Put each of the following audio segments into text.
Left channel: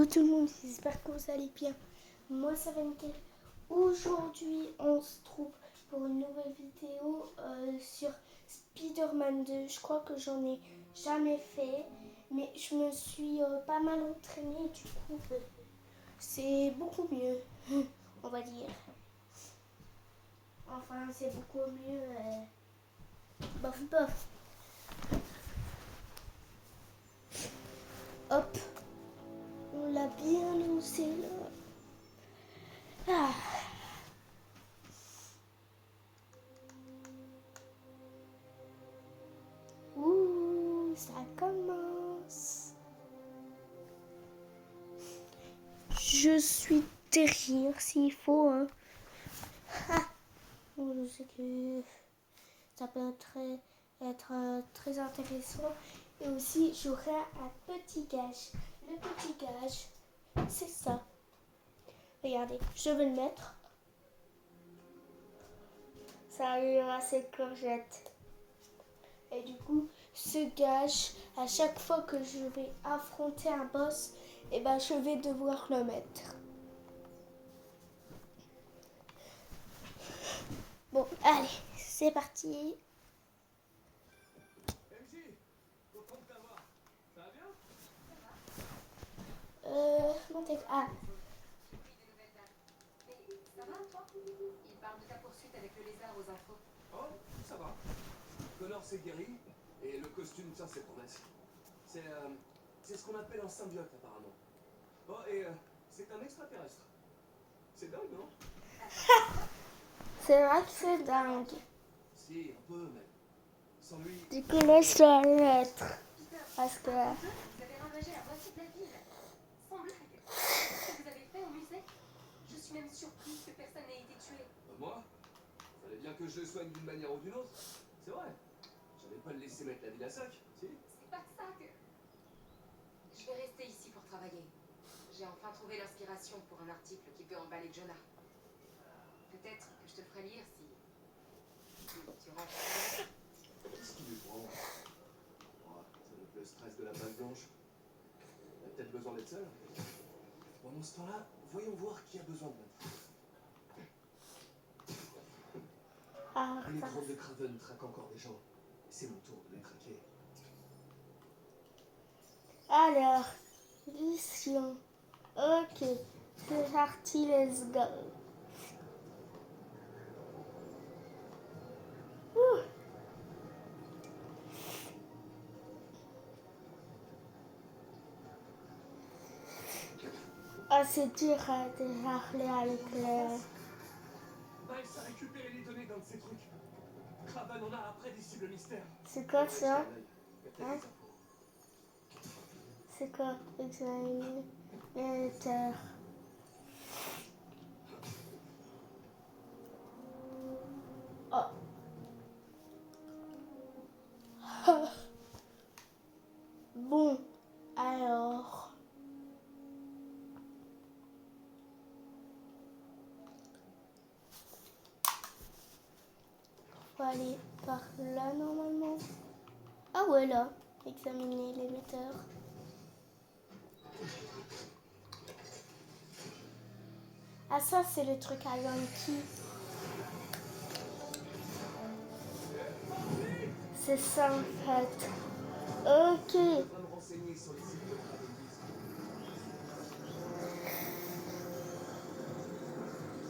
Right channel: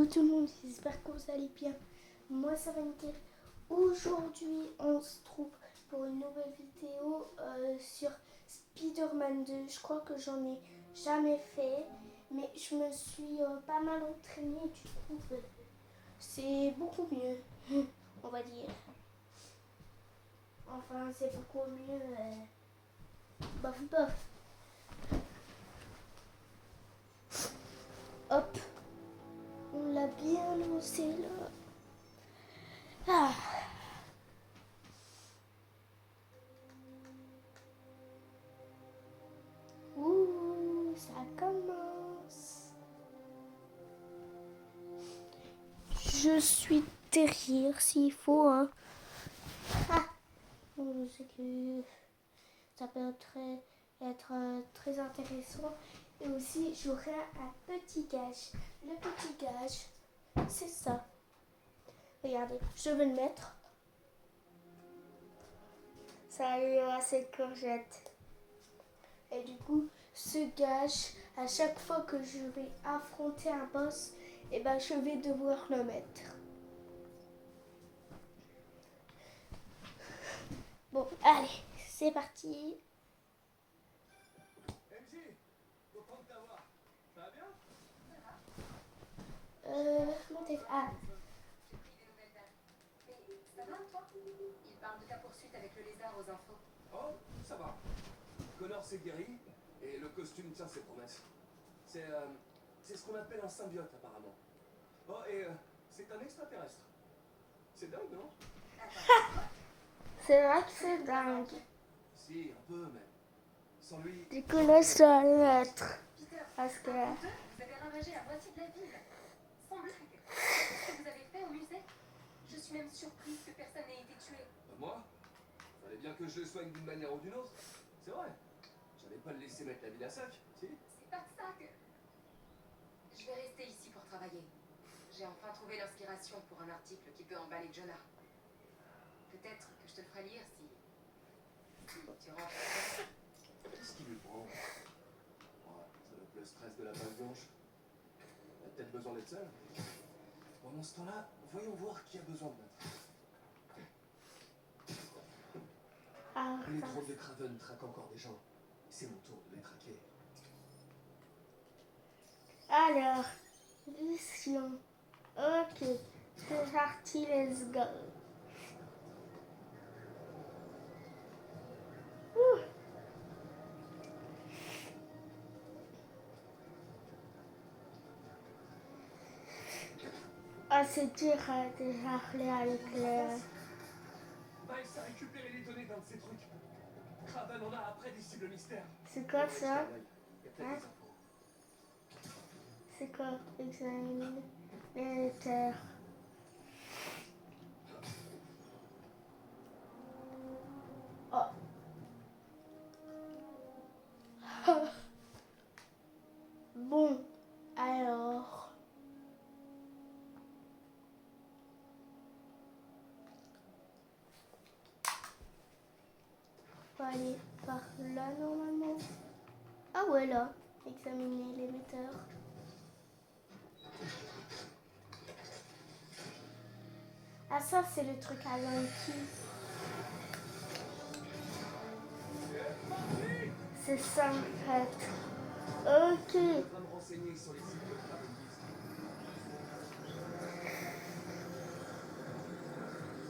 Yo tout le monde, j'espère que vous allez bien. Moi ça va nickel. Aujourd'hui on se trouve pour une nouvelle vidéo sur Spider-Man 2. Je crois que j'en ai jamais fait, mais je me suis pas mal entraînée. Du coup c'est beaucoup mieux, on va dire. Enfin c'est beaucoup mieux. Bof bof. Hop, on l'a bien lancé là. Ah. Ouh, ça commence. Je suis derrière s'il faut. Hein. Ah, je sais que ça peut être très intéressant. Et aussi, j'aurai un petit gage. Le petit gage, c'est ça. Regardez, je vais le mettre. Ça arrivera cette courgette. Et du coup, ce gage, à chaque fois que je vais affronter un boss, eh ben, je vais devoir le mettre. Bon, allez, c'est parti. MJ, content de t'avoir. Ça va bien? Mon téléphone. Ah, J'ai pris des nouvelles dates. Mais ça va, toi? Il parle de ta poursuite avec le lézard aux infos. Oh, ça va. Connor s'est guéri et le costume tient ses promesses. C'est ce qu'on appelle un symbiote apparemment. Oh, et c'est un extraterrestre. C'est dingue, non? Attends, c'est vrai que c'est dingue. Si, un peu, mais sans lui. Du coup, là, je dois le mettre. Peter, Parce que. vous avez ravagé la moitié de la ville. Sans blague. Ce que vous avez fait au musée, je suis même surprise que personne n'ait été tué. Moi? Fallait bien que je le soigne d'une manière ou d'une autre. C'est vrai. J'allais pas le laisser mettre la ville à sac, si? C'est pas de ça que... Je vais rester ici pour travailler. J'ai enfin trouvé l'inspiration pour un article qui peut emballer Jonah. Peut-être que je te le ferai lire si tu rentres. Qu'est-ce qui lui prend? Ouais, ça doit être le stress de la page blanche. Elle a peut-être besoin d'être seule. Pendant ce temps-là, voyons voir qui a besoin de notre. Ah, Les ça. drones de Craven traquent encore des gens. C'est mon tour de les traquer. Alors, mission. Ok, c'est parti, let's go. Ouh. Ah, c'est dur de parler avec le. Miles a récupéré les données d'un de ces trucs. Craven en a après des cibles mystères. C'est quoi Faudrait ça? jeter un œil. Il y a peut-être Hein? des infos. C'est quoi? Examine les terres. Oh. Bon, alors. Faut aller par là normalement. Ah ouais, là. Examiner l'émetteur. Ah, ça, c'est le truc à Yankee. C'est ça en fait. Ok. Je devrais me renseigner sur les cibles de Craven Beast.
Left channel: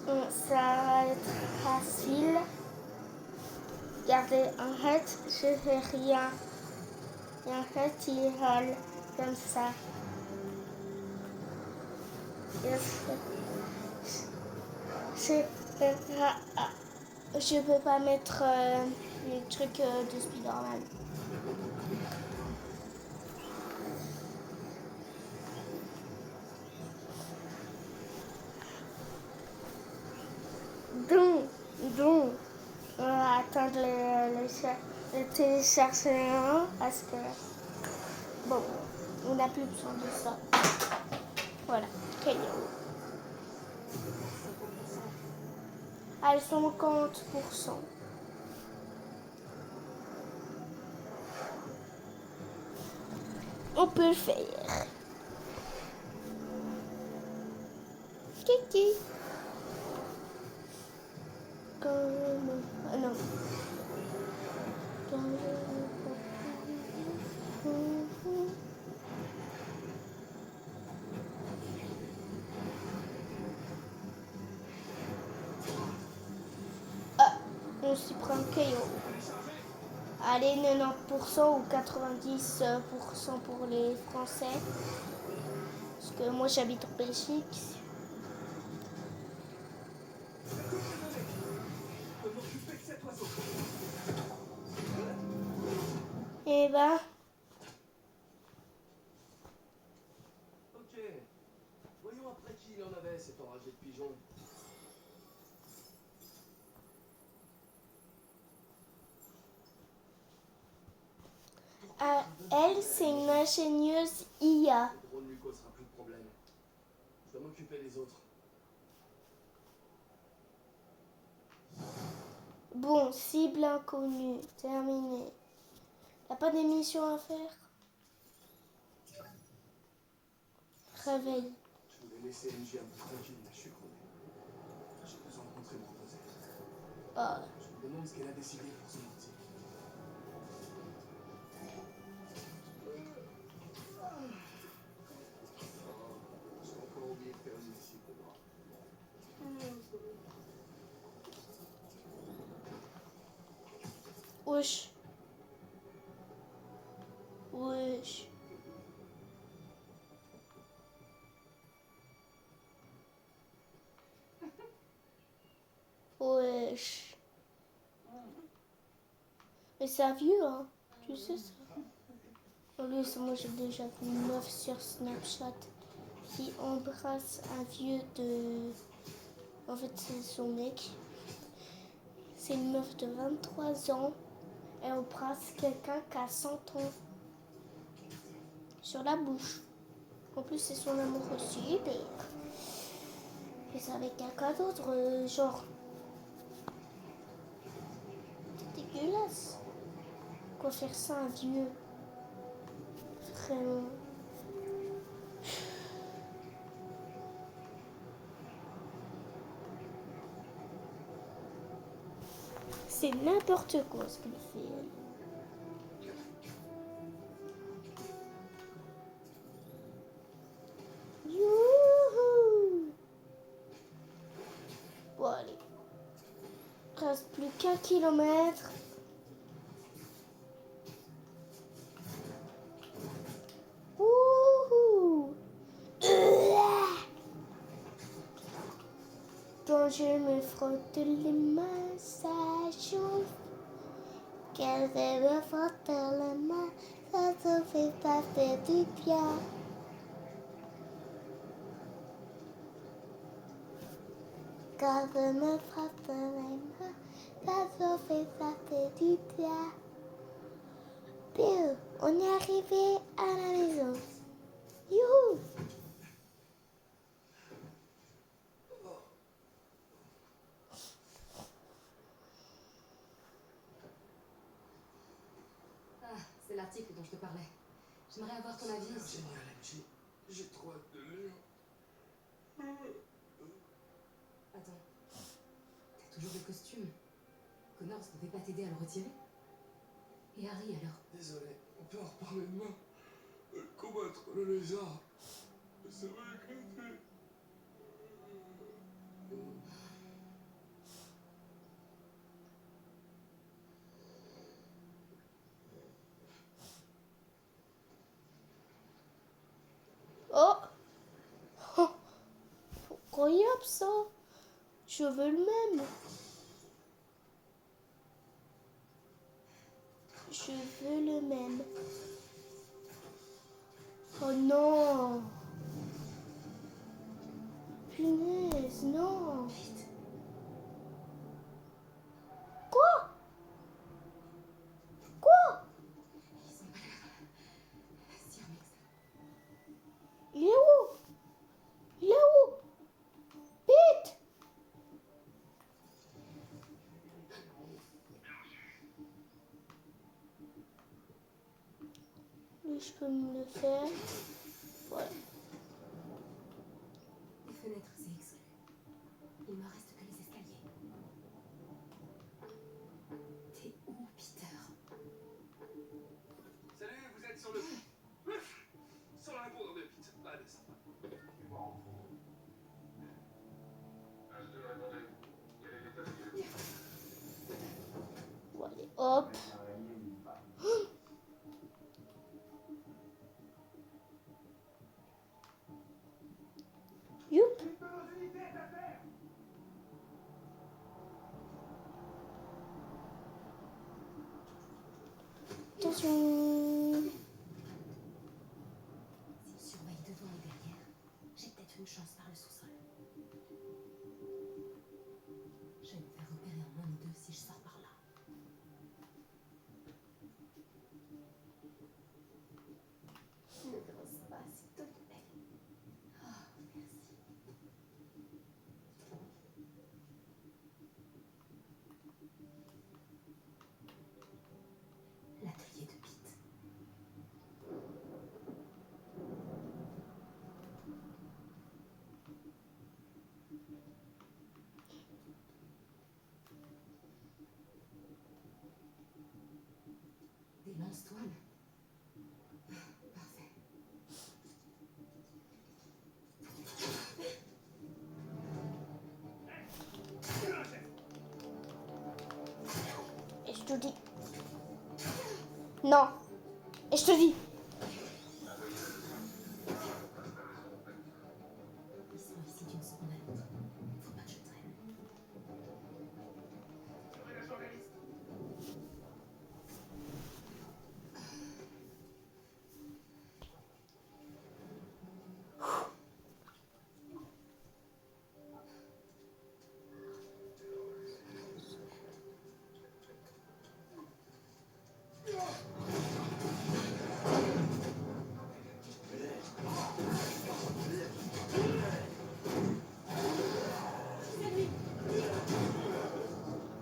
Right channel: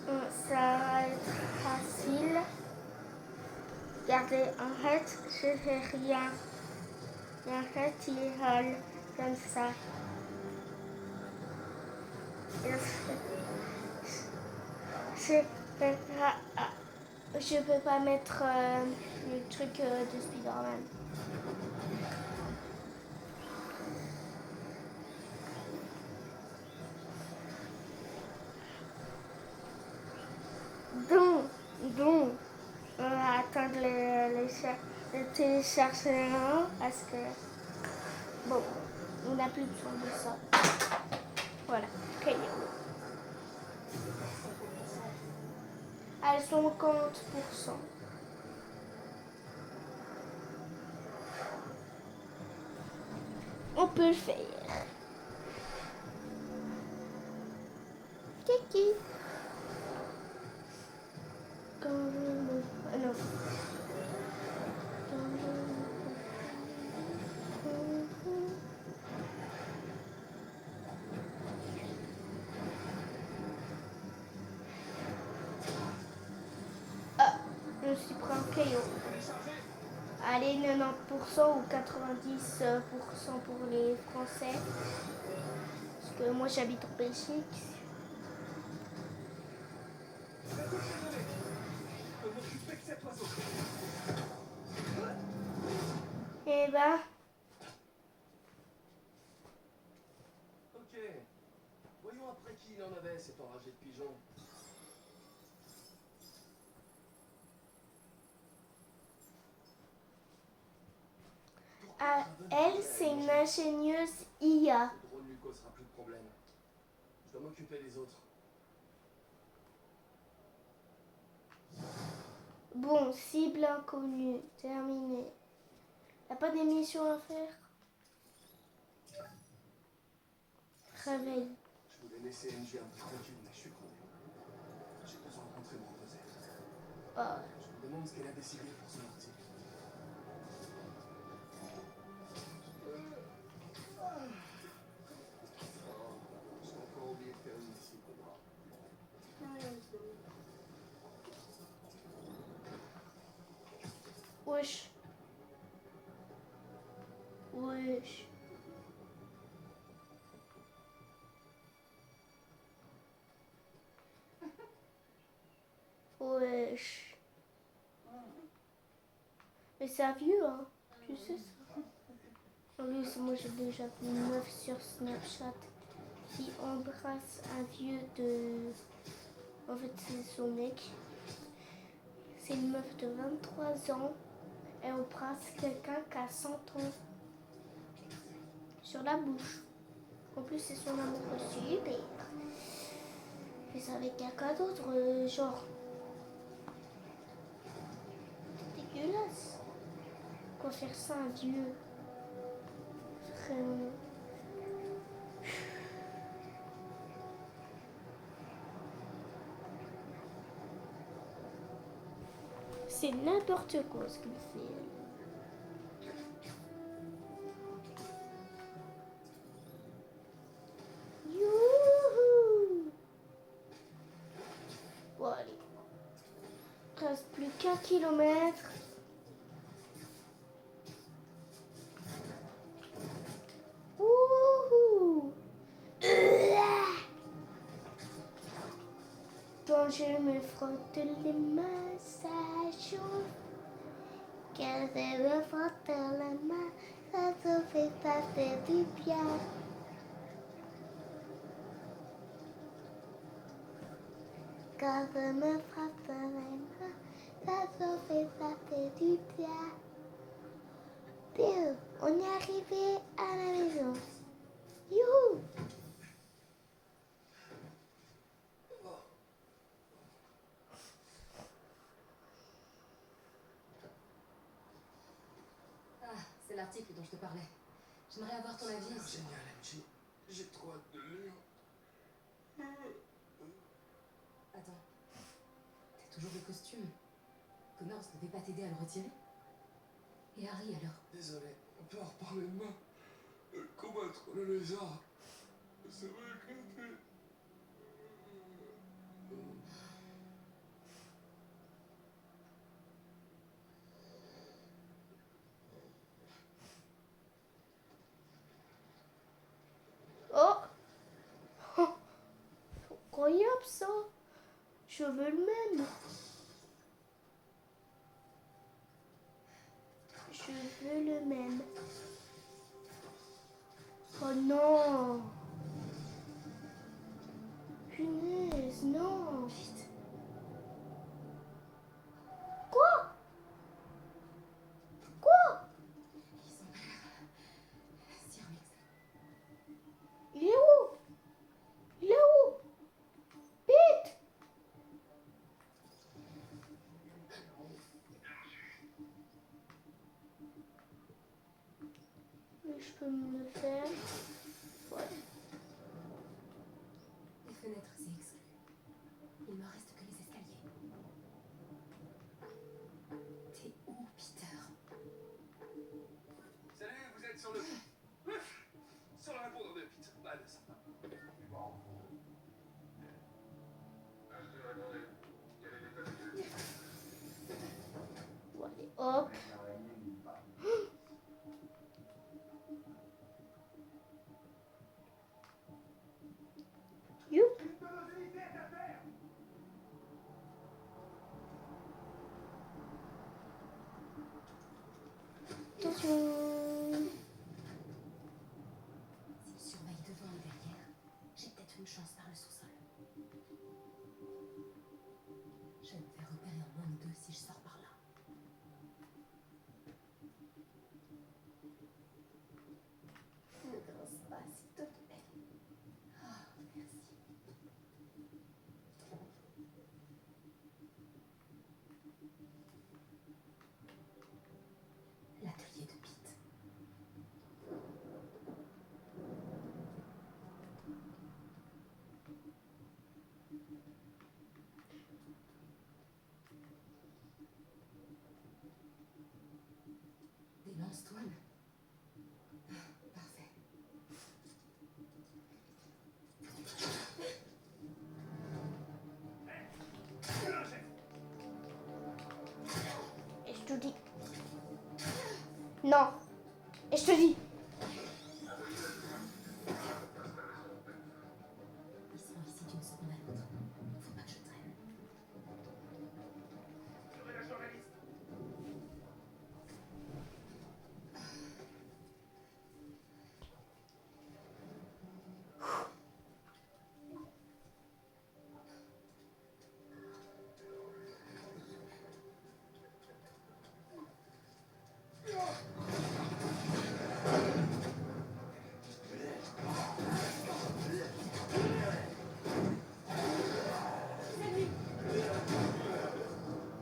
Bon, ça va être facile. Regardez, en fait, je fais rien. Et en fait, il vole comme ça. Et je peux pas mettre les trucs de Spider-Man. Donc, on va attendre le téléchargement parce que, bon, on n'a plus besoin de ça. Voilà, très bien. À 50%. On peut le faire. Qui comme... Ah non. Ah, je me suis pris un caillou. Allez, 90% ou 90% pour les Français. Parce que moi j'habite en Belgique. Je peux m'occuper de cet oiseau. Et ben, Ok. Voyons après qui il en avait, cet enragé de pigeon. elle c'est une ingénieuse IA. Le drone lui causera plus de problèmes. Je dois m'occuper des autres. Bon, cible inconnue, terminé. Y'a pas d'émission à faire? Réveil. Je voulais laisser NG un peu tranquille, mais je suis crevé. J'ai besoin de rentrer me reposer. Ah. Je me demande ce qu'elle a décidé pour son article. J'ai encore oublié de faire une lessive de bras. Wesh. Wesh. Wesh. Mais c'est un vieux, hein. Tu sais ça. En plus, moi j'ai déjà vu une meuf sur Snapchat qui embrasse un vieux de... En fait, c'est son mec. C'est une meuf de 23 ans. Elle embrasse quelqu'un qui a 100 ans. Sur la bouche. En plus, c'est son amoureux super. Et c'est avec quelqu'un d'autre, genre... dégueulasse. Quoi faire ça à un vieux? Vraiment. C'est n'importe quoi ce qu'il fait. Youhou! Bon, allez. Il reste plus qu'un kilomètre. Wouhou! Quand je me frotte les mains, ça chauffe. Quand je me frotte les mains, ça fait du bien. Quand je me frotte les mains, ça fait du bien. Bill, on est arrivé à la maison. Youhou! Ah, c'est l'article dont je te parlais. J'aimerais avoir ton avis. C'est génial, MJ. J'ai trop hâte de le lire. Attends. T'as toujours le costume. Connors ne devait pas t'aider à le retirer. Et Harry alors? Désolé, on peut en reparler demain. Combattre le lézard. C'est vrai que c'est... Oh! Incroyable ça! Je veux le même. Je veux le même. Oh non! Punaise, non! Quoi? Quoi? Ils ont l'air si remixés. Il est où? Il est où? Vite! Mais je peux me le faire. Voilà. Les fenêtres, c'est exclu. Hop. Youp. Attention. S'il surveille devant et derrière, j'ai peut-être une chance par le sous-sol. Je vais me faire repérer en moins de 2 si je sors par là. Ne grince pas, s'il te plaît. Oh, merci. L'atelier de Pete. Des lance-toiles. Parfait. Et je te dis. Non. Et je te dis. Ils seront ici d'une seconde à l'autre. Faut pas que je traîne.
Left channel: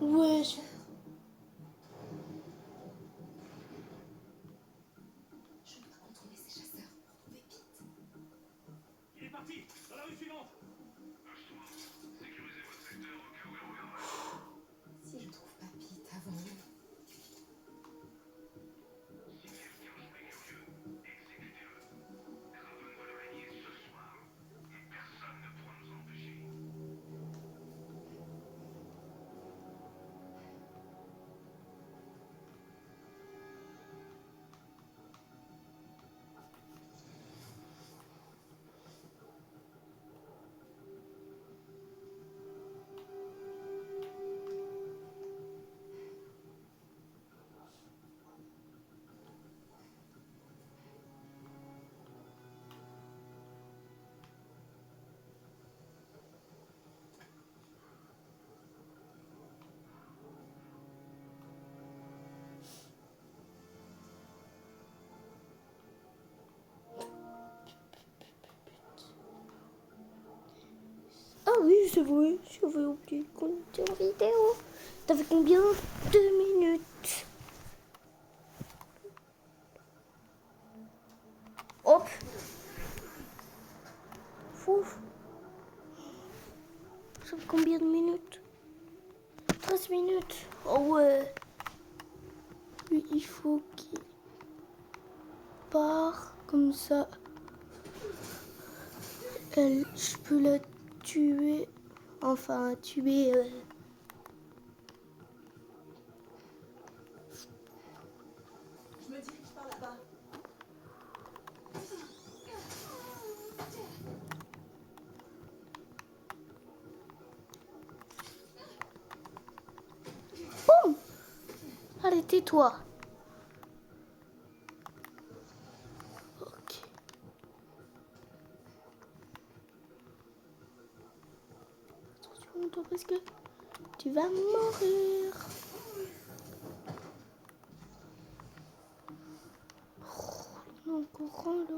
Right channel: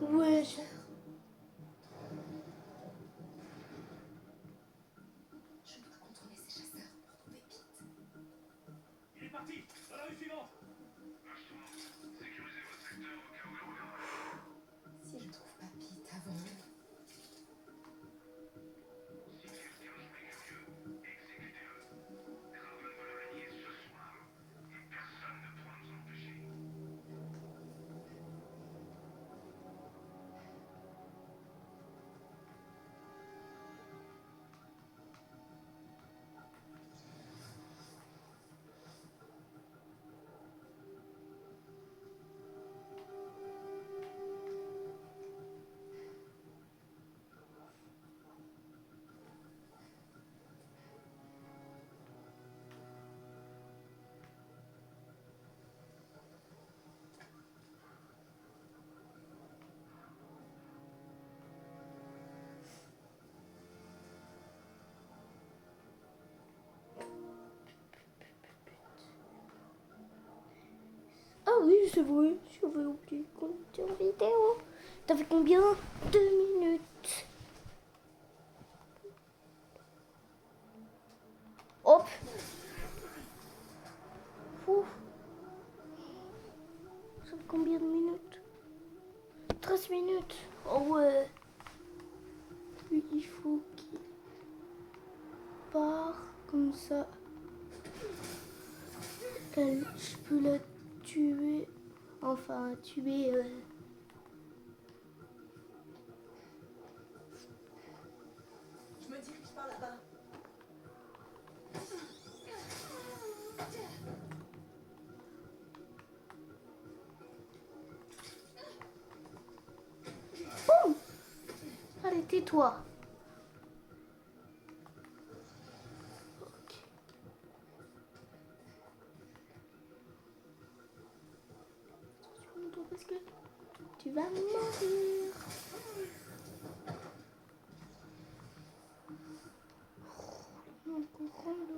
Ouais. Je dois contourner ces chasseurs pour trouver Pete. Il est parti. Dans la rue suivante. Si je trouve pas Pete avant eux. Ah oui, c'est vrai. J'avais oublié de compter en vidéo. T'as fait combien? 2 minutes. Hop. Fouf. Ça fait combien de minutes? 13 minutes. Oh ouais. Lui, il faut qu'il part comme ça. Elle, je peux la tuer. Enfin, tuer. Je me dirige par là-bas. Boum. Allez, tais-toi. Ok. Attention, toi, parce que tu vas mourir. Non, encore là.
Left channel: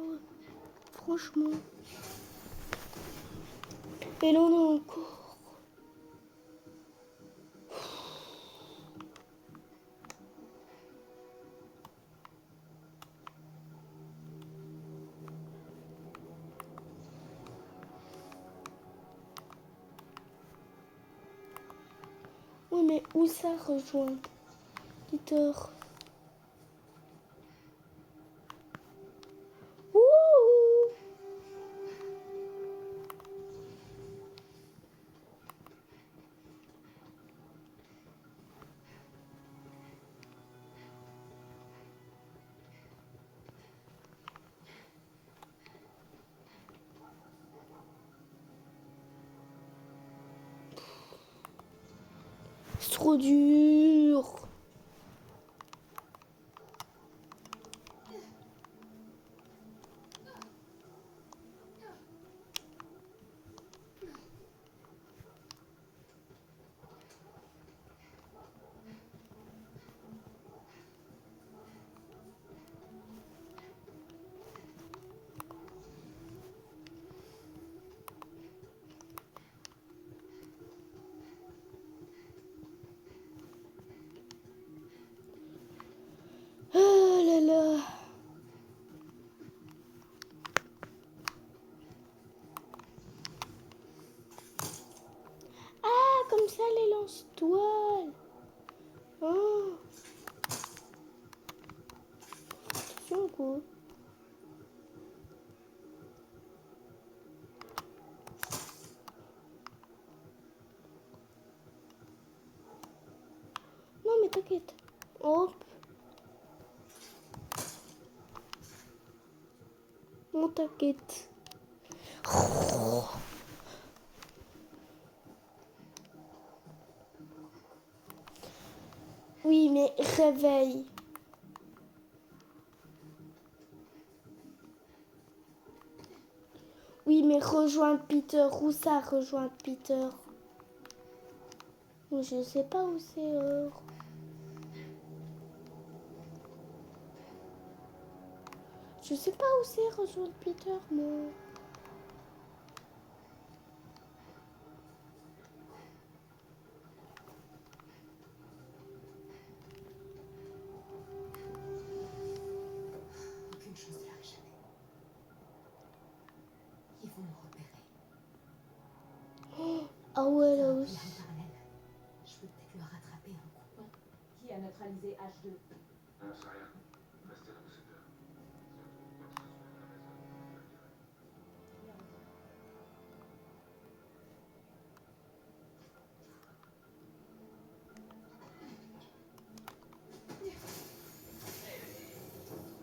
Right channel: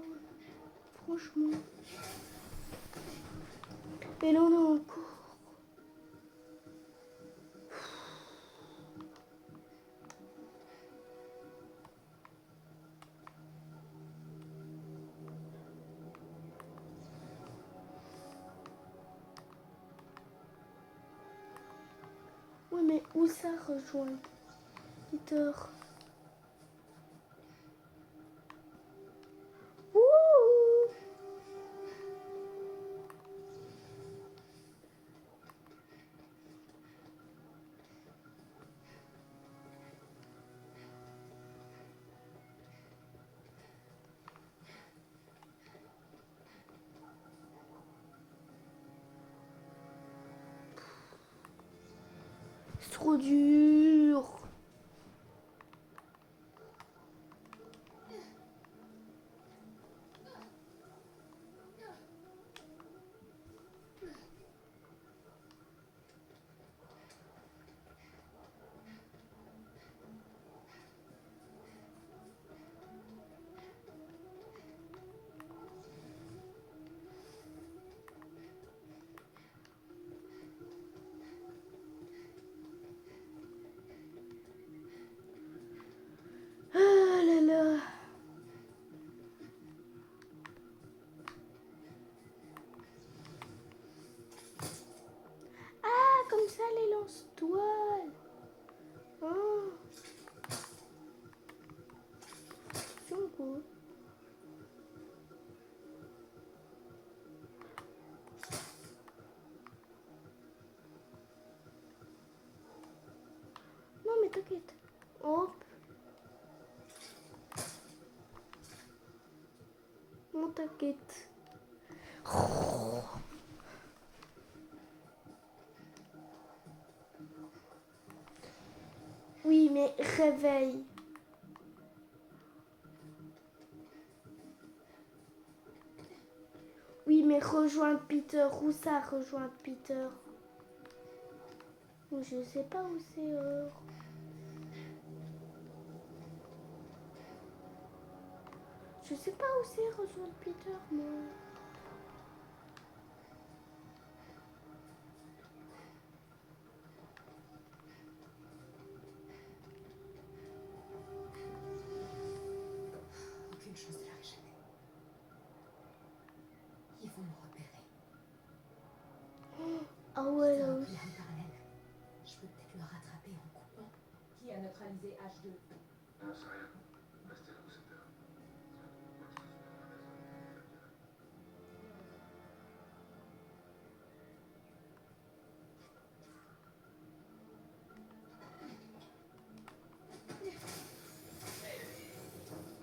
Franchement. Et là, on a encore. Oui, mais où ça rejoint Peter? Ouh. trop dur. Ah là là. Ah, comme ça les lance-toiles. Oh. C'est cool. Non mais t'inquiète. Hop. Non t'inquiète. Oui mais réveille. Oui mais rejoins Peter. Où ça rejoint Peter? Je sais pas où c'est. Je sais pas où c'est rejoindre Peter, moi. Aucune chance de la réchapper. Ils vont me repérer. Ah ouais, Ça là a pris aussi. l'arme parallèle. Je peux peut-être le rattraper en coupant. Qui a neutralisé H2? On sait rien. Restez dans vos secteurs. Si on trouve quoi que ce soit dans la maison, vous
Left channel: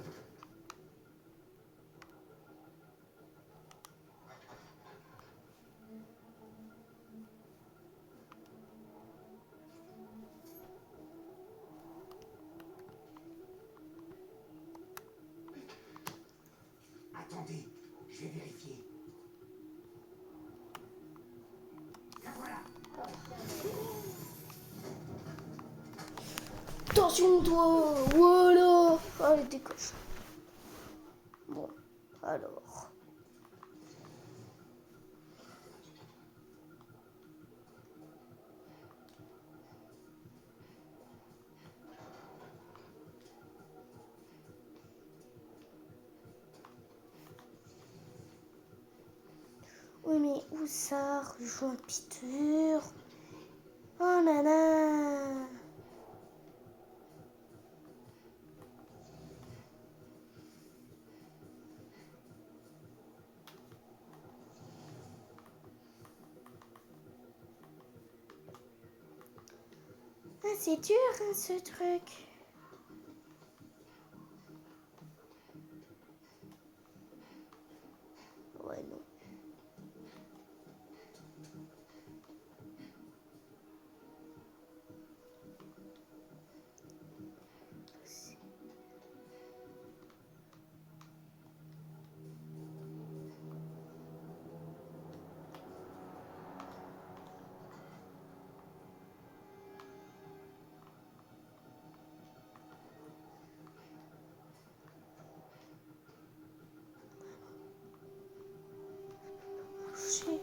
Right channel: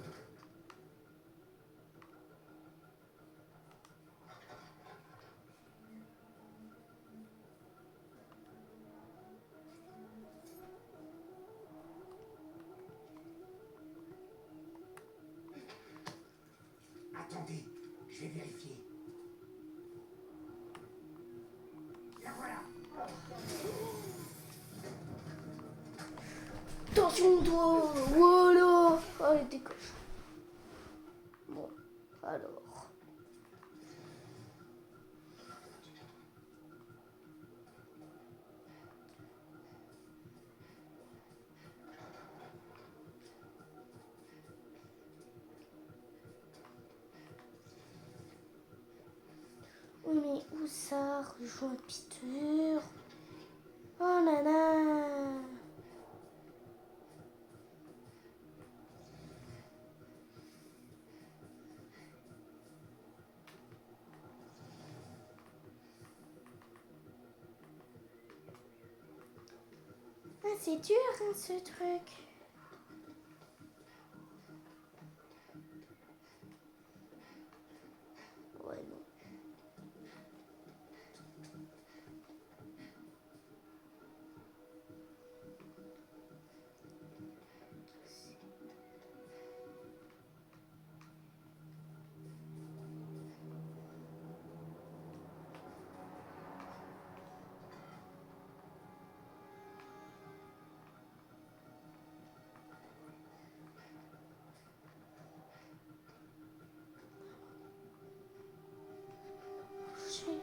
me le direz. Attendez, je vais vérifier. La voilà. Attention, toi. Voilà. Allez, décoche. Bon, alors. Oh, mais où ça rejoint Peter? Oh, nana. Ah, c'est dur, hein, ce truc. Ouais, non. Touché.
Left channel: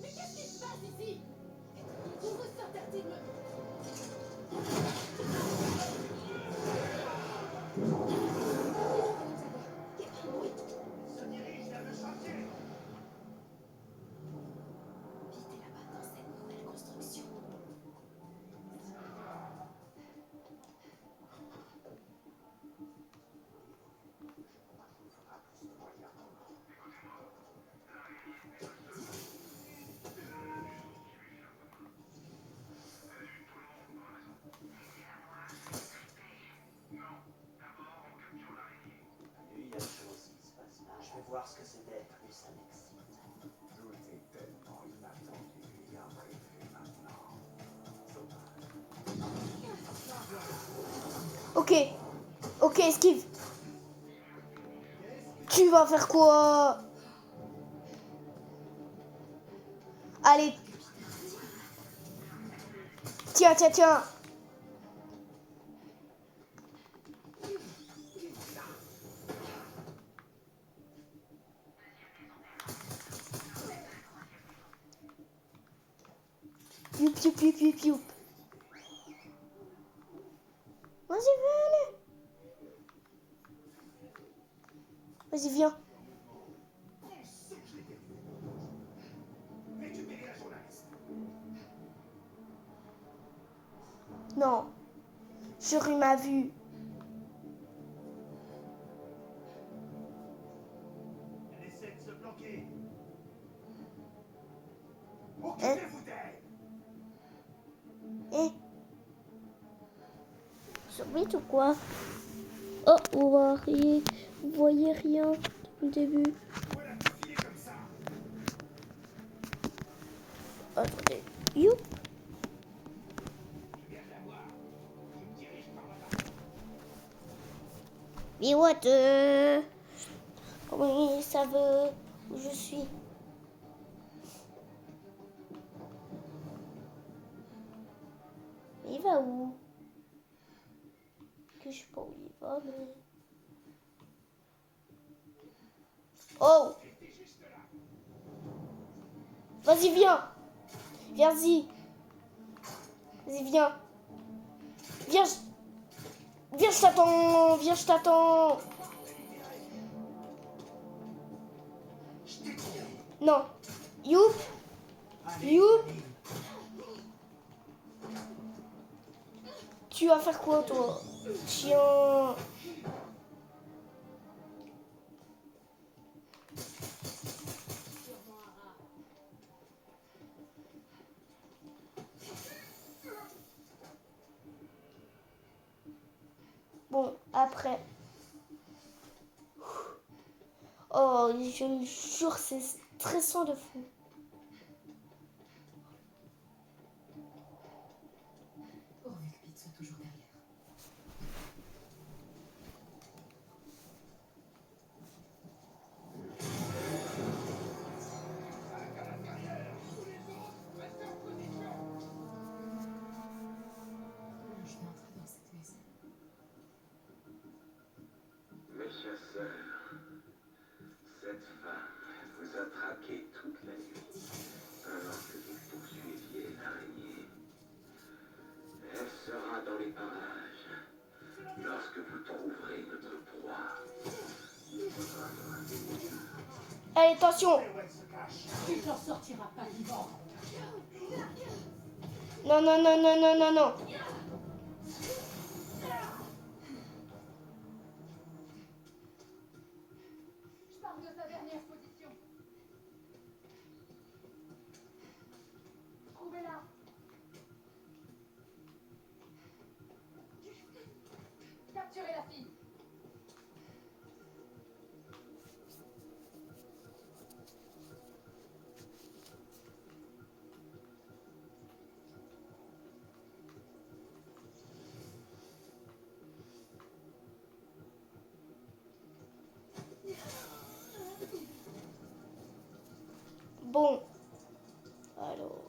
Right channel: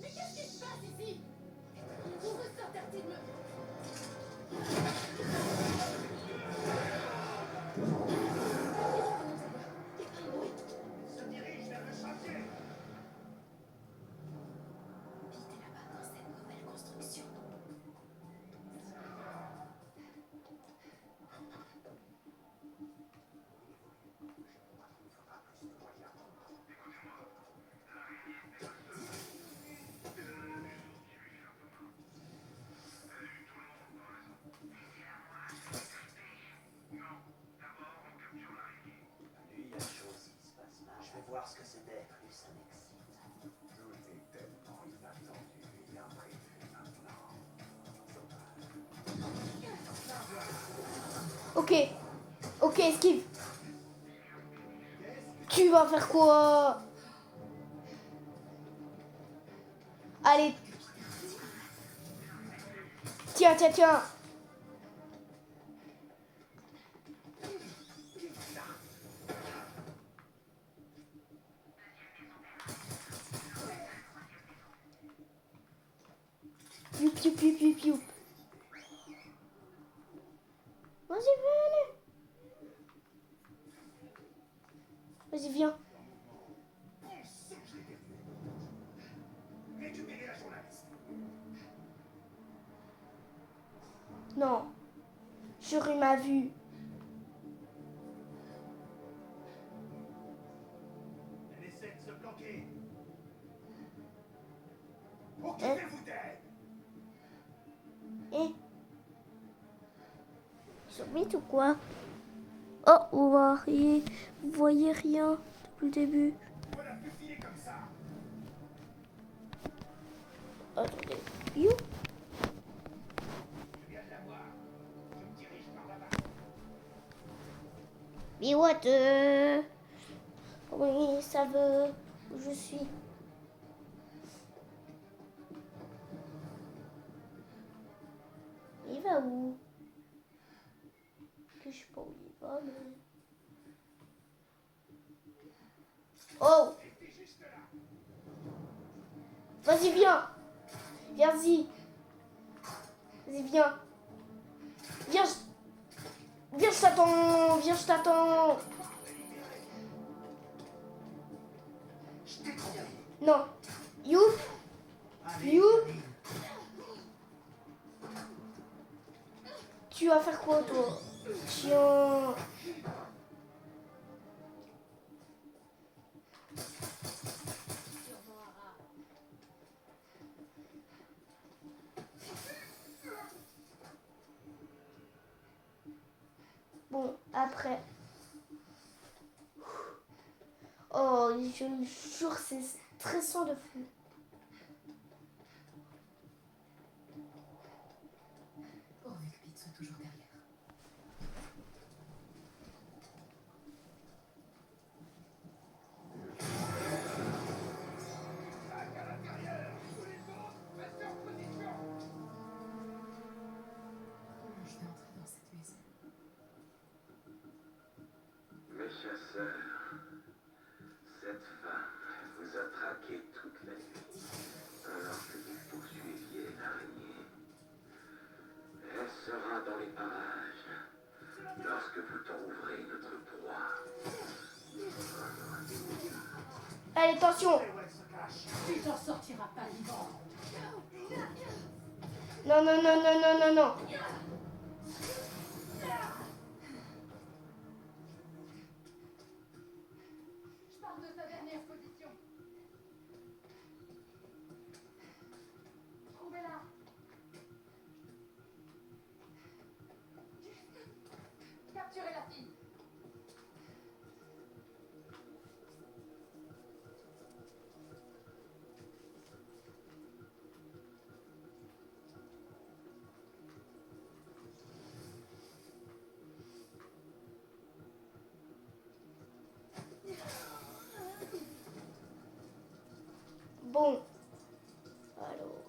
Mais qu'est-ce qui se passe ici? Vous vous interdit de me... Se dirige vers le chantier. Pete est là-bas, dans cette nouvelle construction. voir ce que c'est d'être et ça m'excite. Tout est tellement inattendu et imprévu maintenant. Sauvage. Ok. Ok, esquive. Tu vas faire quoi? Allez. Tiens, tiens, tiens. Youp, youp, youp, youp, youp. Vas-y, viens. Vas-y, viens. Récupérez la journaliste. Non. J'aurais ma vue. Elle essaie de se planquer. Occupez-vous d'elle. Eh. Vite ou quoi? Oh, vous voyez rien depuis le début. Voilà tout filer comme ça. Attendez. You. Je viens de la voir. Je me dirige par là-bas. Mais what? Comment ils savent où je suis? Il va où? Que je sais pas où il va, mais... Oh! Restez juste là. Vas-y, viens! Viens-y! Vas-y, viens! Viens, viens, je t'attends! Viens, je t'attends! Je t'ai trouvé. Non! You! Allez, You? Camille. Tu vas faire quoi, toi? Chien! Bon, après... Oh, je le jure, c'est stressant de fou. Pourvu que Pete soit toujours derrière. Je vais entrer dans cette maison. Mes chasseurs, cette femme vous a traqué toute la nuit, alors que vous poursuiviez l'araignée. Elle sera dans les parages lorsque vous trouverez notre proie. Allez, attention! Où elle se cache. Tu t'en sortiras pas vivant. Non, non, non, non, non, non, non. Je parle de sa dernière position. Trouvez-la. Capturez la fille. Bon. Alors.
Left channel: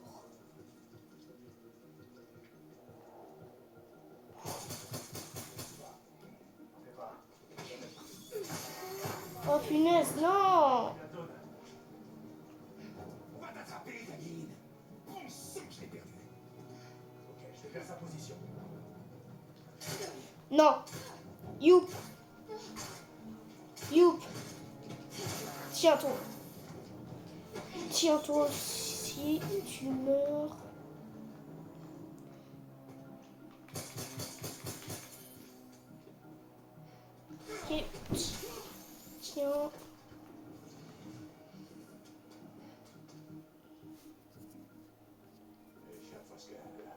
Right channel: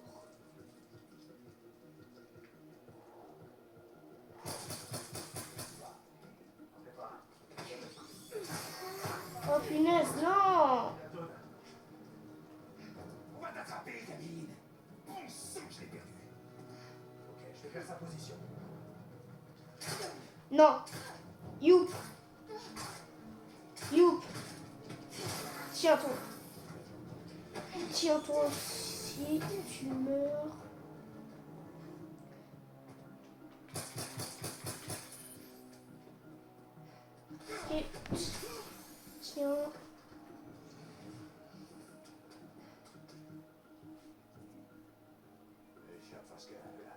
Oh punaise, non! On va t'attraper, Camille. On sait que je l'ai perdu. Ok, je vais faire sa position. Non. Youp. Youp. Tiens-toi. Tiens-toi. Si tu meurs. Ok. Tiens. Les chiens fassent qu'elle.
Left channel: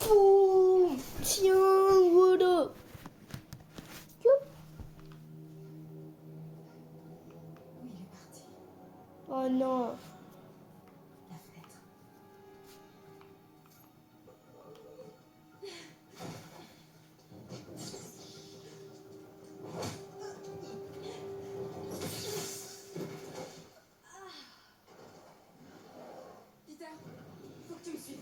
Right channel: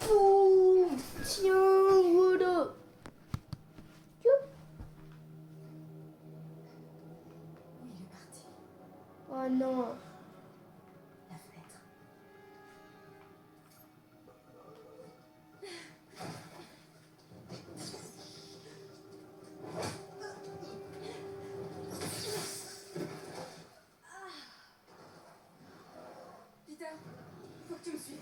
Boum. Tiens, voilà. Youp. Oh non. La fenêtre. Peter, il faut que tu me suives.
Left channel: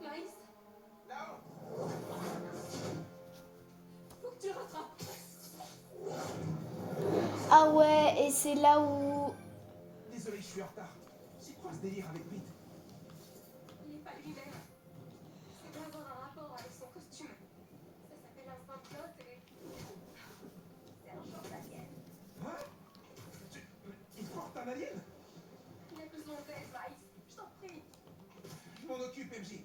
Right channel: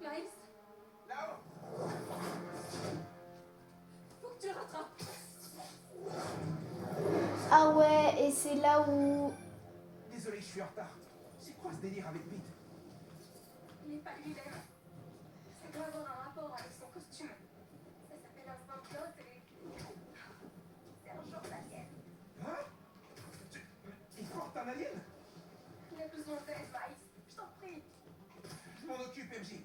Miles, Là-haut! faut que tu le rattrapes. Ah ouais, et c'est là où... Désolé, je suis en retard. C'est quoi ce délire avec Pete? Il n'est pas lui-même. Ça doit avoir un rapport avec son costume. Ça s'appelle un symbiote et... C'est un genre d'alien. Hein? Il porte un alien? Il a besoin d'aide, Miles. Je t'en prie. Je m'en occupe, MJ.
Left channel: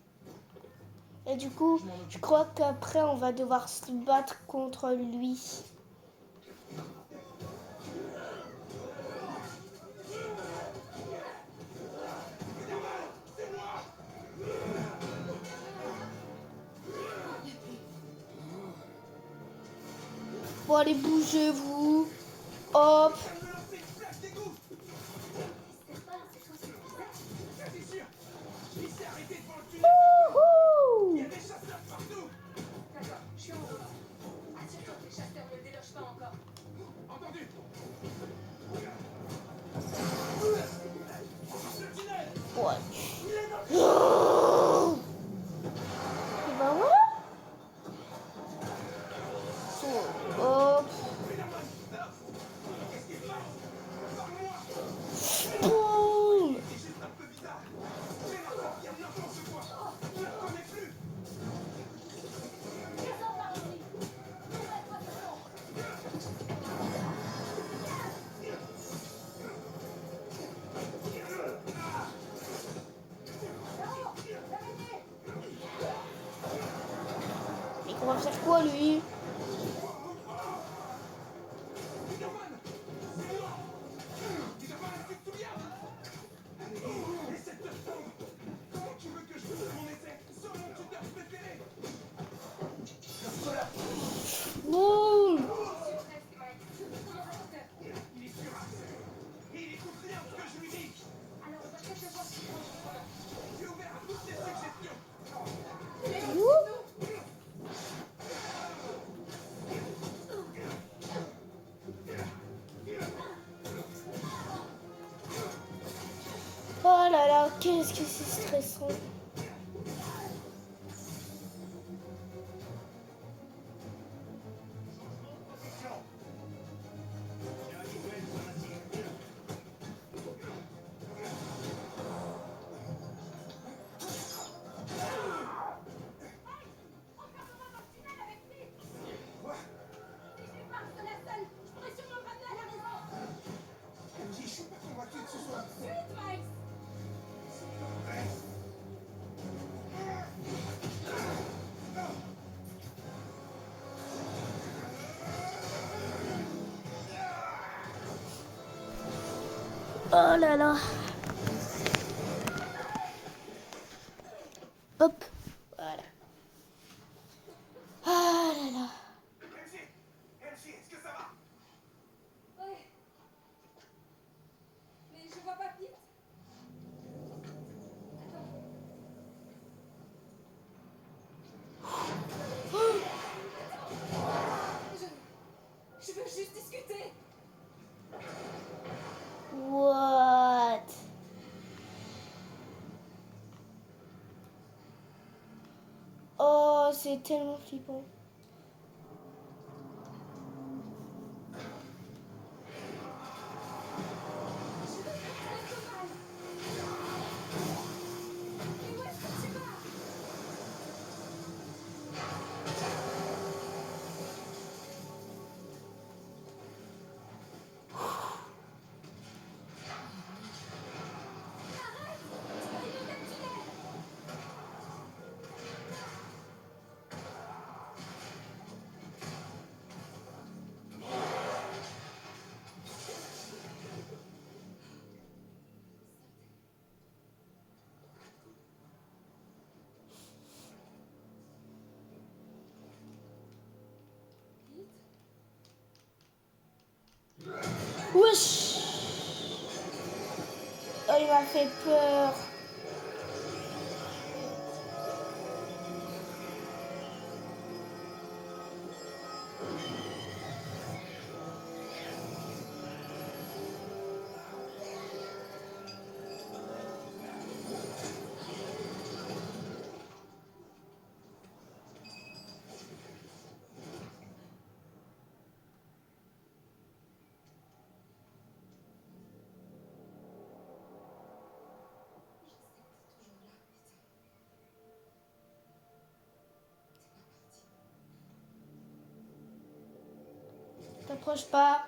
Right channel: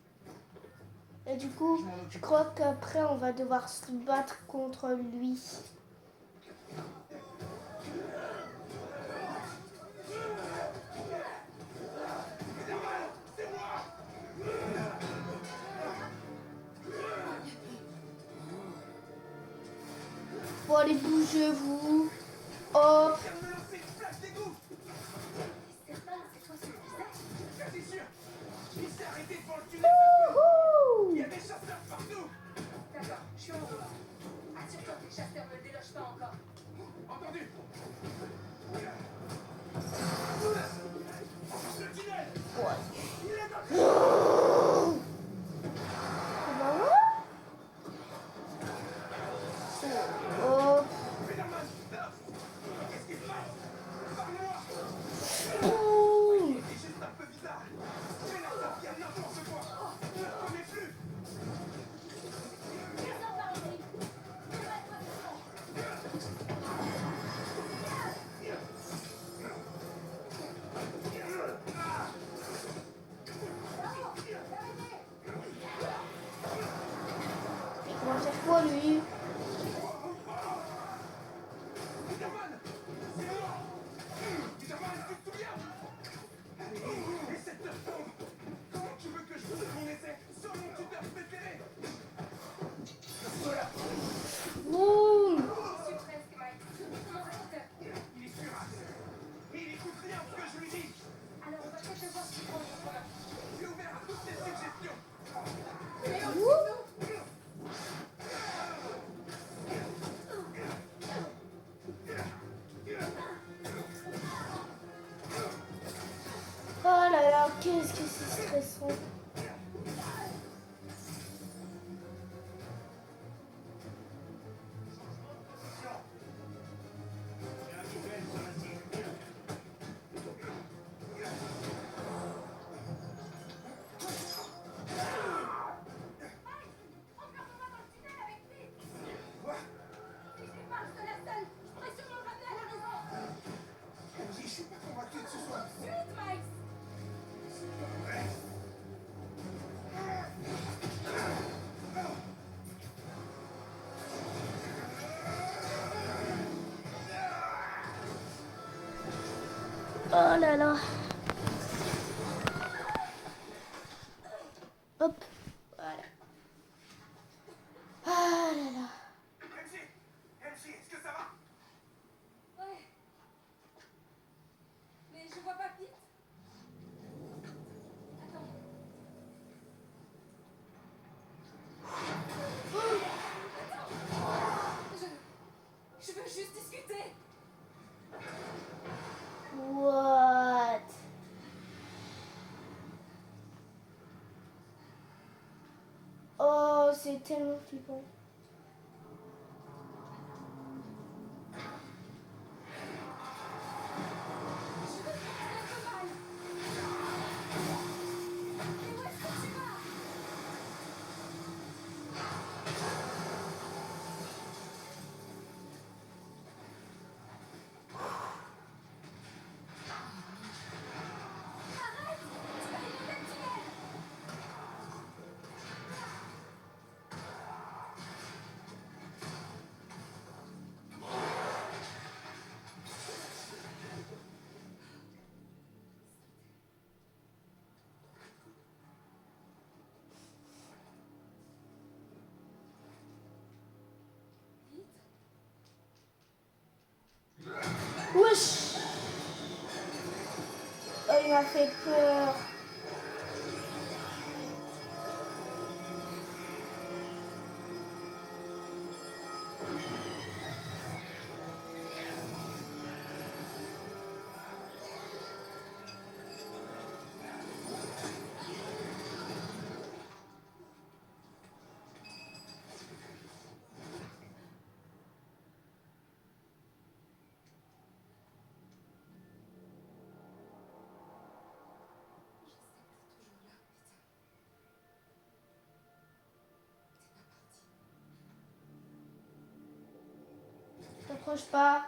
Et du coup, Je m'en je occupe. crois qu'après, on va devoir se battre contre lui. Bon, allez, bougez-vous. Hop. Viens de me lancer une flaque d'égout! C'est pas, c'est toi, c'est le bizarre. Quasi sûr! Il s'est arrêté devant le tunnel de feu! Il y Wouhou. a des chasseurs partout! D'accord, je suis en route. Assure-toi que les chasseurs ne le délogent pas encore. Entendu! Le tunnel! Il est dans le... Hop. Spider-Man! Non! Qu'est-ce qui se passe? Parle-moi! Boum. Il est juste un peu bizarre. J'ai l'air de bien n'importe quoi. Je ne le connais plus. Il commence à faire quoi, lui? Spider-Man! C'est moi! Spider-Man, tu te souviens? Allez, essaie de te répondre. Comment tu veux que je fasse mon essai sans mon tuteur préféré? Voilà. Boum. Je suis presque, Miles. Comment ça se fait? Il est furax. Il écoute rien de ce que je lui dis. Alors, on va peut-être devoir s'y prendre. J'ai ouvert à toutes tes suggestions. Oh là là, qu'est-ce que c'est stressant. Je suis pas convaincu que ce soit... Oh là là. Hop. Voilà. Ah là là. MJ, est-ce que ça va? Ouais. Mais je vois pas Pete. Attends. Je veux juste discuter. What? Oh, c'est tellement flippant. Mais où est-ce que tu vas? Arrête! Tu vas inonder le tunnel! peur. T'approches pas.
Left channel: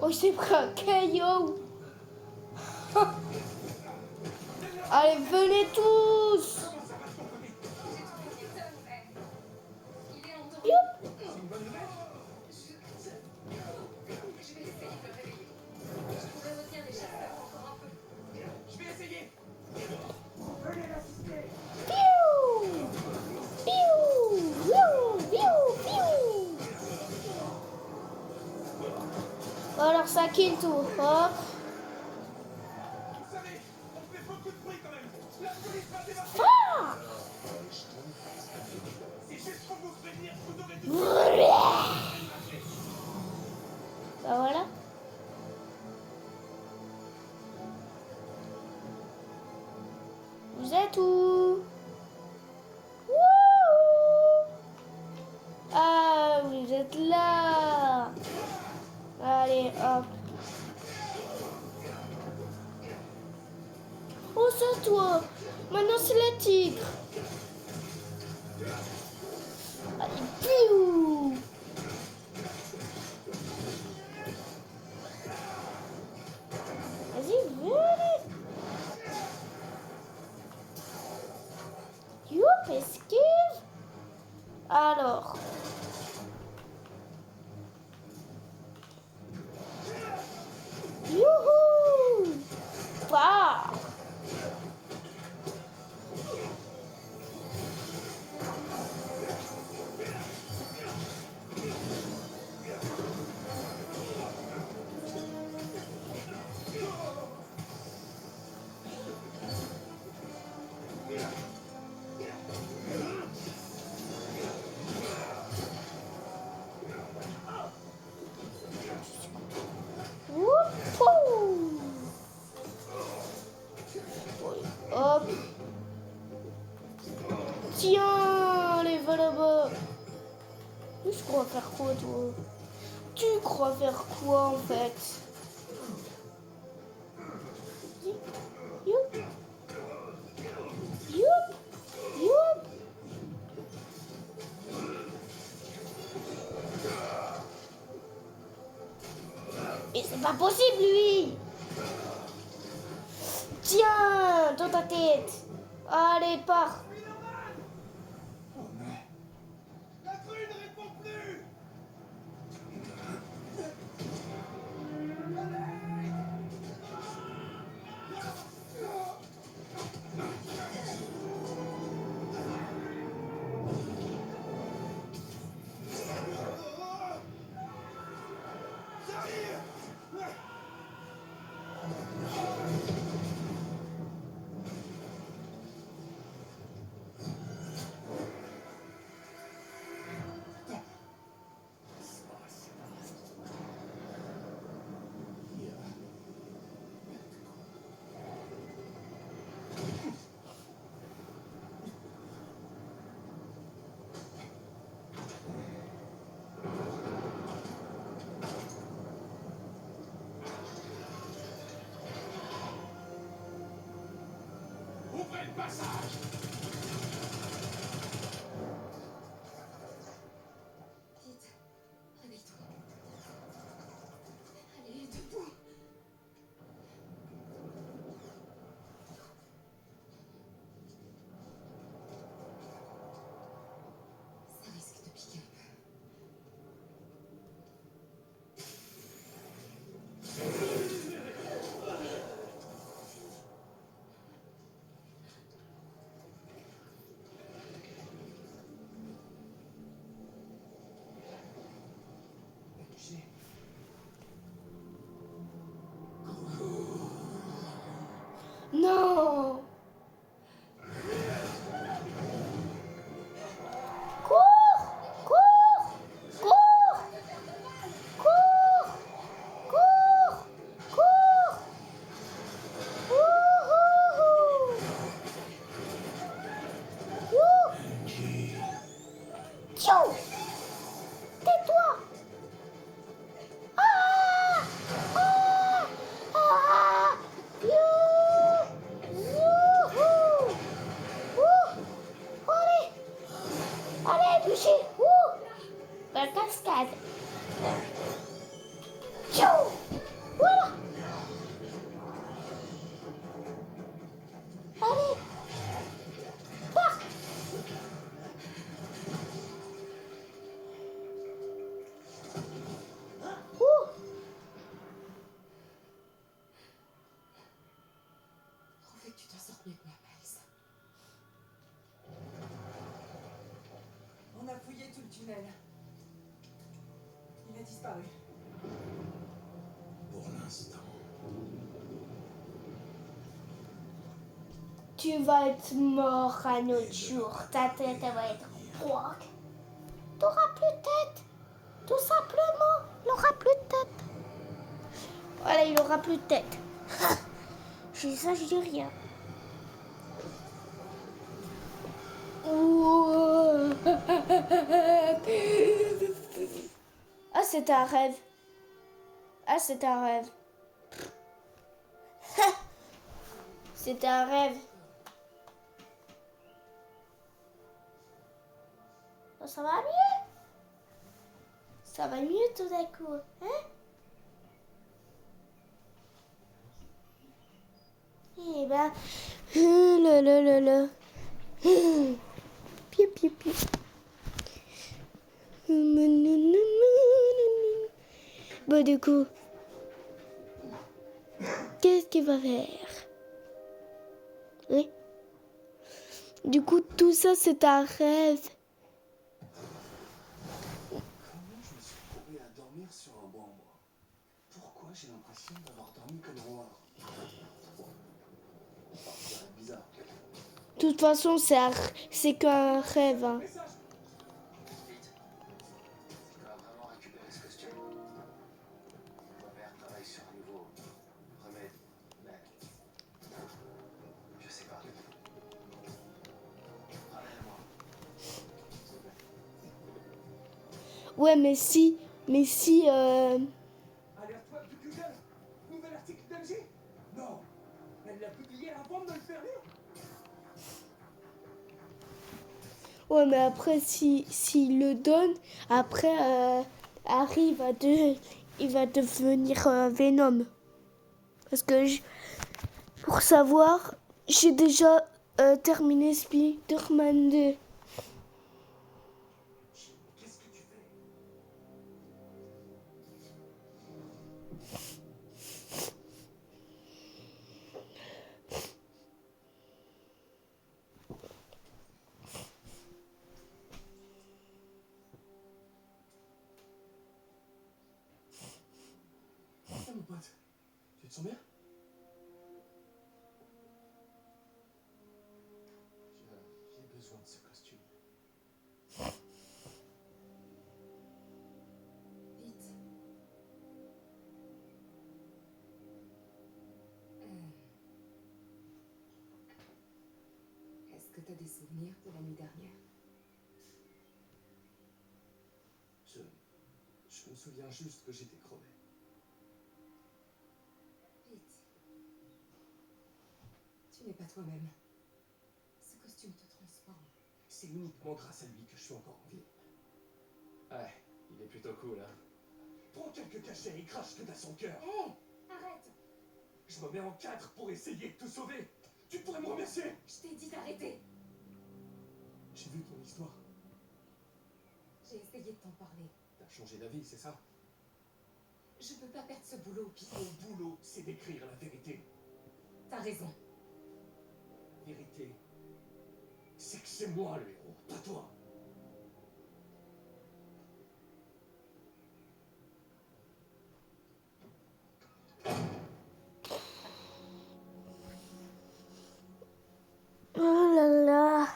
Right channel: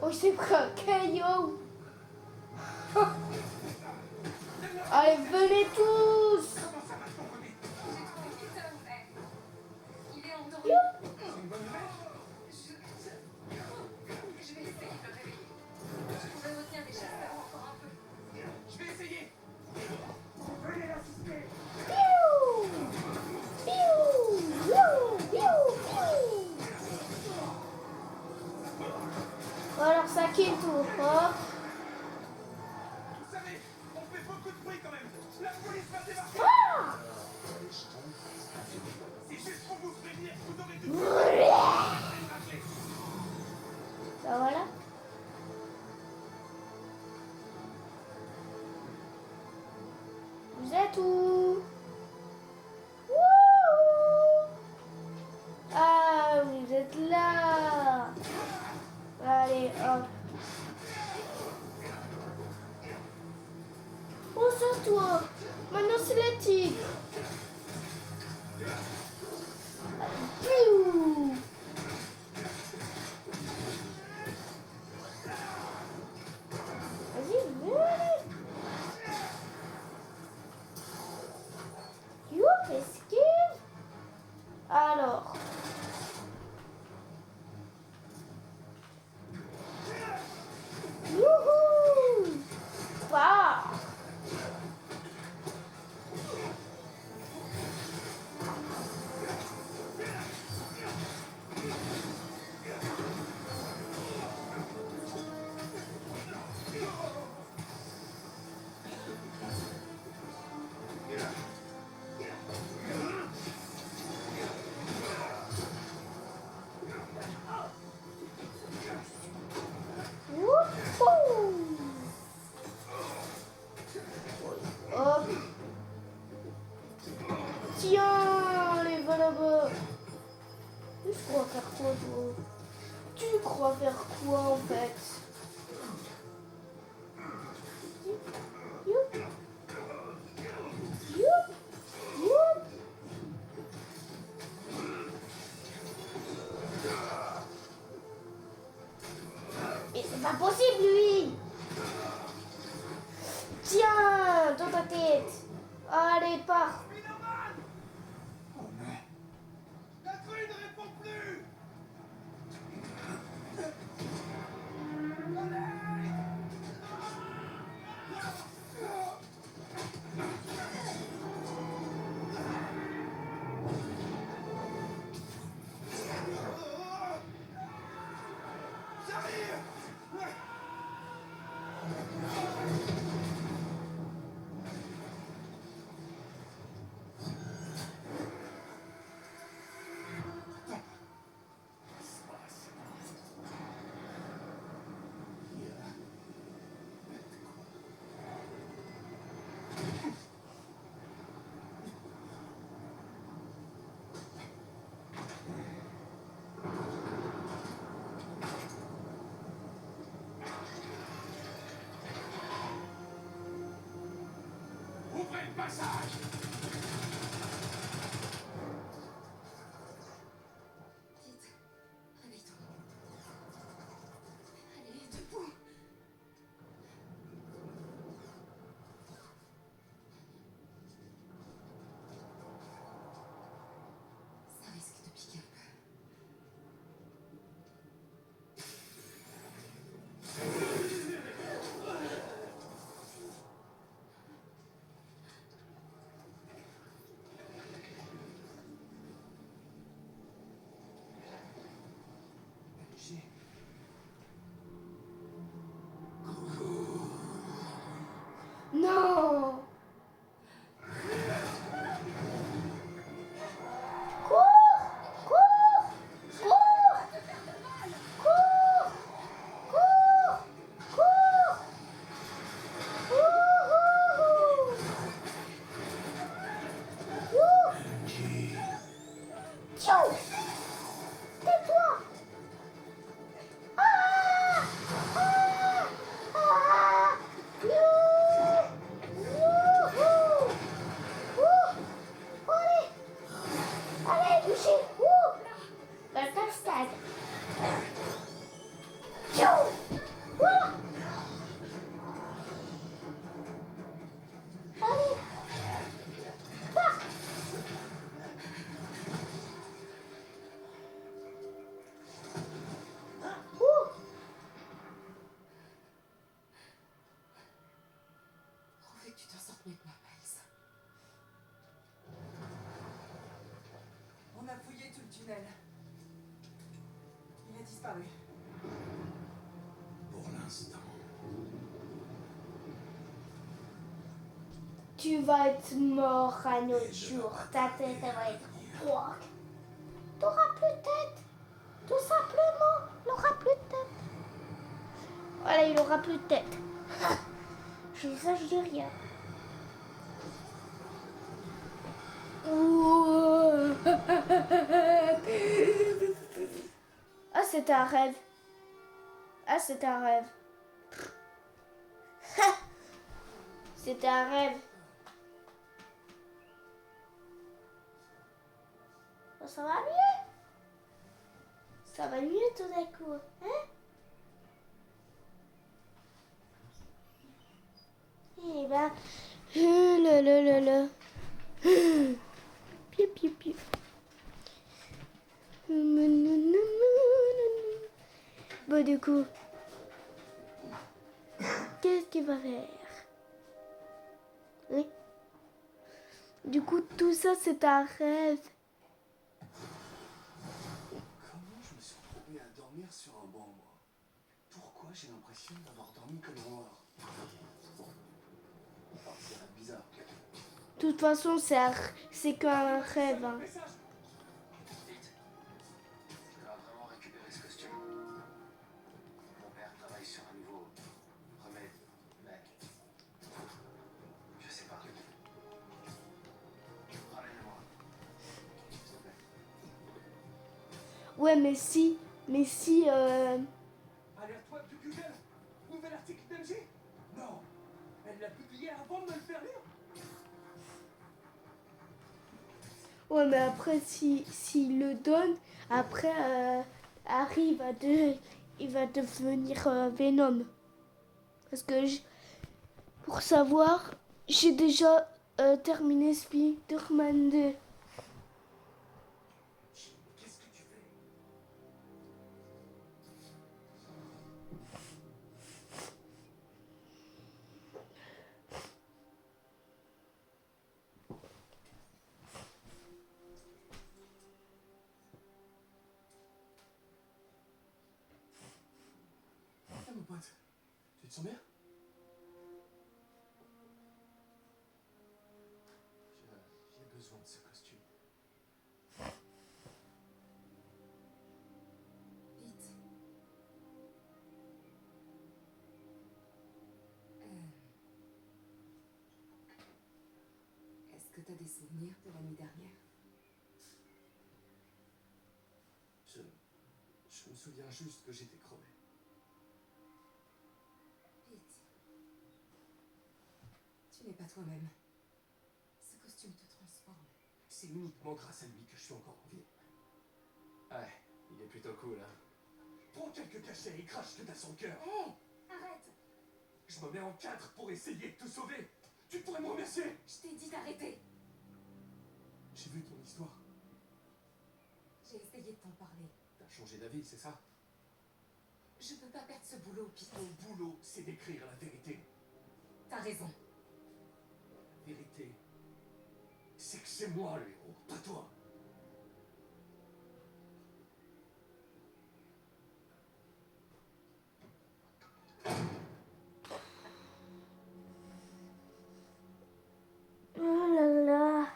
Oh, j'ai pris un caillou. Allez, venez tous. Comment ça va de ton côté? J'ai trouvé Keaton, mais il est endormi. C'est une bonne nouvelle? Je vais essayer de le réveiller. Je pourrais retenir des chasseurs encore un peu. Je vais essayer. Piou. Piou. Piou. Piou. Piou. Alors ça qui tourne. Hop. Vous savez, on fait beaucoup de bruit quand même. La police va débarquer. Ah. C'est juste pour vous prévenir, vous aurez dû... Ben voilà. Vous êtes où? Wouhou. Ah, vous êtes là. Allez, hop. Oh, c'est toi. Maintenant, c'est les tigres. Allez, piou. Vas-y, venez. Youp, esquive. Alors. Youhou. Bah. Wouhou. Hop. Tiens, les va là-bas. Tu crois faire quoi, toi? Tu crois faire quoi, en fait? Youp. Youp. Youp. Mais c'est pas possible, lui. Tiens, dans ta tête. Allez, pars. Oh non. La grue ne répond plus. J'arrive. Ouvrez le passage. Vite, réveille-toi. Allez, debout. Ça risque de piquer un peu. Lieutenant Miles. On a fouillé tout le tunnel. Il a disparu. Pour l'instant. Tu vas être mort un autre jour. Ta tête elle va être froide. T'auras plus de tête. Tout simplement, il aura plus de tête. Voilà, il aura plus de tête. Je dis ça, je dis rien. Ouh. Ah, c'est un rêve. Ah, c'est un rêve. C'est un rêve. Oh, ça va mieux. Ça va mieux tout d'un coup. Hein? Eh ben. Là. Piou, piou, piou. Bon, du coup, qu'est-ce qu'il va faire? Oui. Du coup, tout ça, c'est un rêve. Comment je me suis retrouvé à dormir sur un banc, moi? Pourquoi j'ai l'impression d'avoir dormi comme un noir? C'est bizarre. De toute façon, c'est qu'un rêve. Hein. Message! Vite. Tu dois vraiment récupérer ce costume. Mon père travaille sur un nouveau remède, mais je sais pas. Ramène-le-moi. S'il te plaît. Ouais, mais si. Alerte web de Google. Nouvel article d'MJ. Non. Elle l'a publié avant de me le faire lire. Ouais, mais après, s'il le donne, après, Harry il va devenir Venom. Parce que, pour savoir, j'ai déjà terminé Spider-Man 2. Qu'est-ce que tu fais? Ah, mon pote, tu te sens bien? J'ai besoin de ce costume. Vite. Est-ce que t'as des souvenirs de la nuit dernière? Je me souviens juste que j'étais crevé. Vite. Tu n'es pas toi-même. Ce costume te transforme. C'est uniquement grâce à lui que je suis encore en vie. Ouais, il est plutôt cool, hein. Prends quelques cachets et crache tout à son cœur. Hé, arrête! Je me mets en quatre pour essayer de te sauver. Tu pourrais me remercier. Je t'ai dit d'arrêter. J'ai vu ton histoire. J'ai essayé de t'en parler. T'as changé d'avis, c'est ça? Je peux pas perdre ce boulot, Pete. Ton boulot, c'est d'écrire la vérité. T'as raison. La vérité, c'est que c'est moi le héros, pas toi. Oh là là.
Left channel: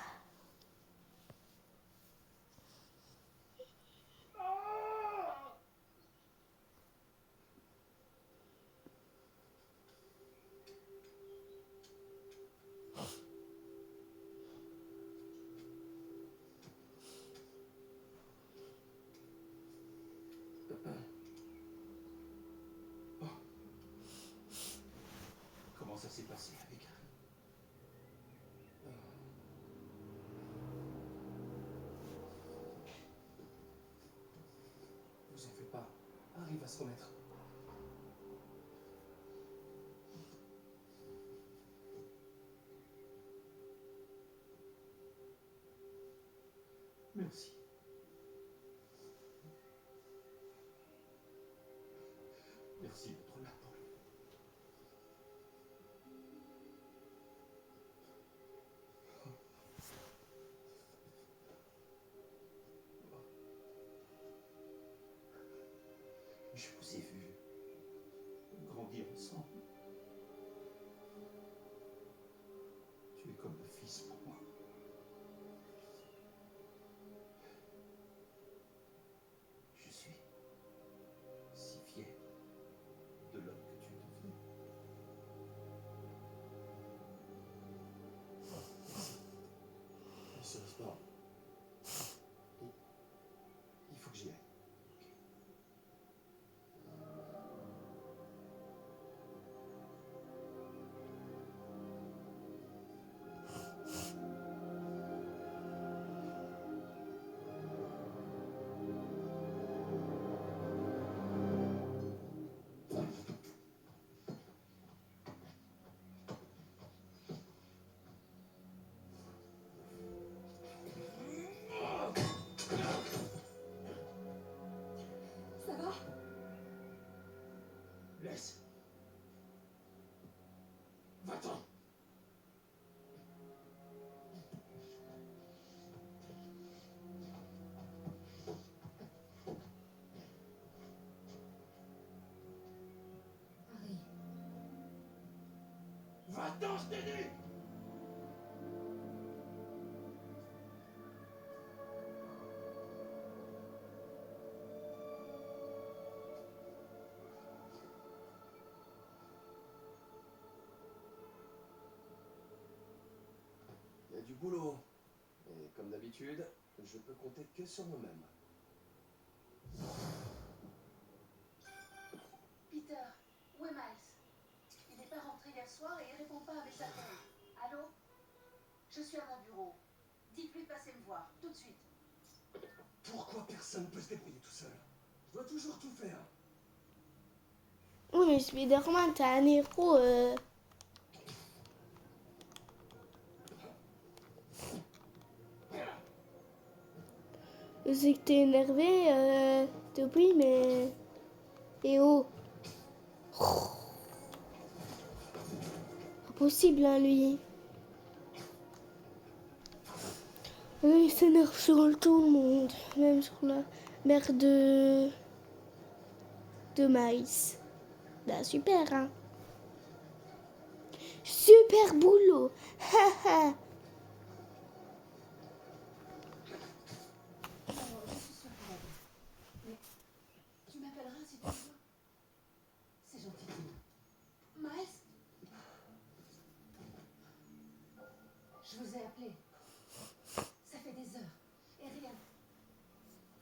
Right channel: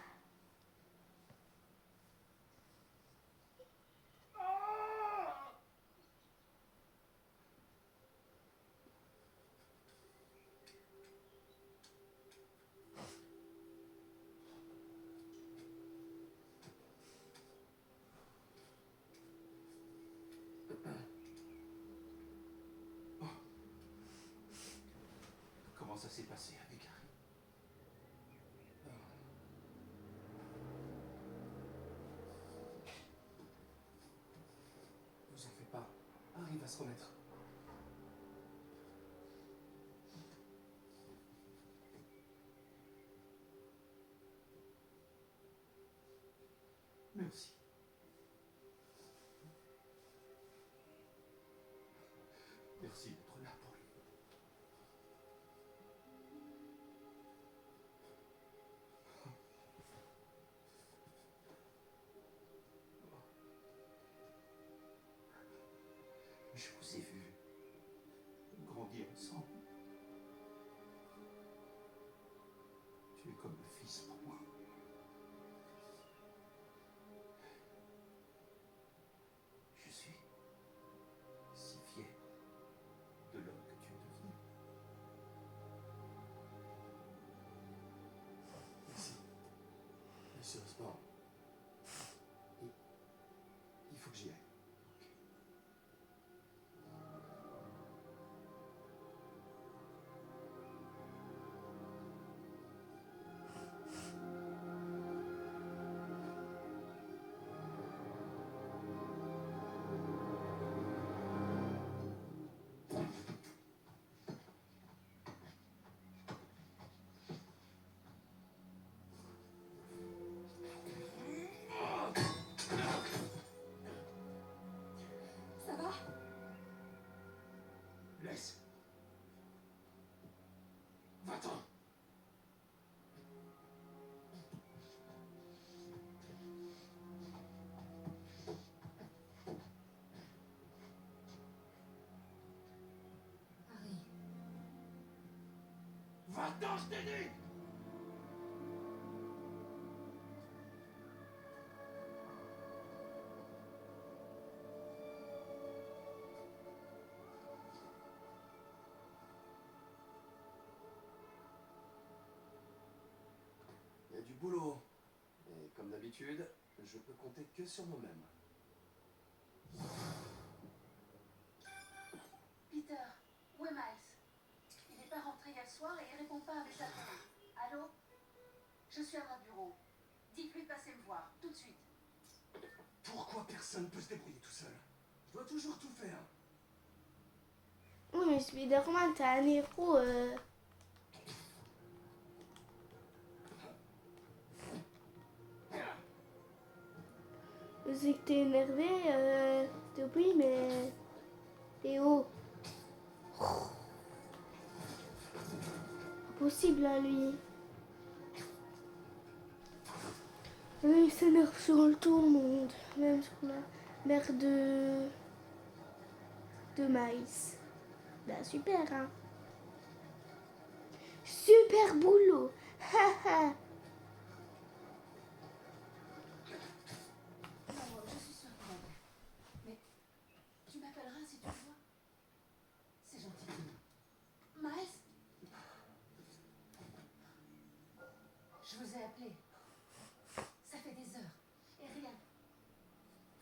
Comment ça s'est passé avec Harry? Vous en faites pas. Harry va se remettre. Merci. Merci d'être là pour lui. Je vous ai vu grandir ensemble. Tu es comme le fils pour moi. Je suis si fier de l'homme que tu es devenu. Merci. Mais sérieusement, il faut que j'y aille. Ça va? Laisse. Va-t'en. Harry, Va-t'en, je t'ai dit. Il y a du boulot. Et comme d'habitude, je peux compter que sur moi-même. Peter, où est Miles? Il n'est pas rentré hier soir et il répond pas à mes appels. Allô? Je suis à mon bureau. Dites-lui de passer me voir, tout de suite. Pourquoi personne ne peut se débrouiller tout seul? Je dois toujours tout faire. Oui, mais Spider-Man, t'es un héros. Je sais que t'es énervé, t'oublies, mais... Et oh. Impossible, hein, lui. Il s'énerve sur tout le monde. Même sur la mère de Miles. Bah, super, hein. Super boulot. Haha. Alors, je suis sûre qu'il va bien. Mais tu m'appelleras si tu le vois. C'est gentil de toi. Miles? Je vous ai appelé. Ça fait des heures. Et rien.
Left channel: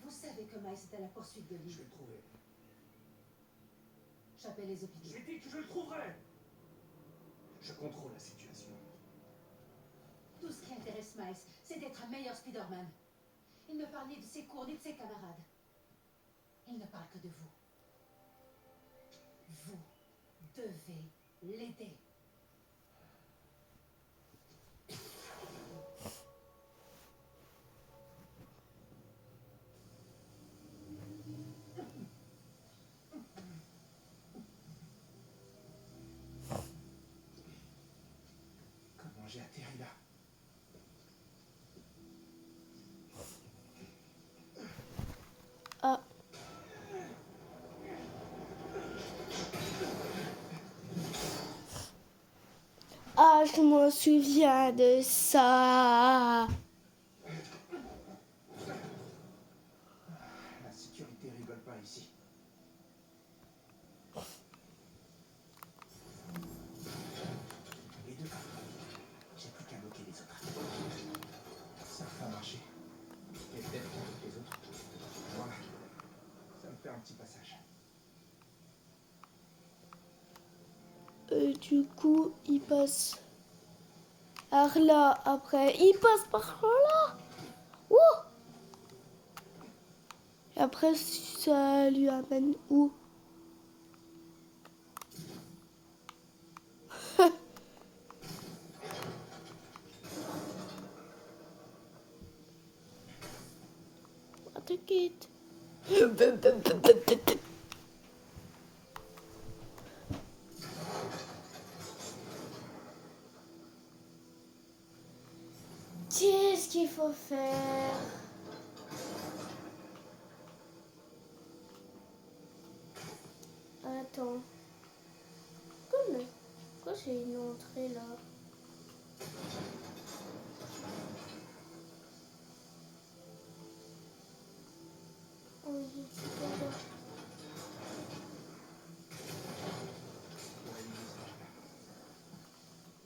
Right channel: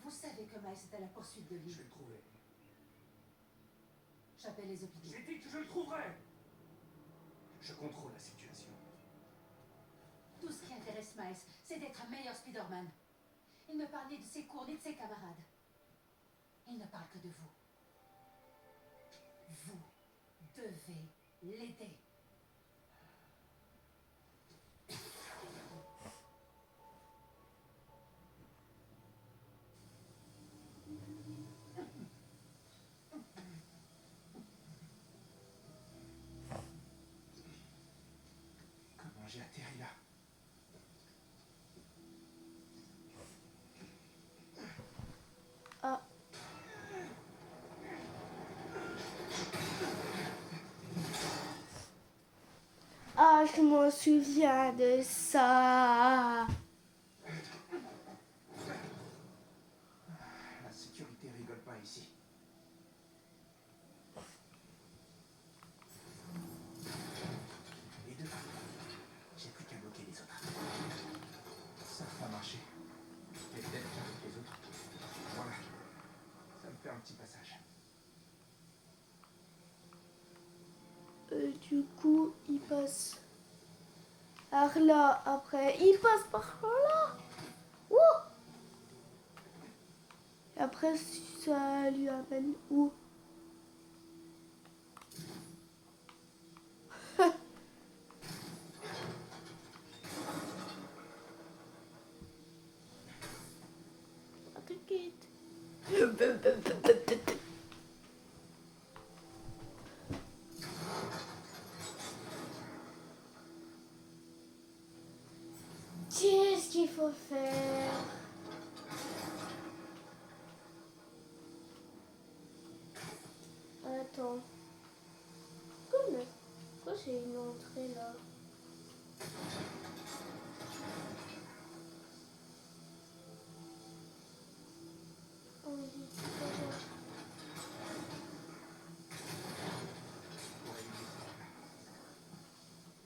Vous savez que Miles est à la poursuite de Je lui. vais le trouver. J'appelle les hôpitaux. J'ai dit que je le trouverai. Je contrôle la situation. Tout ce qui intéresse Miles, c'est d'être un meilleur Spider-Man. Il ne parle ni de ses cours, ni de ses camarades. Il ne parle que de vous. Vous devez l'aider. Comment j'ai atterri là? Ah. Ah, je m'en souviens de ça. La sécurité rigole pas ici. Les deux. J'ai plus qu'à bloquer les autres. Ça va marcher. Et peut-être qu'avec les autres. Voilà. Ça me fait un petit passage. Du coup, il passe par là. Après, il passe par là. Ouh. Et après, ça lui amène où? T'inquiète. Qu'est-ce qu'il faut faire? Attends. Pourquoi j'ai une entrée là?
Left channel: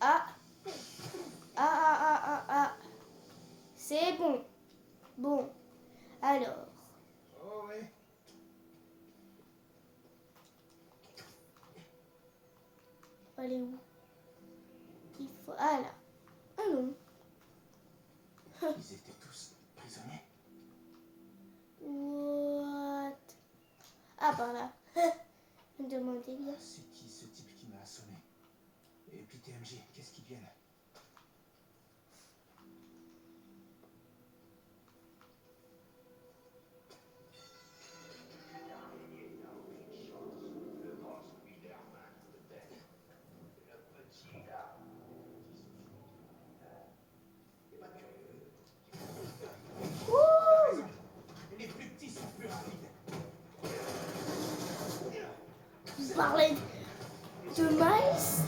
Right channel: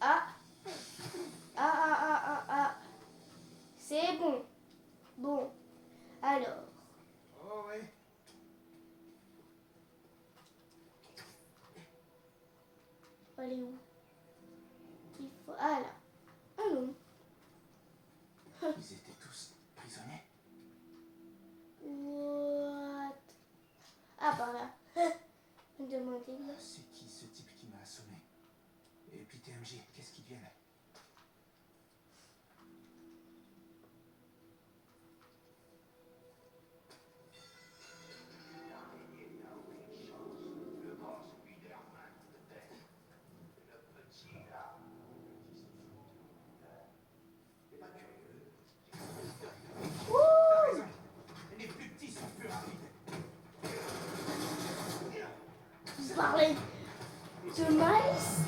Ah. Ah. C'est bon. Bon. Alors. Oh ouais. Allez où? Il faut. Ah là. Ah non. Ils étaient tous prisonniers. What? Ah par là. Demandez bien. C'est qui ce type qui m'a assommé? Et puis TMJ, qu'est-ce qu'ils deviennent? T'as raison. Les plus petits sont plus rapides. Vous parlez de maïs?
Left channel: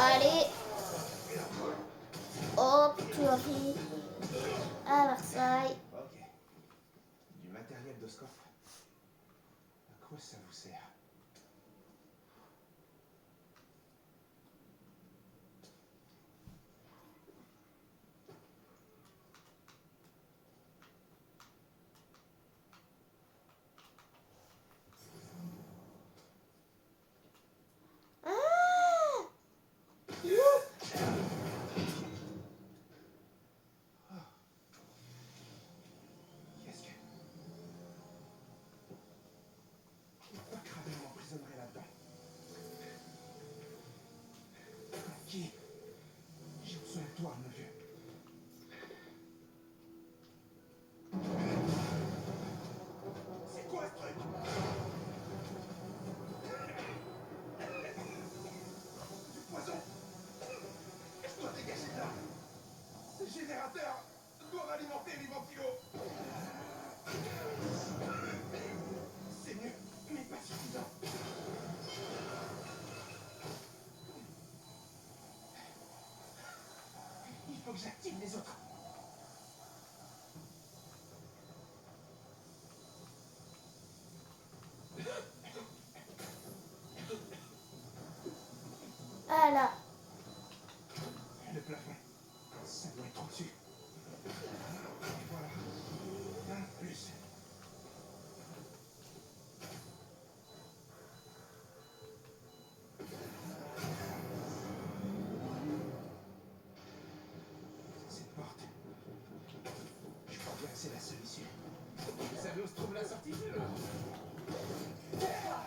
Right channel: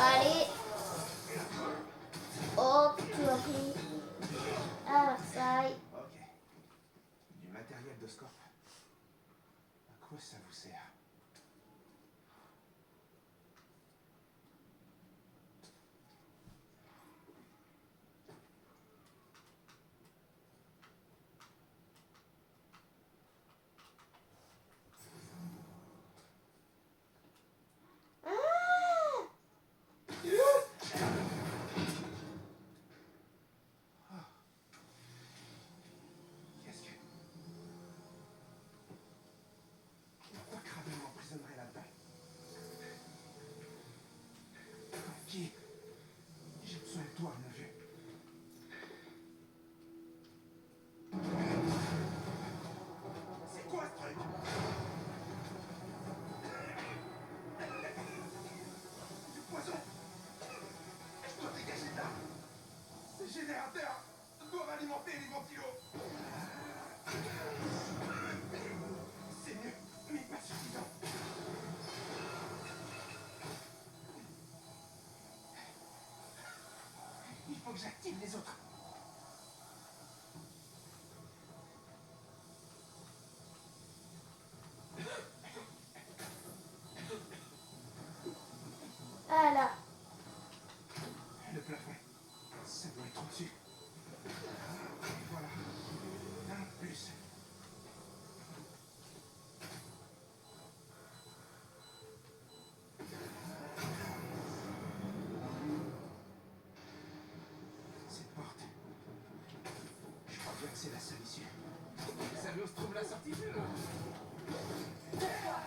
Allez. Oh purée. À Versailles. Ok. Du matériel d'Oscorp. À quoi ça vous sert? Qu'est-ce que... Pourquoi Kraven m'emprisonnerait là-dedans? Qui? J'ai besoin de toi, mon vieux. C'est quoi ce truc? Du poison. Je dois dégager de là. Ces générateurs doivent alimenter les ventilos. C'est mieux, mais pas suffisant. Il faut que j'active les autres. Ah là. Le plafond, ça doit être au-dessus. Et voilà. Un plus. Cette porte. Je crois bien que c'est la seule issue. Vous savez où se trouve la sortie?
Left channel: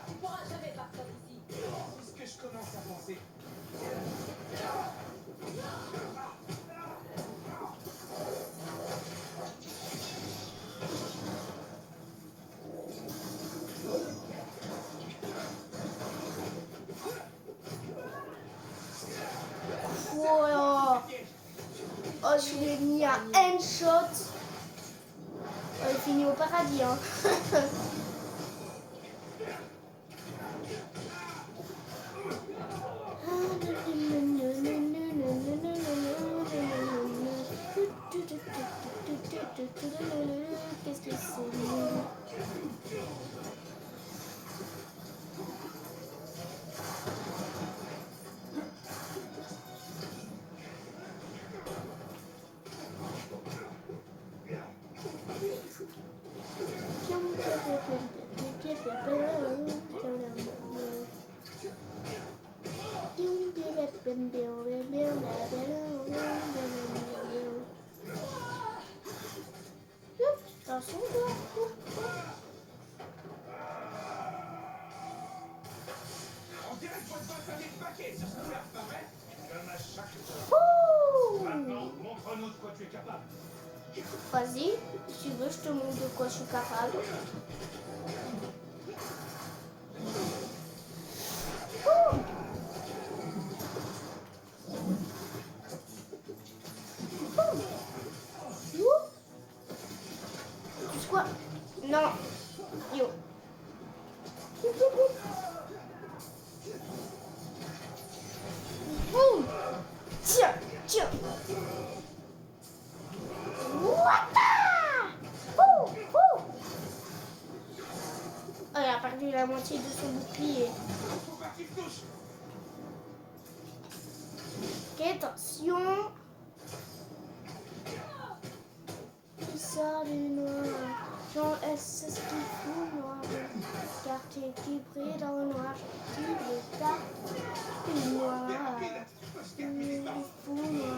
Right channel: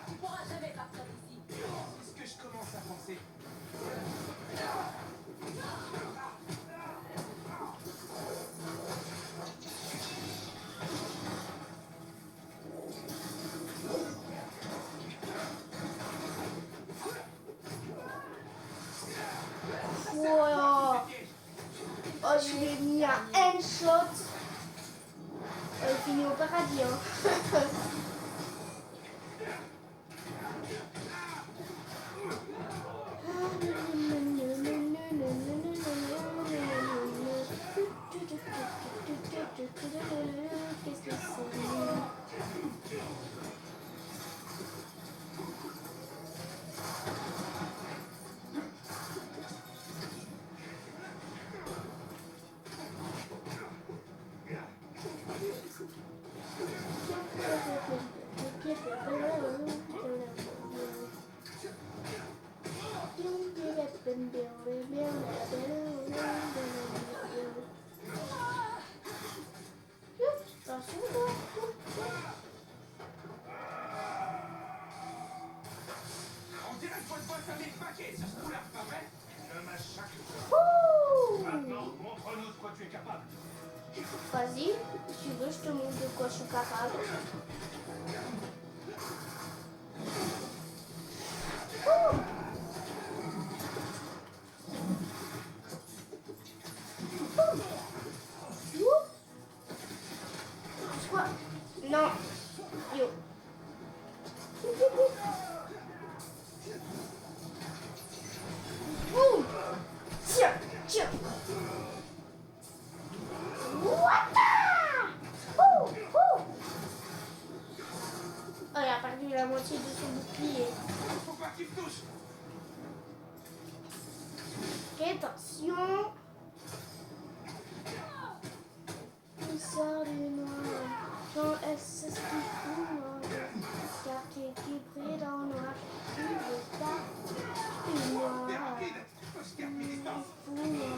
Tu pourras jamais partir d'ici. C'est ce que je commence à penser. Wow. Oh, je l'ai mis un handshot. Oh, il finit au paradis, hein. Qu'est-ce que c'est? On dirait que votre boss a mis le paquet sur ce coup-là, pas vrai? Je massacre. Ouh. Maintenant, montre-nous de quoi tu es capable. Vas-y, si tu veux, je te montre de quoi je suis capable. Quoi? Non. Yo. Tiens. Wata! Ouh, ouh. Oh, il a perdu la moitié de son bouclier. Faut pas qu'il me touche. Ok, attention. Il sort du noir. Jean S. C'est ce qu'il fout, noir. Quartier qui brille dans le noir. Qui brille pas. Du noir. T'es rapide. Faut que je garde mes distances. Fou, noir.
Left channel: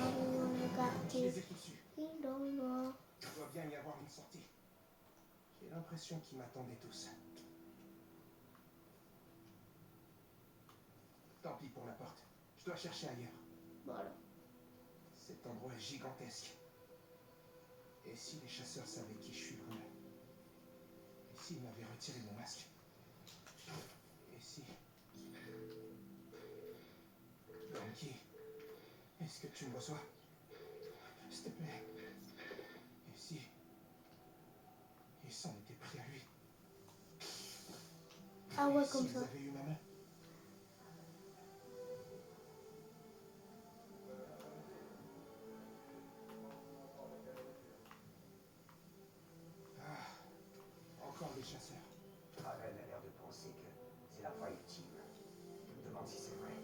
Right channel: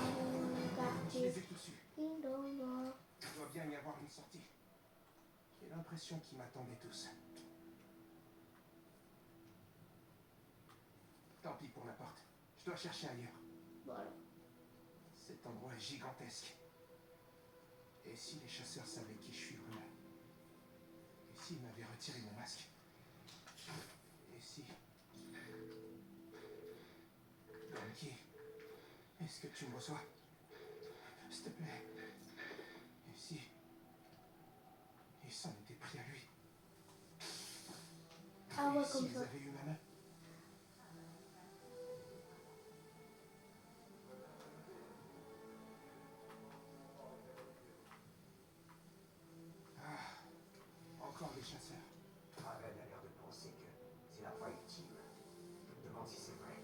Je Quartier les ai tous eus. qui dans le noir. Il doit bien y avoir une sortie. J'ai l'impression qu'ils m'attendaient tous. Tant pis pour la porte. Je dois chercher ailleurs. Voilà. Cet endroit est gigantesque. Et si les chasseurs savaient qui je suis vraiment? Et s'ils m'avaient retiré mon masque? Et si... Donkey, est-ce que tu me reçois? S'il te plaît. Et si... il s'en était pris à lui? Ah ouais, Et comme s'ils ça. avaient eu ma main? Encore des chasseurs. Raven a l'air de penser que c'est la fois ultime. Je me demande si c'est vrai.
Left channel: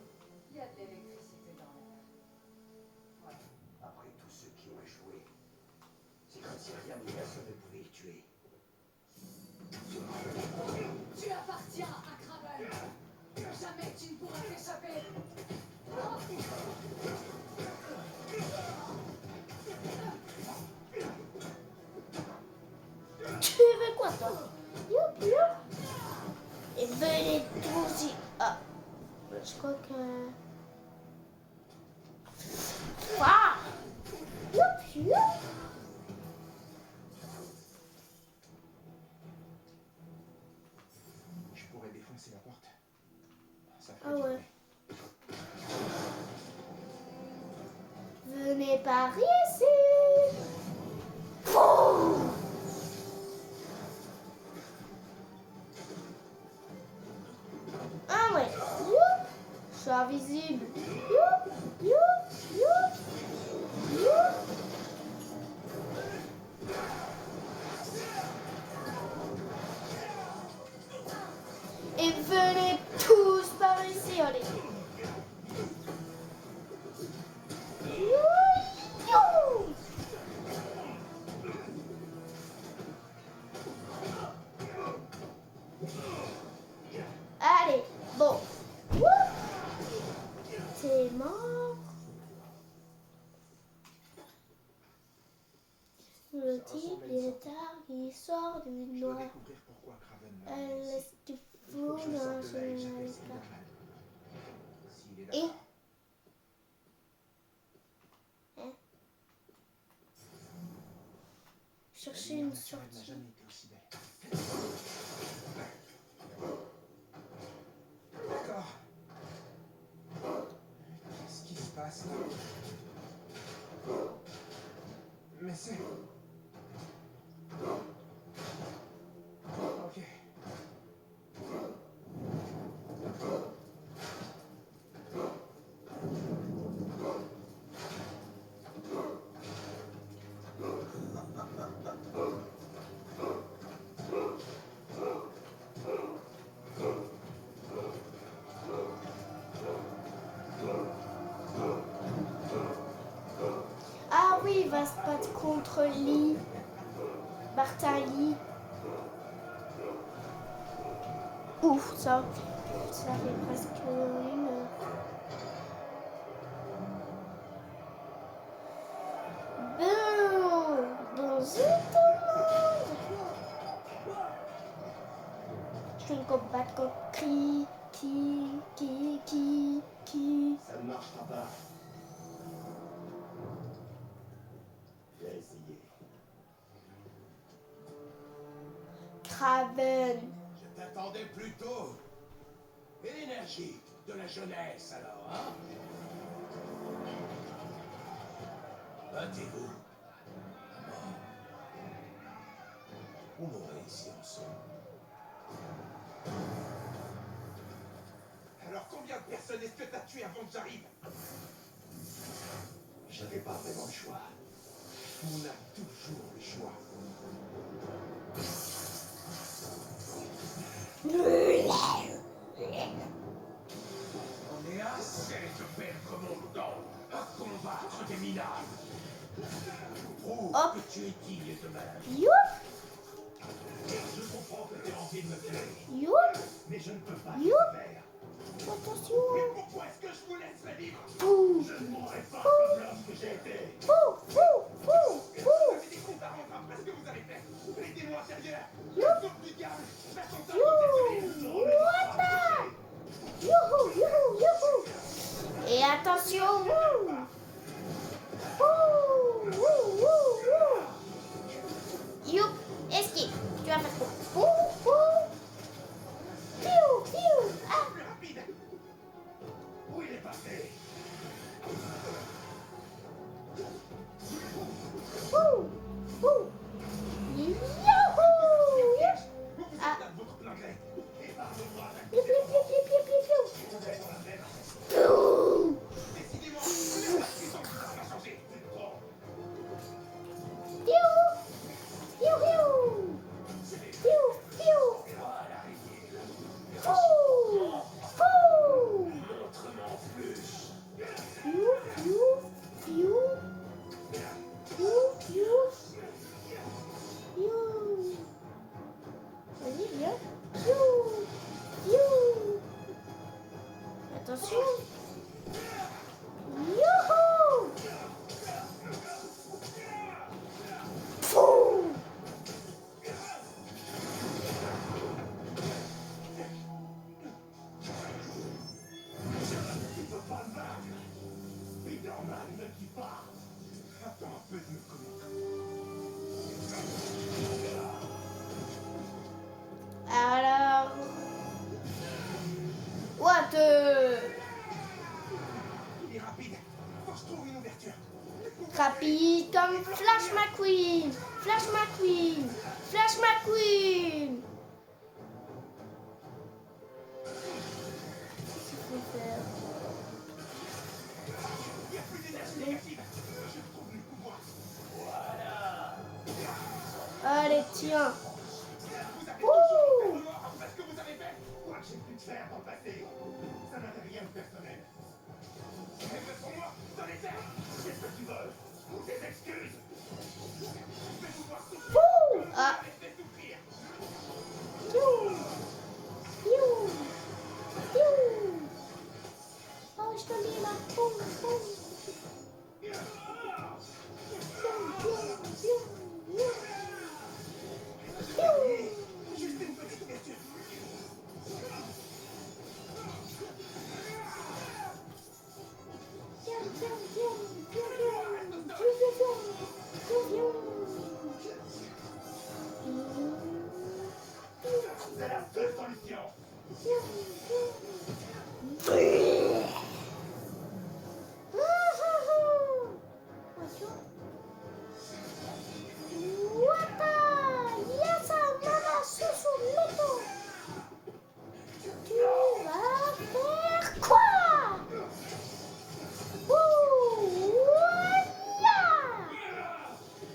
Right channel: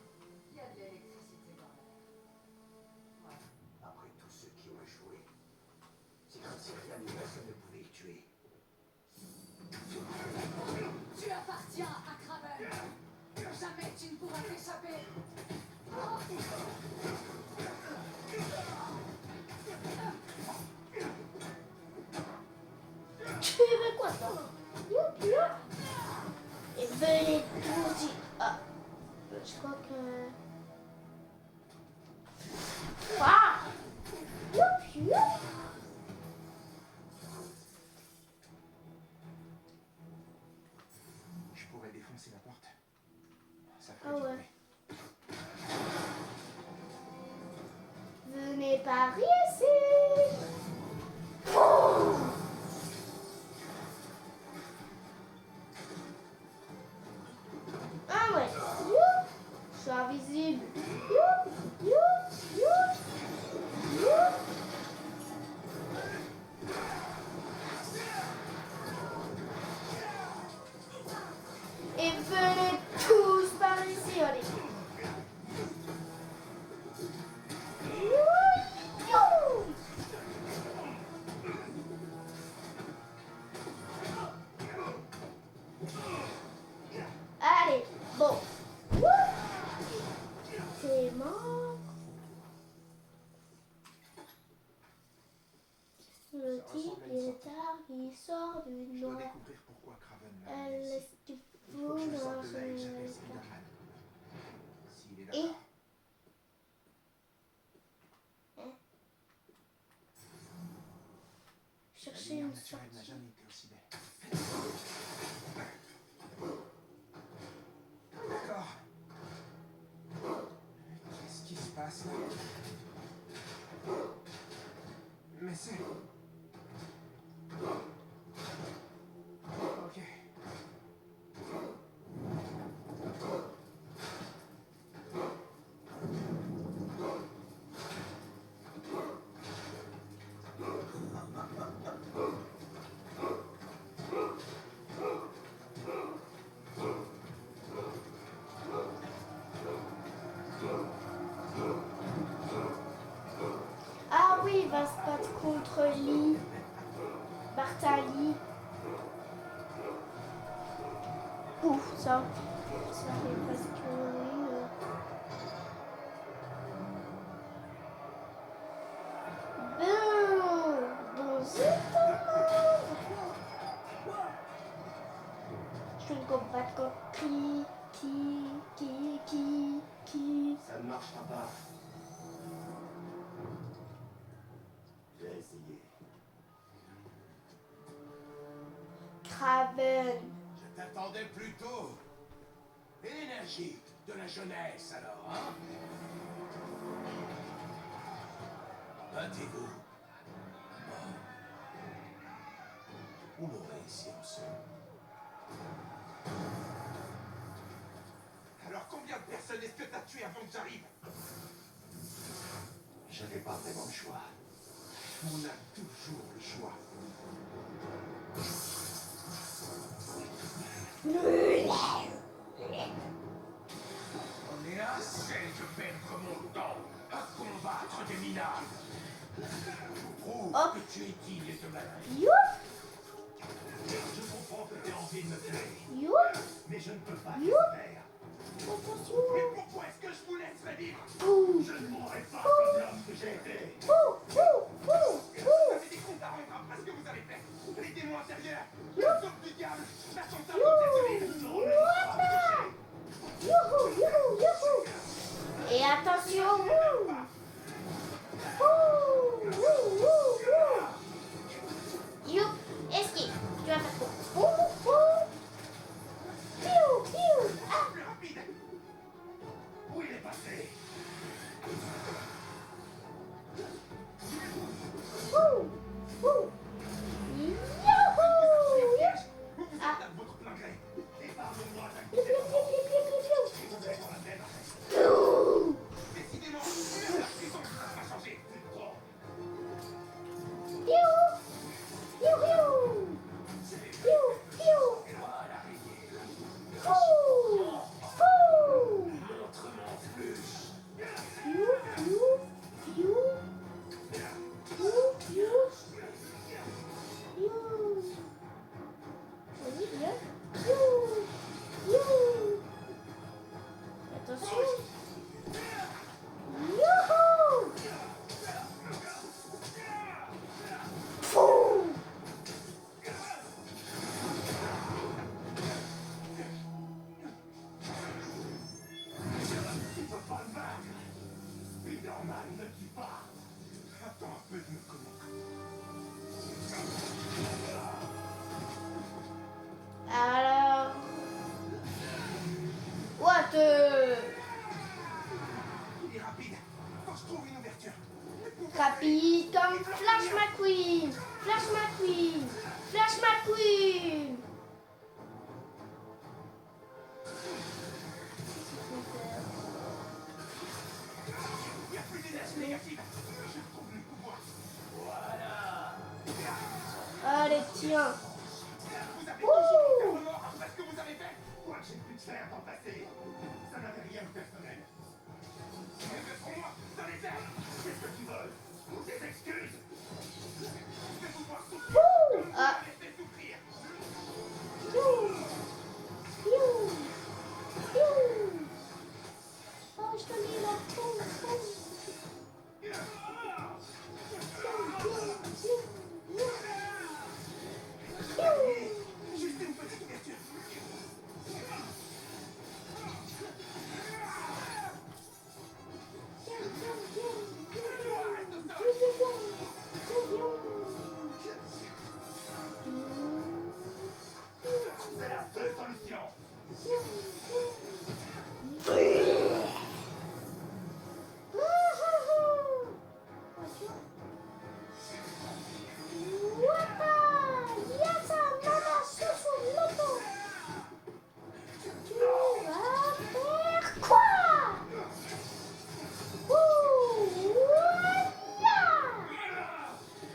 Il y a de l'électricité dans l'air. Ouais. Après tous ceux qui ont échoué, c'est comme si rien ni personne ne pouvait le tuer. Tu appartiens à Kraven. Jamais tu ne pourras t'échapper. Tu veux quoi, toi? Youp, youp. Et venez tous y... Ah. Je crois que... Ah. Youp, youp. Je pourrais défoncer la porte. Ça Ah ferait du ouais. bruit. Venez par ici. Boum. Ah ouais. Youp. Je suis invisible. Youp, youp, youp, youp. Et venez tous par ici, allez. Youp. Allez, bon. T'es mort. Le type est tard, il sort du Je dois noir. découvrir pourquoi Kraven m'a Elle amené laisse ici. du Il faut flou que je me dans sorte de là et que son j'appelle regard. Spider-Man. S'il est Et d'accord. La chercher lumière une naturelle n'a sortie. jamais été aussi belle. D'accord. Qu'est-ce qui se passe là? Mais c'est... Ok. Ah oui, il va se battre contre Lee. Bartali. Ouf, ça fait presque une heure. Dans ce monde. Je vais combattre contre qui. Ça ne marchera pas. J'ai essayé. Kraven. Je t'attendais plus tôt. Et l'énergie de la jeunesse alors, hein? Battez-vous. Vous mourrez ici ensemble. Alors combien de personnes est-ce que t'as tué avant que j'arrive? Je n'avez pas vraiment le choix. On a toujours le choix. On est assez de perdre mon temps à combattre des minables. Prouve Hop. que tu es digne de ma vie. Youp, Je comprends que tu aies envie de me tuer, youp, mais je ne peux pas You. le faire. attention. Mais pourquoi est-ce que je vous laisserais vivre? Ouh, Je ne mourrai pas comme l'homme que j'ai été. ouh, ouh, ouh, Vous avez des comptes à rendre après ce que vous avez fait. Les démons intérieurs, les hommes du diable, la chanson de cette ville sont youhou, youhou, youhou. Et attention, ouh. Ouh, ouh, ouh, ouh. Youp, esquive. Tu vas faire quoi? Ouh, ouh. Piou, piou. Ah. plus rapide. Où il est passé? Ouh, ouh. Youhou, youp. Vous vous êtes Ah. là de votre plein gré. Épargnez-moi d'un Piou, piou, piou, piou, piou, piou, piou. vous êtes dans la même. Piou. Décidément, la puissance n'a pas changé. Bon, Piou. Piou, piou. Piou, piou. voilà l'araignée. Ouh, ouh. Montre-moi plus. Piou, piou, piou. Piou, piou. Piou. Vas-y, viens. Piou, piou. Attention. Youhou. Fou. Tu peux pas me battre. Spider-Man ne dit pas. Attends un peu de me connaître. Alors. What? Il est rapide. Faut que je trouve une ouverture. Rapide comme Flash McQueen. Flash McQueen. Flash McQueen. Il n'y a plus d'énergie négative. Je trouve le pouvoir. Voilà. Allez, tiens. Vous avez Ouh. toujours été remords après ce que vous avez fait. Quoi que j'ai pu te faire dans le passé, ça n'avait rien de personnel. Mais pour moi, dans les airs, c'est ce que tu veux. Ou des excuses. Je vais vous voir souffrir. Ouh. Comme vous Ah. m'avez fait souffrir. Piou. Piou. Piou. Oh, je te mets là. Boum, boum. Piou, piou, piou. Piou. Juste une petite ouverture. C'est la seule solution.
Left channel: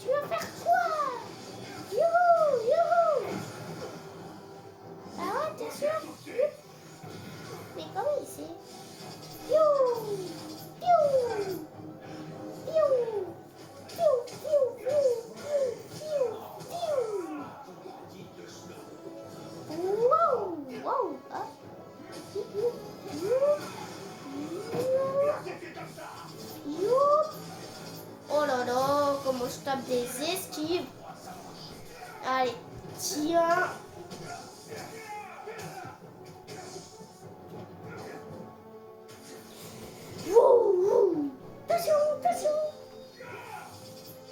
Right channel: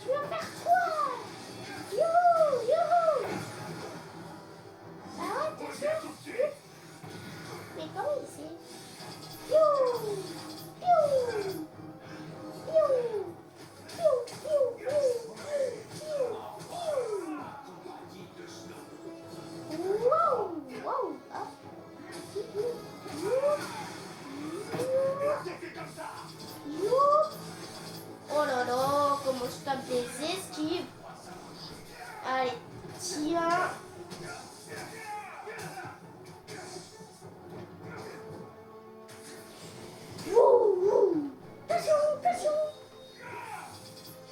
Tu vas faire quoi? Youhou, youhou. Ah ouais, t'es sûr? Mais comment il sait? Piou, piou, piou, piou, piou, piou, piou, piou. Wow, wow, ah. Oh là là, comment je tape des esquives. Allez, tiens. Wouh, attention, attention.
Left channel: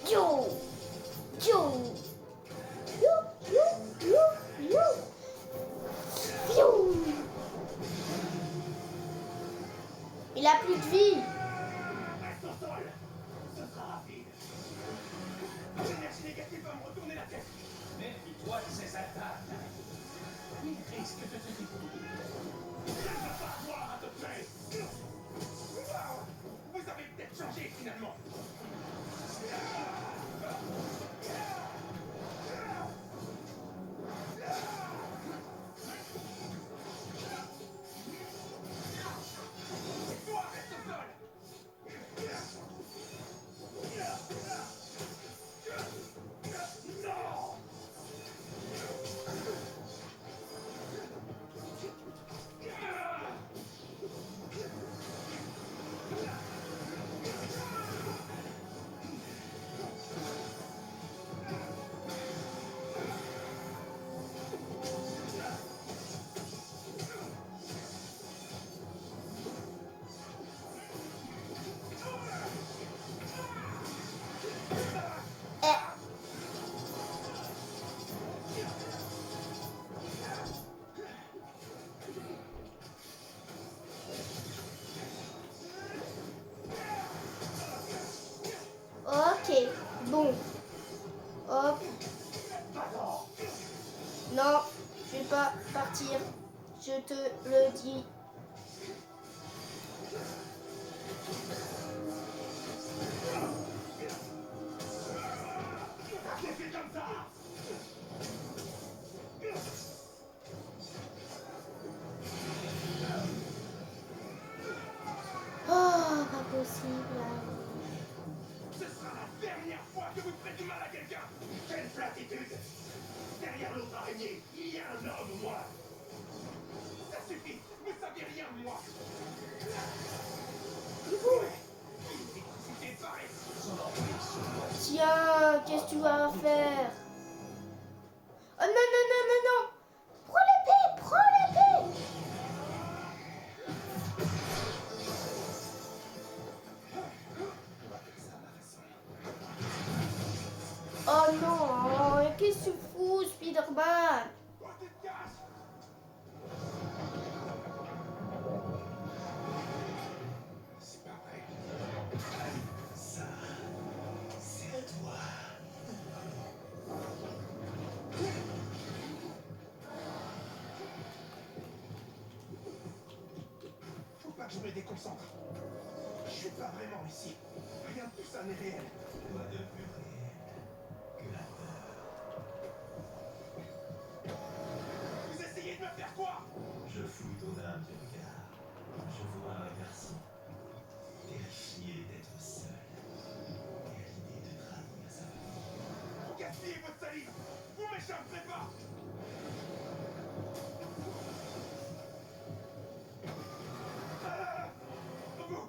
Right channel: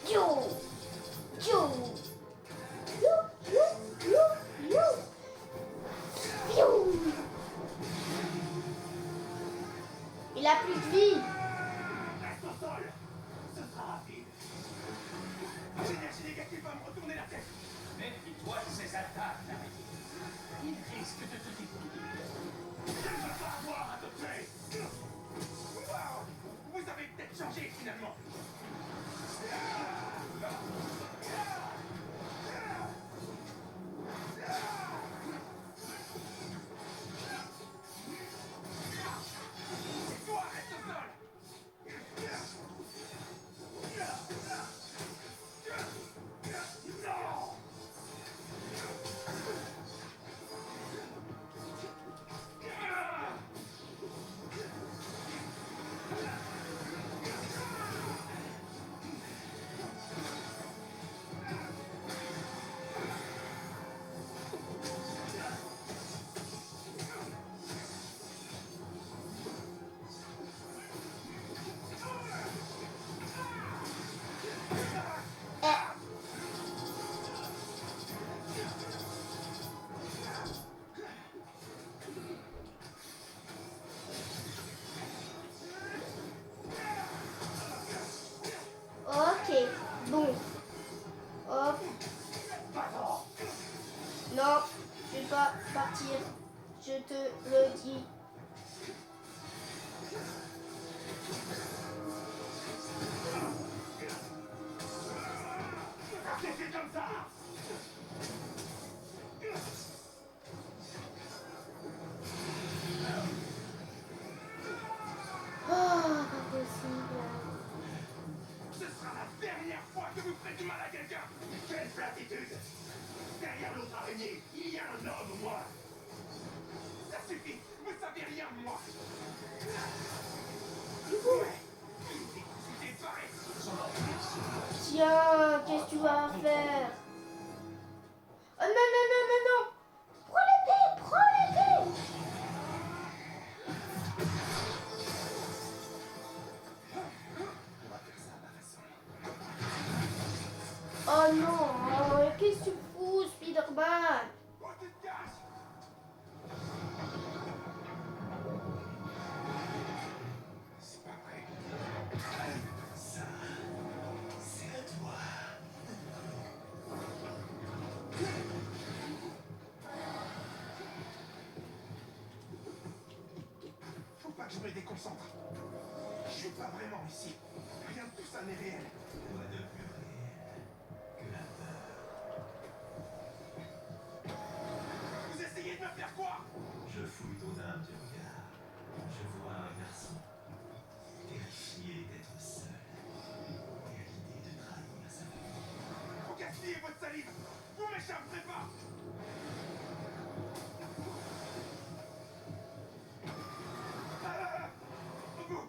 Yo, yo, yo, yo, yo, yo. Yo. Il a plus de vie. Reste au sol. Ce sera rapide. L'énergie négative va me retourner la tête. Méfie-toi de ces attaques. Il risque de te détruire. Il ne va pas avoir à te tuer. Wow. Vous avez peut-être changé finalement. te le dis. C'est comme ça. Oh, pas possible. Ce sera la dernière fois que vous ferez du mal à quelqu'un. Quelle platitude. Derrière l'autre araignée, il y a un homme, moi. Ça suffit, vous savez rien de moi. Ouais. Il est barré. Tiens, qu'est-ce que tu vas faire? Oh non, non, non, non, non. Prends l'épée, prends l'épée. Oh non, qu'est-ce que tu fous, Spider-Man? Oh, tu te caches. C'est pas vrai. Ça, c'est à toi. Faut pas que je me déconcentre. Je suis pas vraiment ici. Rien de tout ça n'est réel. Quoi de plus réel que la peur? Vous essayez de me faire quoi? Je fouille ton âme du regard. Je vois un garçon terrifié d'être seul et à l'idée de trahir sa famille. Vous gaspillez votre salive. Vous m'échapperez pas. Vous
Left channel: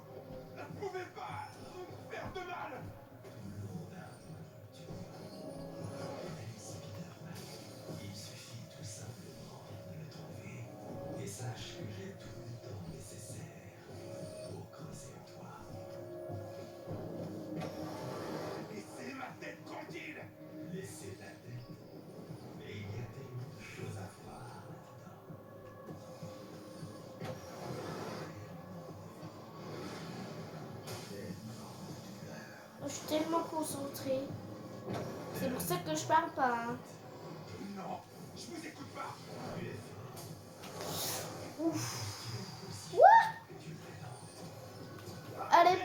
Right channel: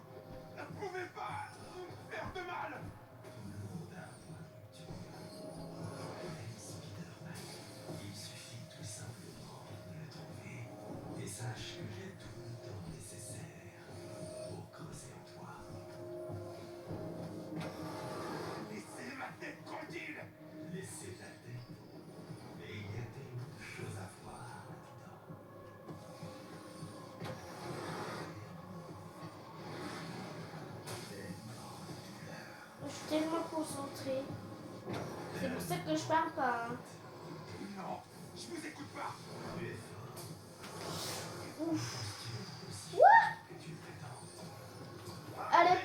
ne pouvez pas me faire de mal. Tout le monde a un point de rupture. Spider-Man. Il suffit tout simplement de le trouver. Et sache que j'ai tout le temps nécessaire pour creuser en toi. Laissez ma tête tranquille. Laissez ta tête. Mais il y a tellement de choses à voir là-dedans. Je suis tellement concentrée. C'est pour ça que je parle pas. Hein. Non, je vous écoute pas. Ouf. Tu prétends. Allez,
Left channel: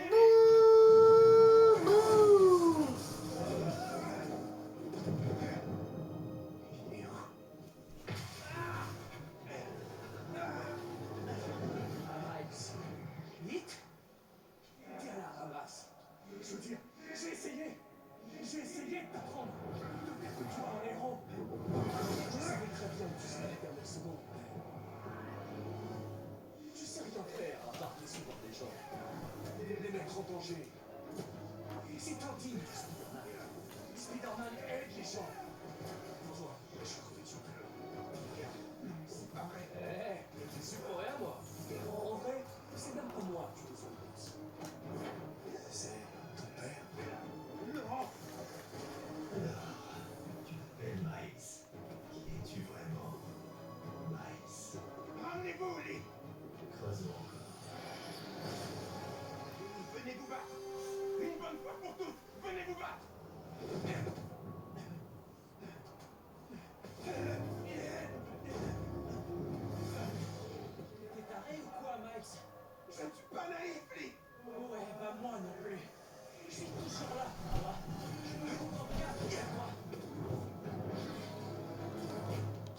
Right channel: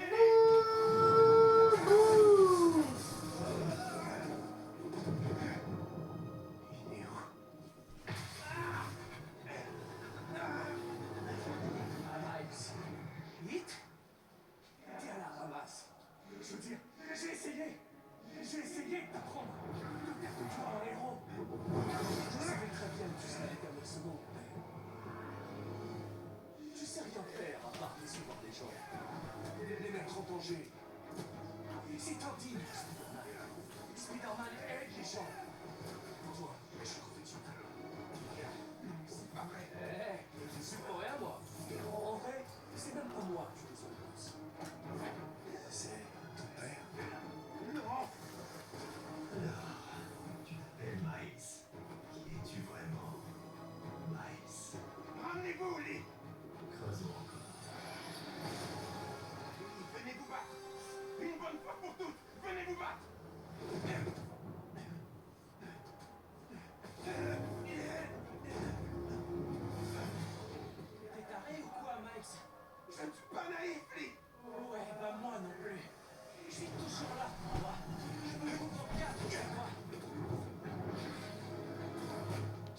boum, boum. Il est où? Miles. Vite. T'es à la ramasse. Je veux dire, j'ai essayé de t'apprendre, de faire de toi un héros. Je savais très bien que tu serais la dernière seconde. Je sais rien faire à part décevoir des gens. Les mettre en danger. C'est indigne, Spider-Man. Spider-Man aide les gens. Pour toi, je suis revêtu. C'est pas vrai. Je suis pour rien, moi. En vrai, c'est même pas moi qui te plus. C'est ton père. Non. Alors, tu t'appelles Miles. Qui es-tu vraiment? Miles. Ramenez-vous, Lee. Creusons encore. Venez vous battre. Une bonne fois pour toutes. Venez vous battre. T'es taré ou quoi, Miles? Je ne suis pas naïf, Lee. Ouais, bah moi non plus. Je suis toujours là pour toi. Je me comprends bien pour toi.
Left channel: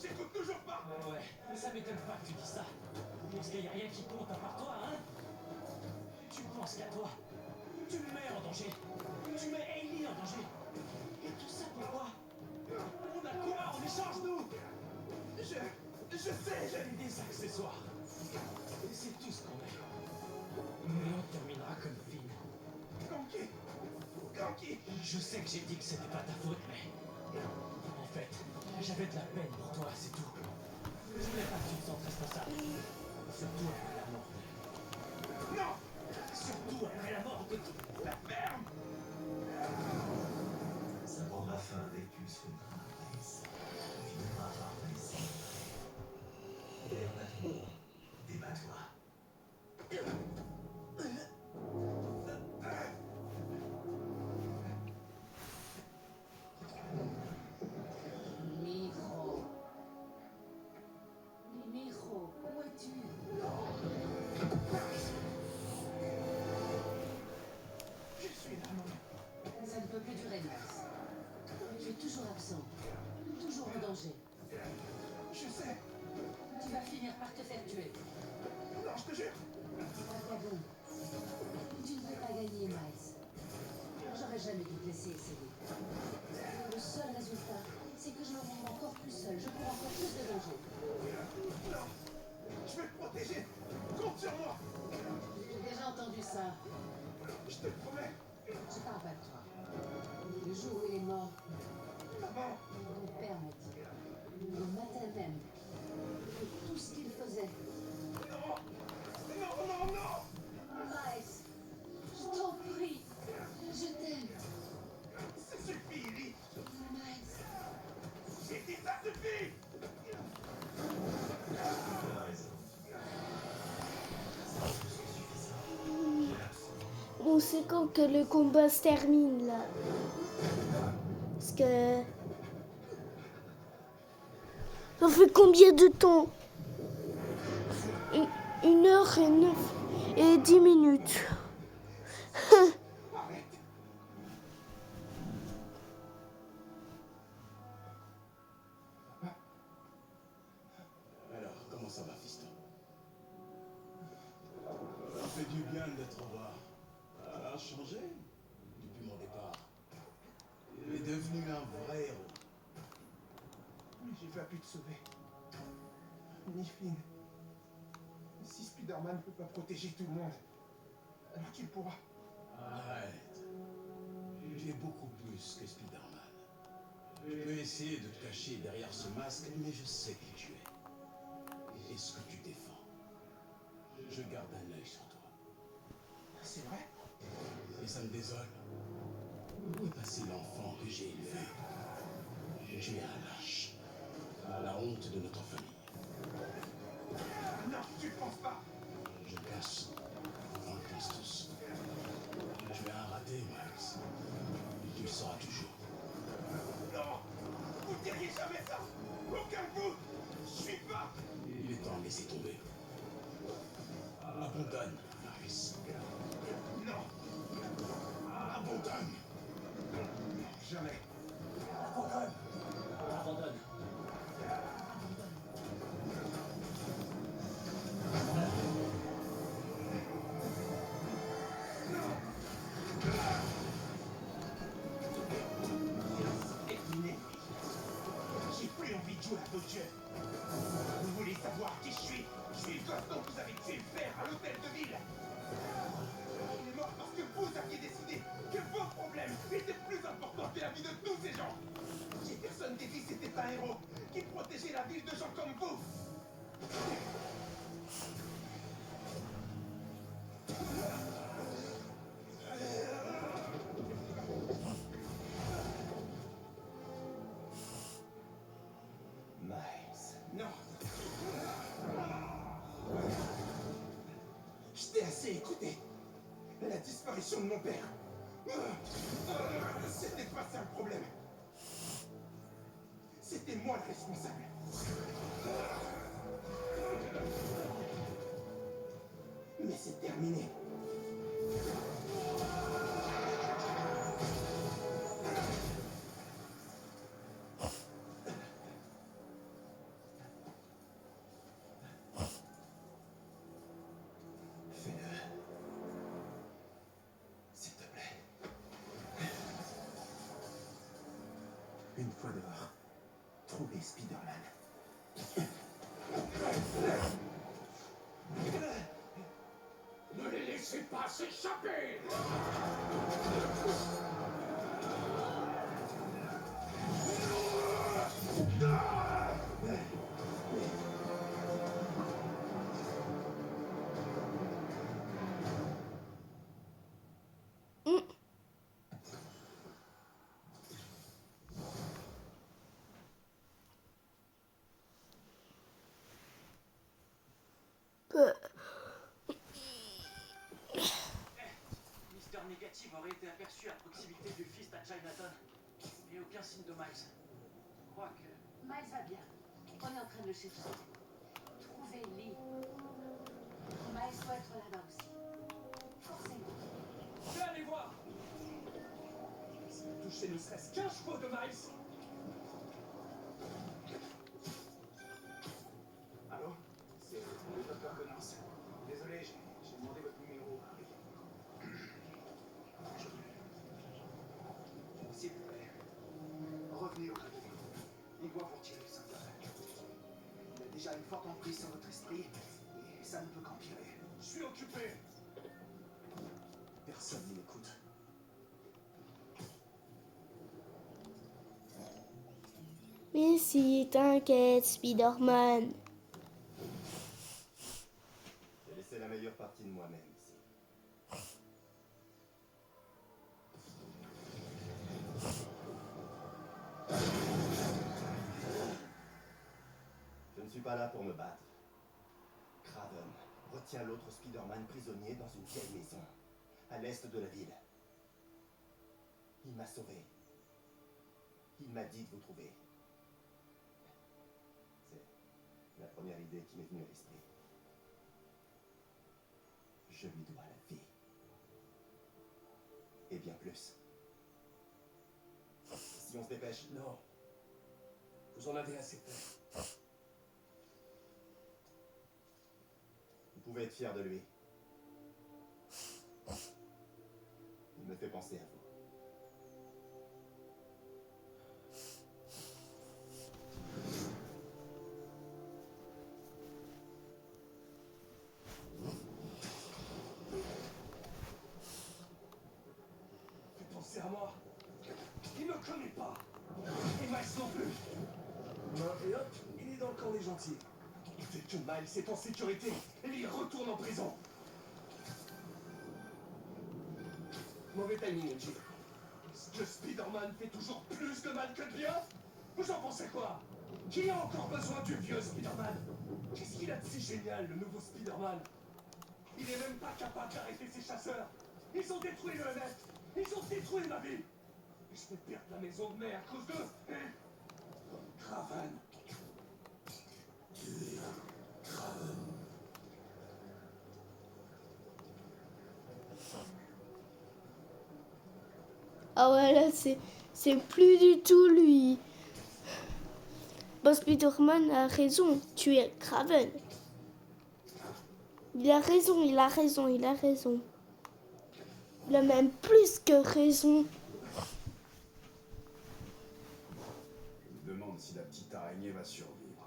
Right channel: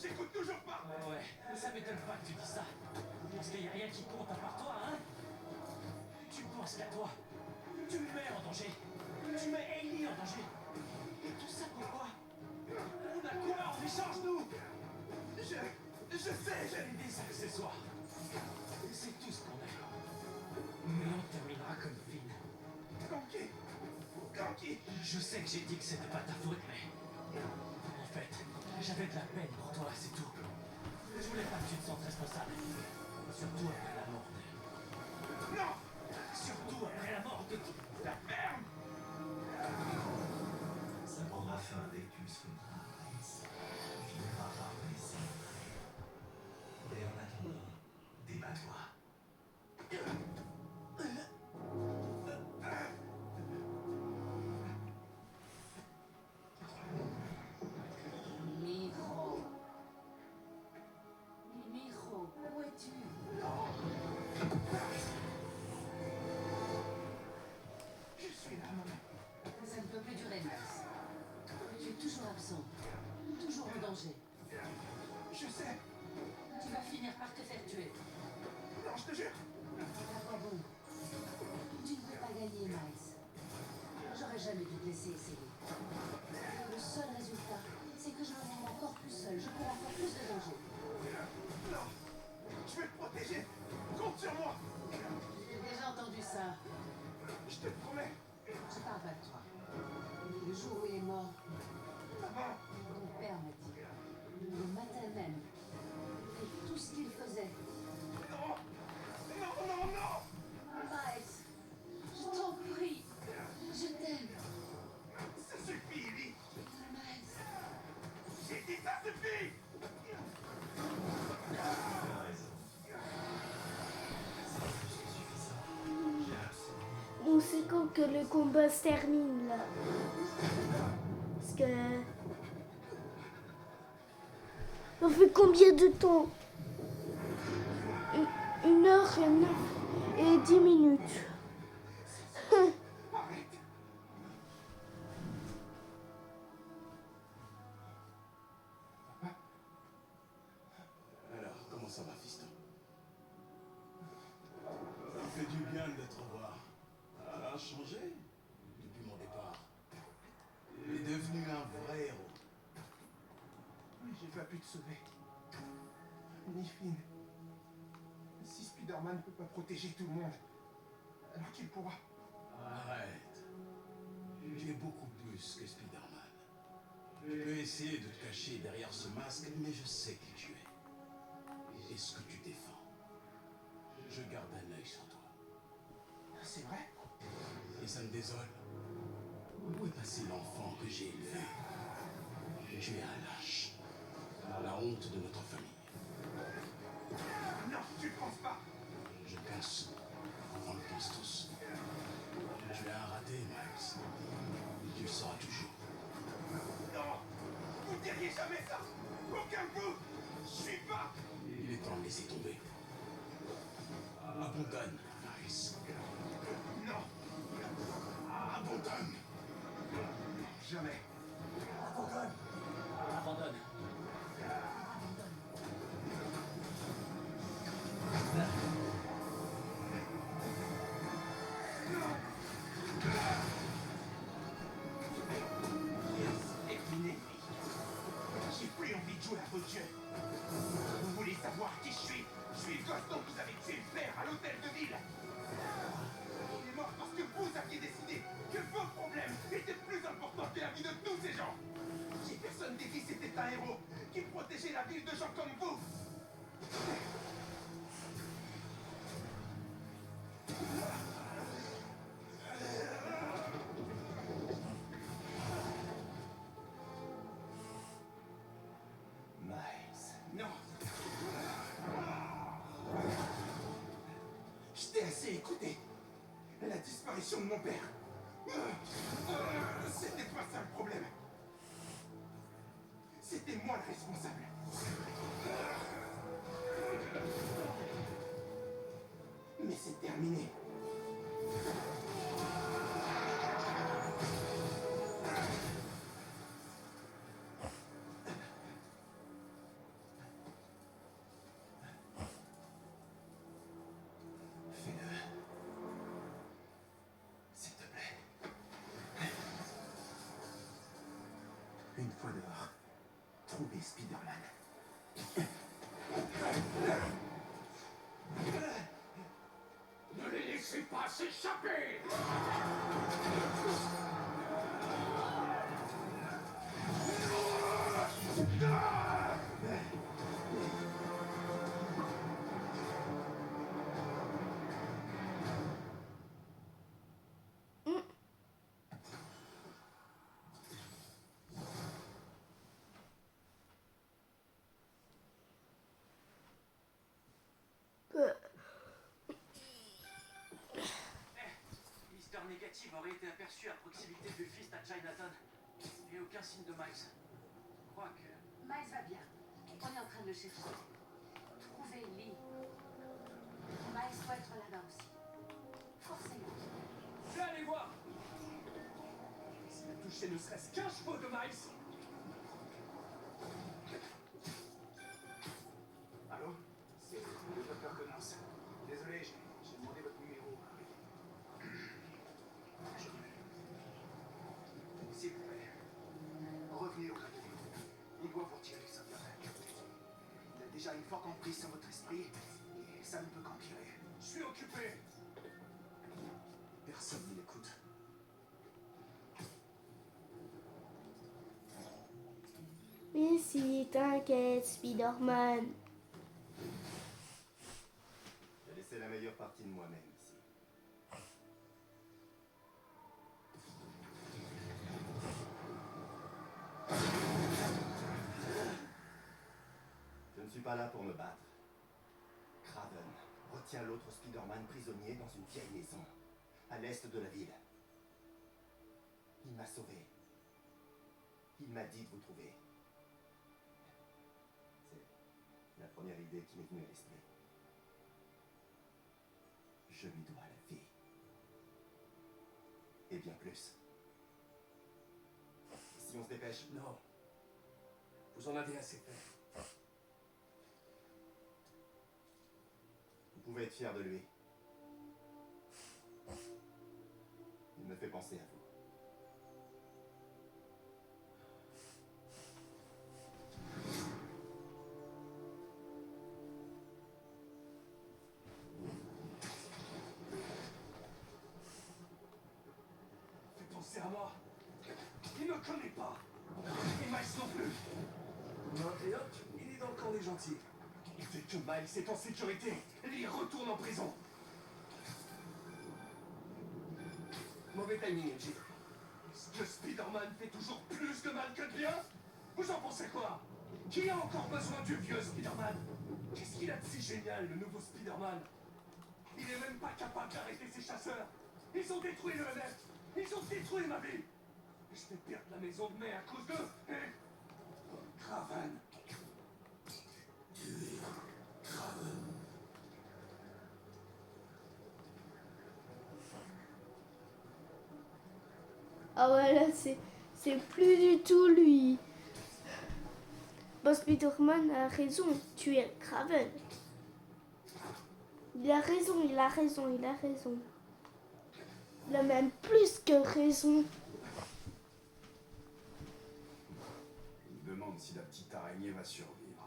J'écoute toujours pas. Ouais, mais ça m'étonne pas que tu dis ça. Parce qu'il n'y a rien qui compte à part toi, hein? Tu penses qu'à toi. Tu me mets en danger. Tu mets Hailey en danger. Et tout ça pour quoi? On a quoi en échange, nous? Je sais, J'ai des accessoires. Et c'est tout ce qu'on a. Mais on terminera comme Finn. Ganky. Je sais que j'ai dit que c'était pas ta faute, mais... En fait, j'avais de la peine pour toi, c'est tout. Je voulais pas que tu te sentes responsable. Surtout après la mort de... Non. Surtout après la mort de... La ferme. Ça prendra fin dès que tu le soumettras, Miles. Tu finiras par me laisser. Et en attendant, débat-toi. Mijo. Mijo, où toujours absent. Toujours en danger. Je sais. Tu vas finir par te faire tuer. Non, je te jure. À quoi bon? Tu ne peux pas gagner, Miles. J'aurais jamais dû te laisser essayer. Le seul résultat, c'est que je me rends encore plus seul. Je cours encore plus de danger. Non. Je vais te protéger. Compte sur moi. J'ai déjà entendu ça. Je te le promets. Je parle pas de toi. Le jour où il est mort, Maman. mon père m'a dit, le matin même, que tout ce qu'il faisait, Non. Non, non, non. Miles, je t'en prie, je t'aime, Ça suffit, Ellie. Miles. J'ai dit ça suffit. Donc c'est quand que le combat se termine là? Parce que... Ça fait combien de temps? 1h09 et 10 minutes. Arrête. Alors, comment ça va, fiston? Ça me fait du bien de te revoir. Ça a changé depuis mon départ. Il est devenu un vrai héros. Mais j'ai pas pu te sauver. Ni Finn. Si Spider-Man ne peut pas protéger tout le monde, alors qu'il pourra. Arrête. Tu es beaucoup plus que Spider-Man. Je peux essayer de te cacher derrière ce masque, mais je sais qui tu es. Et ce que tu défends. Je garde un œil sur toi. C'est vrai? Et ça me désole. Où est passé l'enfant que j'ai élevé? Tu es un lâche. La honte de notre famille. Non, tu ne penses pas. Je pense. On le pense tous. Tu es un raté, Miles. Tu le seras toujours. Non. Vous ne diriez jamais ça. Aucun de vous. Je suis pas. Il est temps de laisser tomber. Abandonne, Miles. Non. Abandonne. Jamais. Abandonne. Terminé. J'ai plus envie de jouer à vos jeux. Vous voulez savoir qui je suis? Je suis le gosse dont vous avez tué le père à l'hôtel de ville. Il est mort parce que vous aviez décidé que vos problèmes étaient plus importants que la vie de tous ces gens. Jefferson Davis était un héros qui protégeait la ville de gens comme vous. Miles, non. Je t'ai assez écouté. La disparition de mon père. C'était pas ça le problème. C'était moi le responsable. Mais c'est terminé. Fais-le. S'il te plaît. Une fois dehors, trouvez Spider-Man. Ne les laissez pas s'échapper! Mister Négative aurait été aperçu à proximité du fist à Chinatown. Et aucun signe de Miles. Je crois que... Miles va bien. On est en train de le chercher. Trouvez Lee. Miles doit être là-bas aussi. Forcément. Je vais aller voir. S'il a touché ne serait-ce qu'un cheveu de Miles, ramener au grade. Il doit vous retirer le symbiote. Il a déjà une forte emprise sur votre esprit, et ça ne peut qu'empirer. Je suis occupé. Personne ne m'écoute. Mais si, t'inquiète, Spider-Man. J'ai laissé la meilleure partie de moi-même ici. Je ne suis pas là pour me battre. Kraven retient l'autre Spider-Man prisonnier dans une vieille maison, à l'est de la ville. Il m'a sauvé. Il m'a dit de vous trouver. C'est la première idée qui m'est venue à l'esprit. Je lui dois la vie. Et bien plus. Si on se dépêche. Non. Vous en avez assez fait. Vous pouvez être fier de lui. Il me fait penser à vous. Fais penser à moi. Il me connaît pas. Et Miles non plus. Et hop, il est dans le camp des gentils. Il fait que Miles est en sécurité. Et lui, il retourne en prison. Mauvais timing, MJ. Est-ce que Spider-Man fait toujours plus de mal que de bien? Vous en pensez quoi? Qui a encore besoin du vieux Spider-Man? Qu'est-ce qu'il a de si génial, le nouveau Spider-Man? Il est même pas capable d'arrêter ses chasseurs. Ils ont détruit le NF. Ils ont détruit ma vie. Je vais perdre la maison de mai à cause d'eux. Et... Kraven. Ah ouais, là, c'est plus du tout lui. Bon, Spider-Man a raison, tu es Kraven. Il a raison, il a raison, il a raison. Il a même plus que raison. Je me demande si la petite araignée va survivre.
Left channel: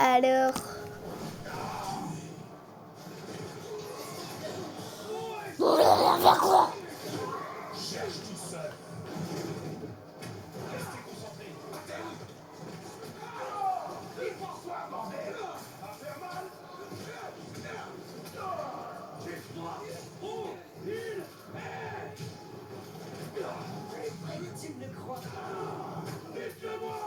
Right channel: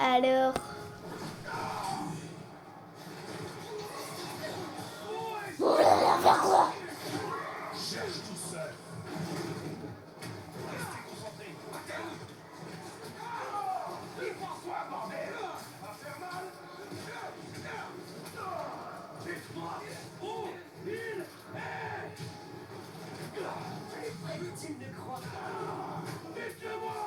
Alors, Cherche tout seul. Restez concentrés. Il pense quoi, bordel? Va faire mal? Dites-moi où il est. Tu ne crois pas. Dites-le-moi.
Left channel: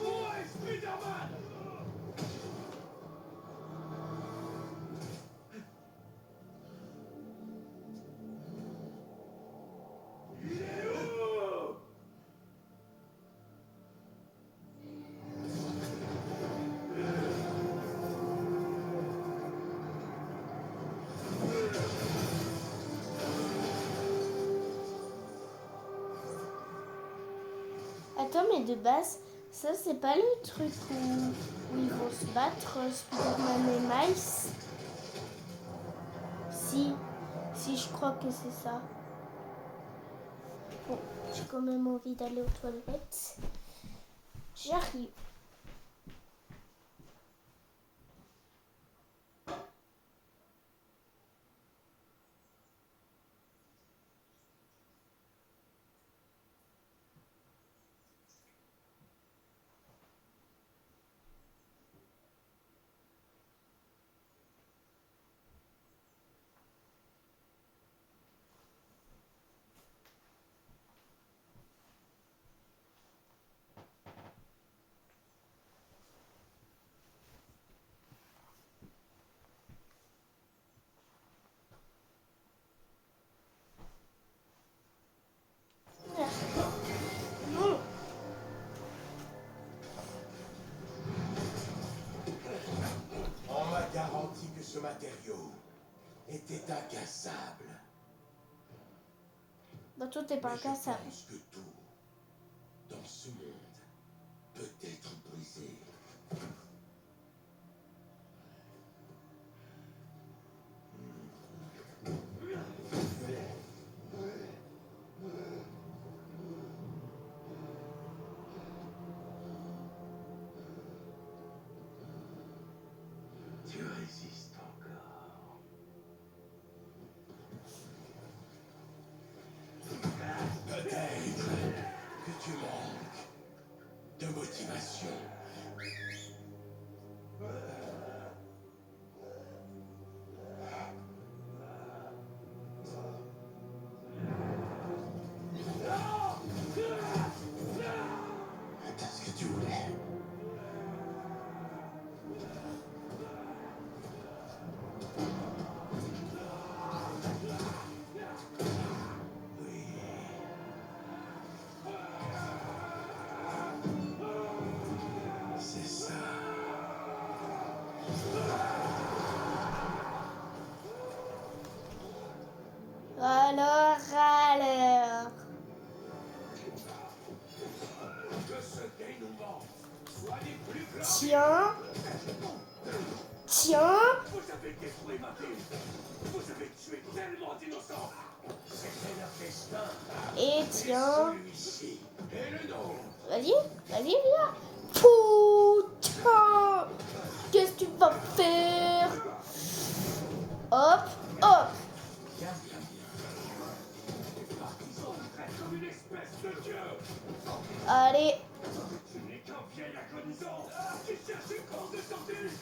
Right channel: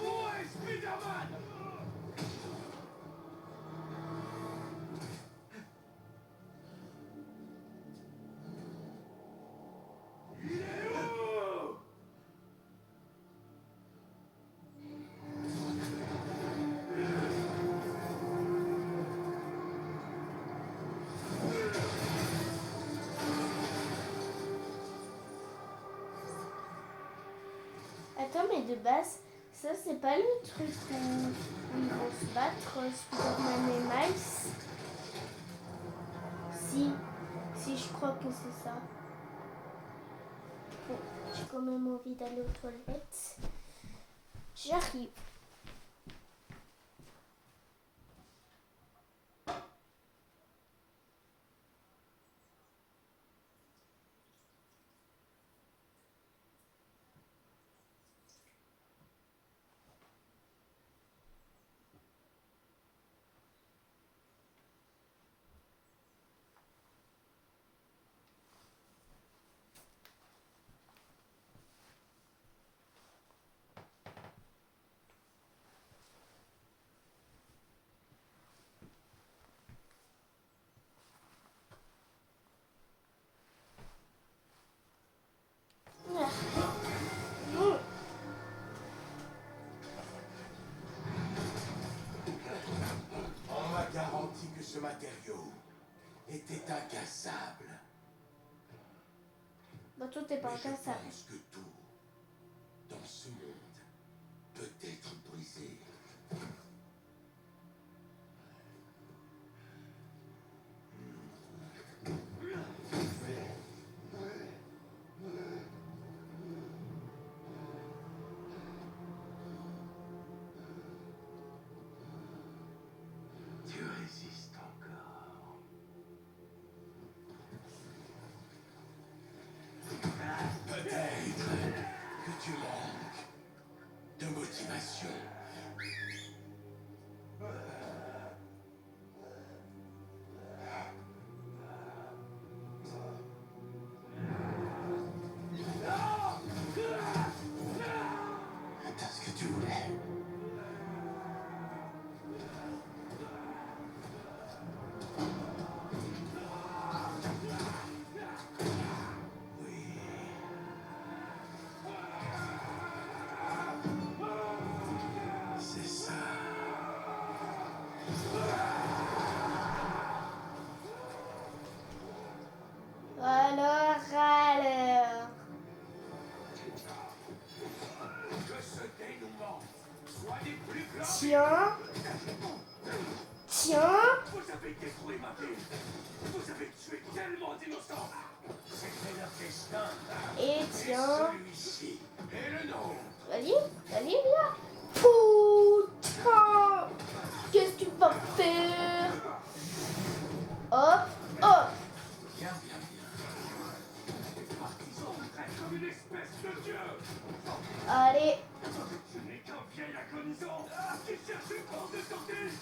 Où est Spider-Man? Il est où? attends, mais de base, ça c'est pas le truc où ils vont se battre, Spider-Man et Miles. Si, je crois que c'est ça. Bon, j'ai quand même envie d'aller aux toilettes. J'arrive. ce matériau était incassable. Dans tout est pas Mais je incassable. pense que tout dans ce monde peut être brisé. Tu résistes encore. Peut-être que tu manques de motivation. T'as ce que tu voulais. Oui. C'est ça. Alors. Que ce dénouement soit des plus grands. Tiens. Tiens. Vous avez détruit ma ville. Vous avez tué tellement d'innocents. C'était leur destin. Et Et tiens. celui-ci est le nôtre. Vas-y, viens. Putain. Qu'est-ce que tu vas faire? Hop, hop. Bien, bien, bien. Partisan comme une espèce de dieu. Allez. Tu n'es qu'un vieil agonisant qui cherche une porte de sortie.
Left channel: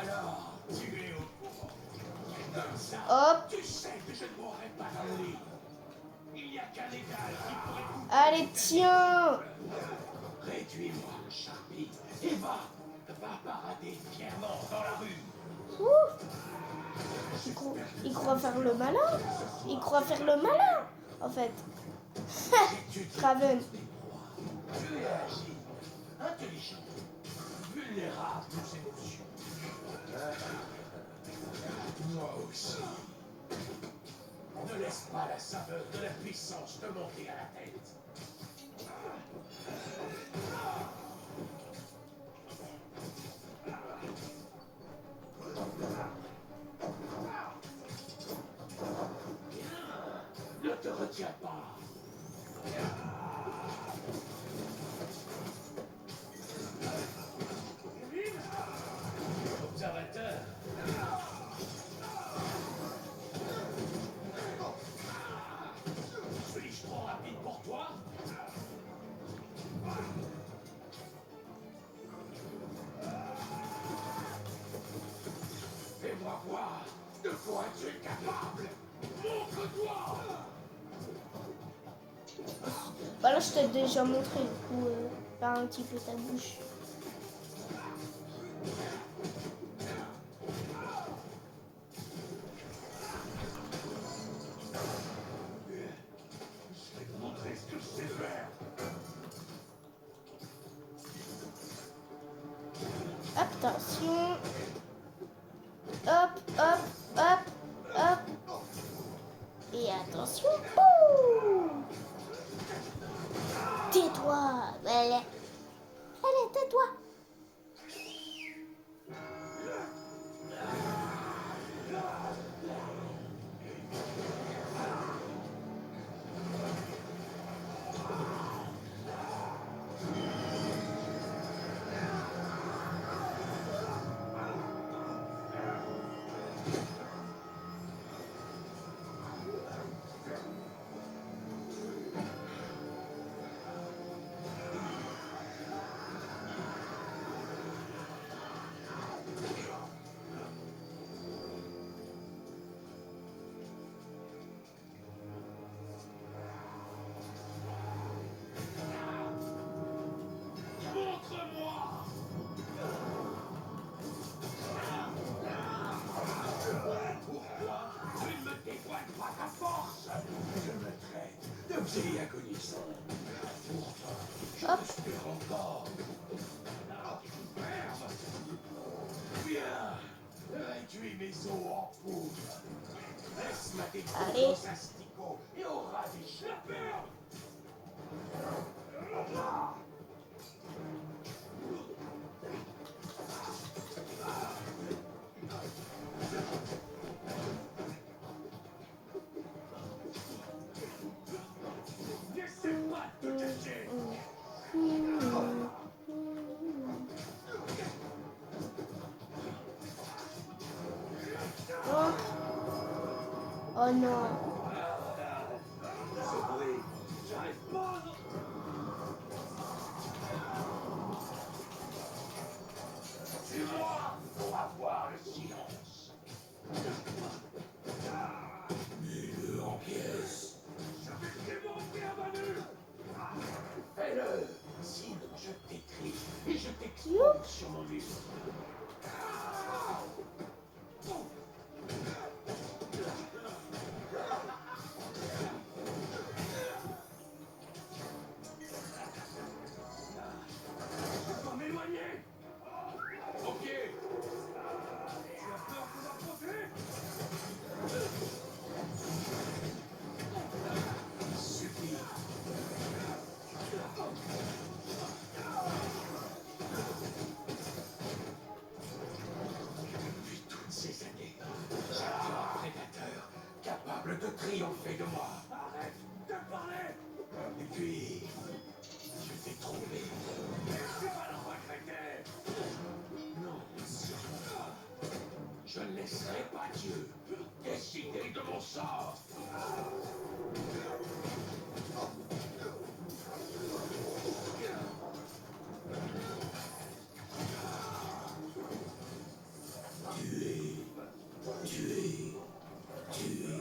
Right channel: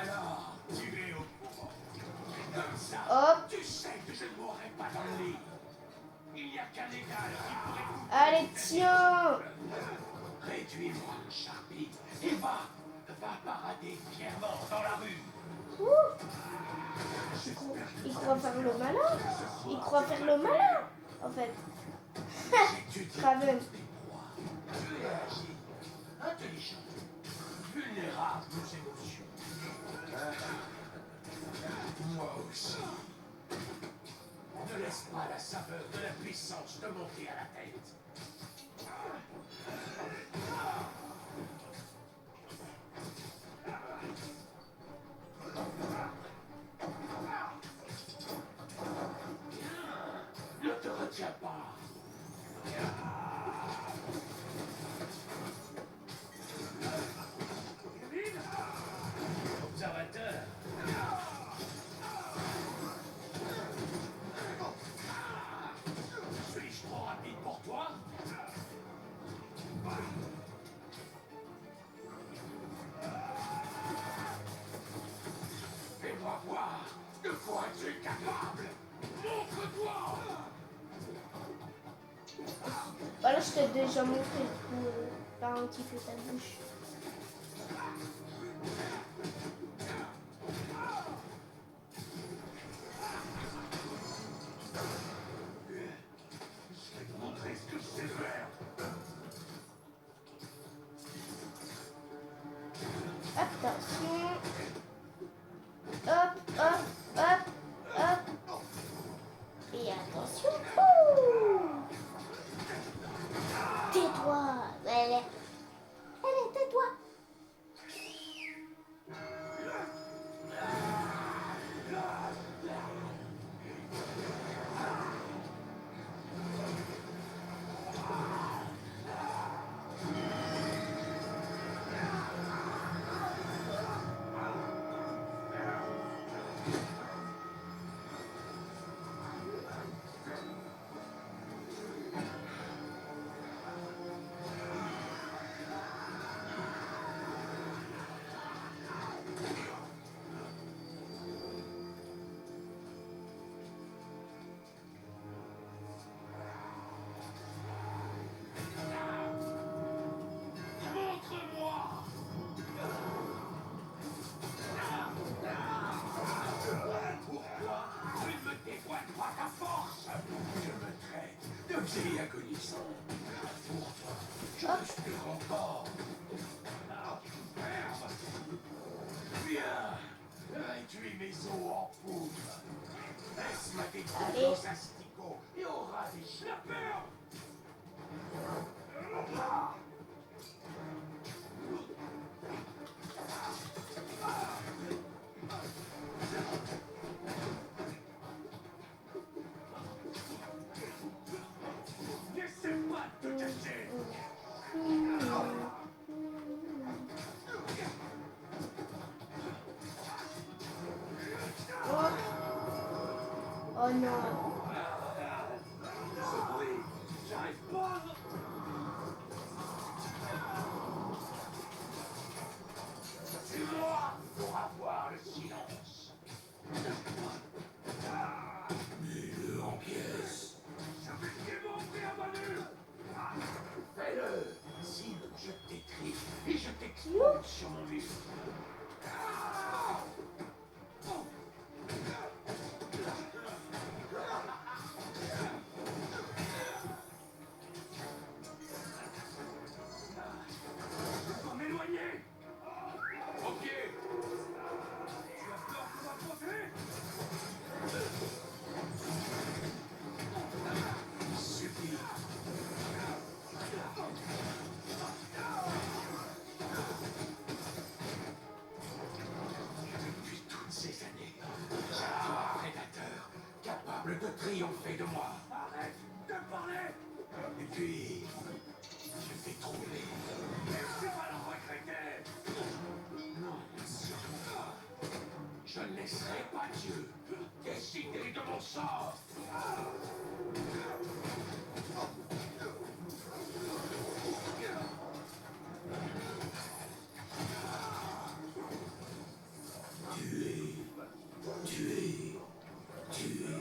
Alors, tu es au courant. Comme ça, Hop. tu sais que je ne mourrai pas dans le lit. Il n'y a qu'un égal qui pourrait vous... Allez, tiens. Réduis-moi, Charpie, et va parader fièrement dans la rue. Il croit faire le malin. Il croit faire le malin, en fait. Craven. Tu es agile, intelligent, vulnérable aux émotions. Moi aussi. Ne laisse pas la saveur de la puissance te monter à la tête. Ne te retiens pas. Observateur. Suis-je trop rapide pour toi? Fais-moi voir de quoi tu es capable. Montre-toi. Voilà, je t'ai déjà montré. Du coup, par un petit peu ta bouche. Je vais te montrer ce que je sais faire. Attention. Hop, hop, hop, hop. Et attention. Ouh. Tais-toi. Allez, tais-toi. Montre-moi. Pourquoi tu ne me dévoiles pas ta force? Je me traite de vieil agonisant. Pourtant, je respire encore. Ah, merde. Viens, tuer mes os en poudre. Laisse ma découpe Allez. dans un sticot et aura des schlappeurs. N'essaie pas de te cacher. Oh non. Ce bruit, j'arrive pas. C'est moi pour avoir le silence. Mets-le en pièces. Je vais démontrer à Manu. Fais-le. Sinon, je t'écris et je t'expose sur mon mur. Je dois m'éloigner. Ok. Tu as peur de m'approcher? Suffit. Depuis toutes ces années, j'attends un prédateur capable de triompher de moi. Arrête de parler. Et puis, je vais trouver. Tu vas le regretter. Non, sûrement pas. Je ne laisserai pas Dieu décider de mon sort. Tuer, tuer, tuer.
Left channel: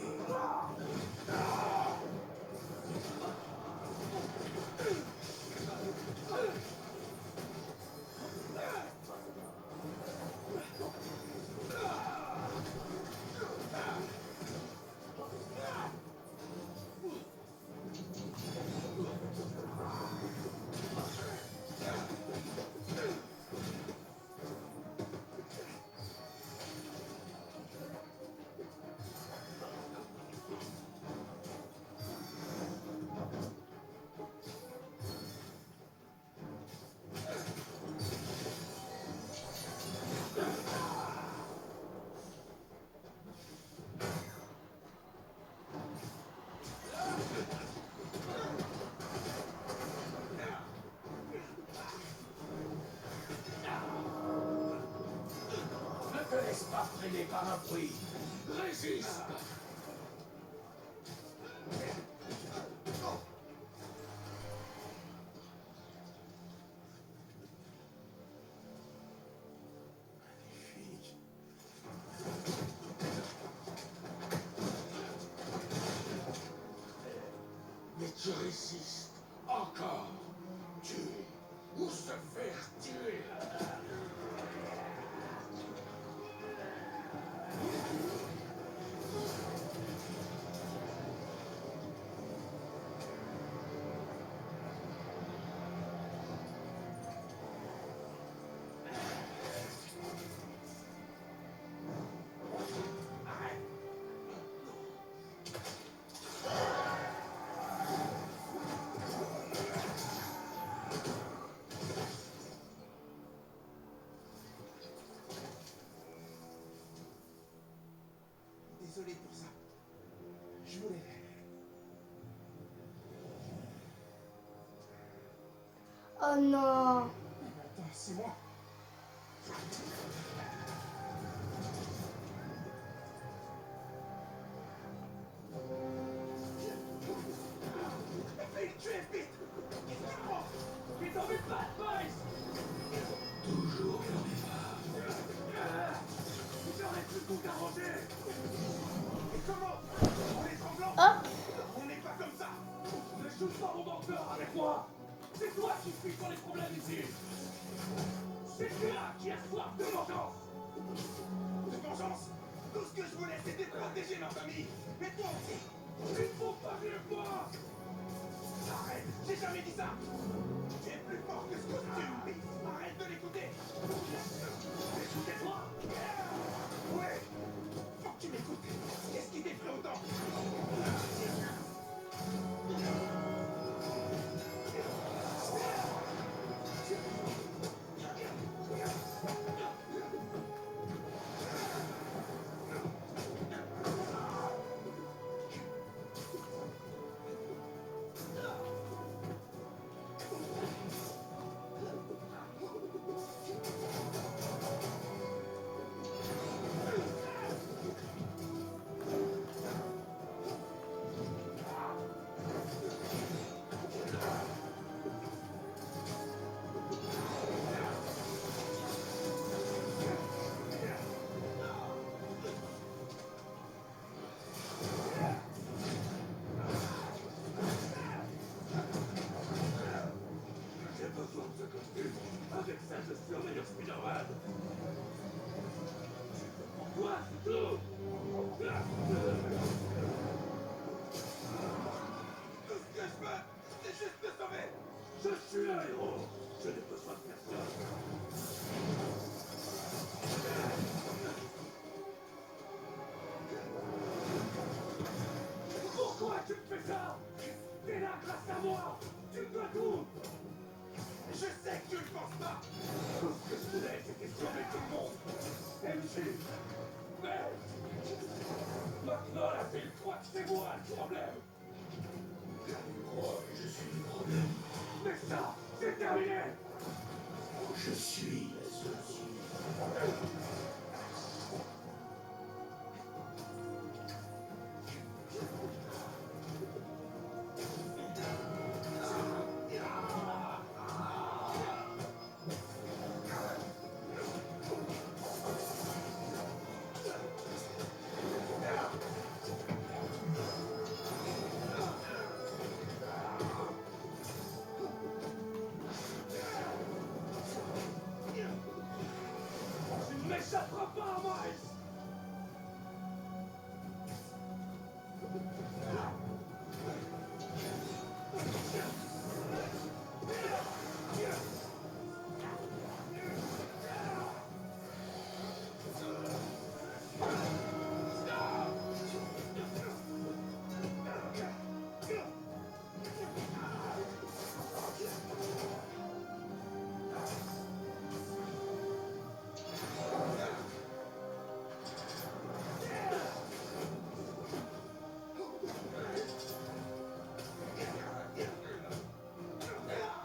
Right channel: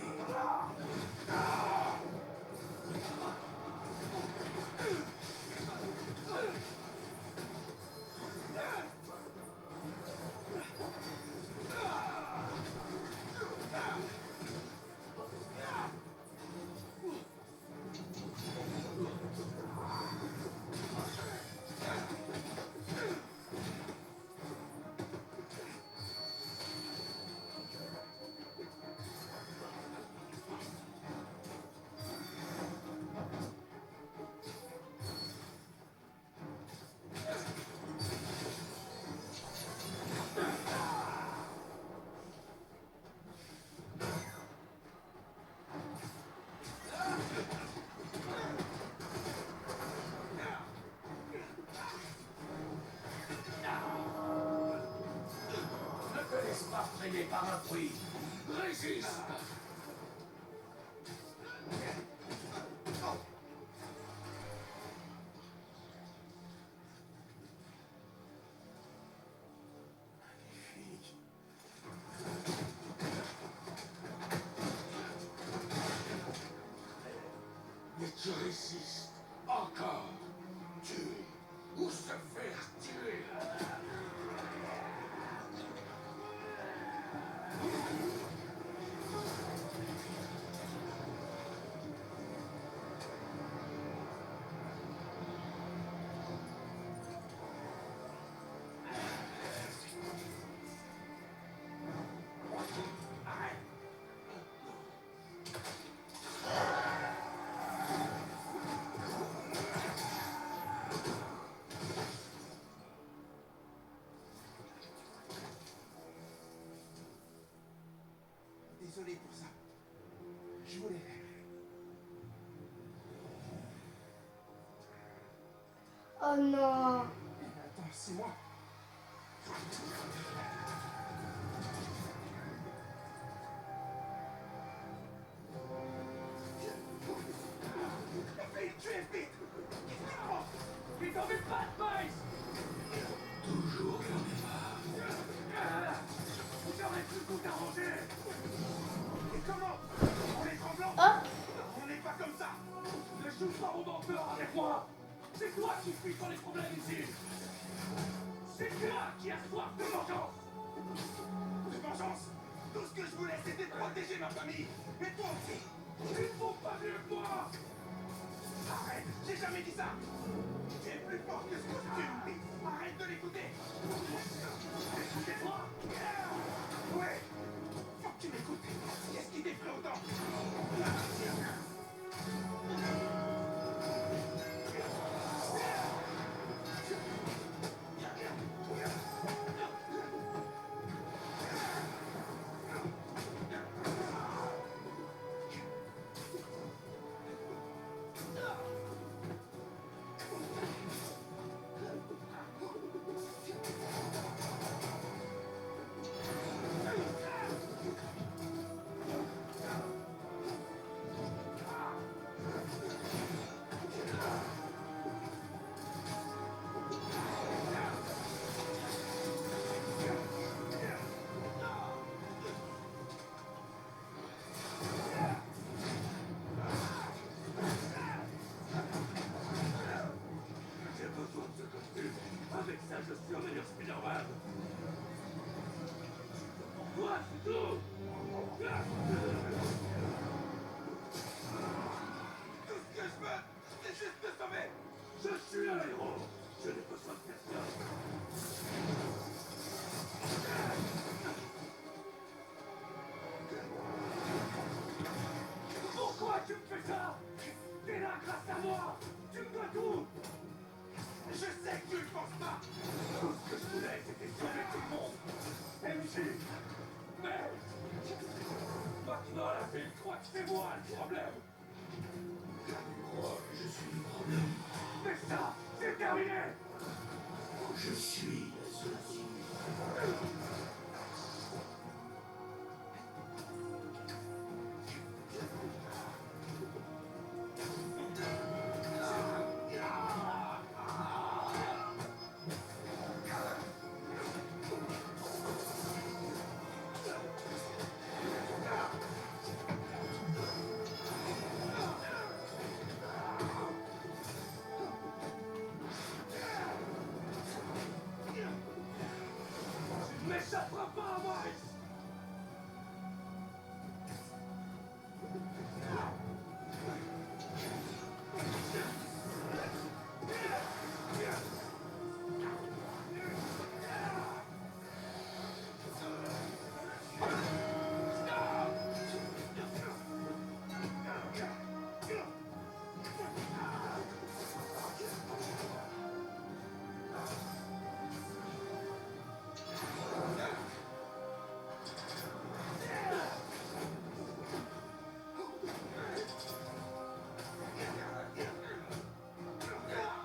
Ne te laisse pas freiner par un bruit. Résiste. Magnifique. Mais tu résistes encore. Tuer ou se faire tuer. Arrête. Désolé pour ça. Je voulais. Oh non. Mais attends, c'est moi. Vite, tu es vite. Mais t'en fais pas, Miles. Toujours vers mes pas. J'aurais pu tout arranger. Et comment? En les tremblant? Oh. On n'est pas comme ça. Ne joue pas au menteur avec moi. C'est toi qui fuis sur les problèmes ici. C'est toi qui as soif de vengeance. De vengeance? Tout ce que je voulais, c'était protéger ma famille. Et toi aussi. Ils ne font pas mieux que moi. Arrête, j'ai jamais dit ça. Tu es plus fort que ce costume. Arrête de l'écouter. Écoutez-moi. Oui. tout. Tout ce que je veux, c'est juste me sauver. Je suis un héros. Je n'ai besoin de personne. Pourquoi tu me fais ça? T'es là grâce à moi. Tu me dois tout. Je sais que tu ne penses pas. Tout ce que je voulais, c'était sauver tout le monde. MJ. Mais maintenant, la ville croit que c'est moi le problème. Elle croit que je suis le problème. Mais ça, c'est terminé. Je suis la solution. Tu ne m'échapperas pas, Miles.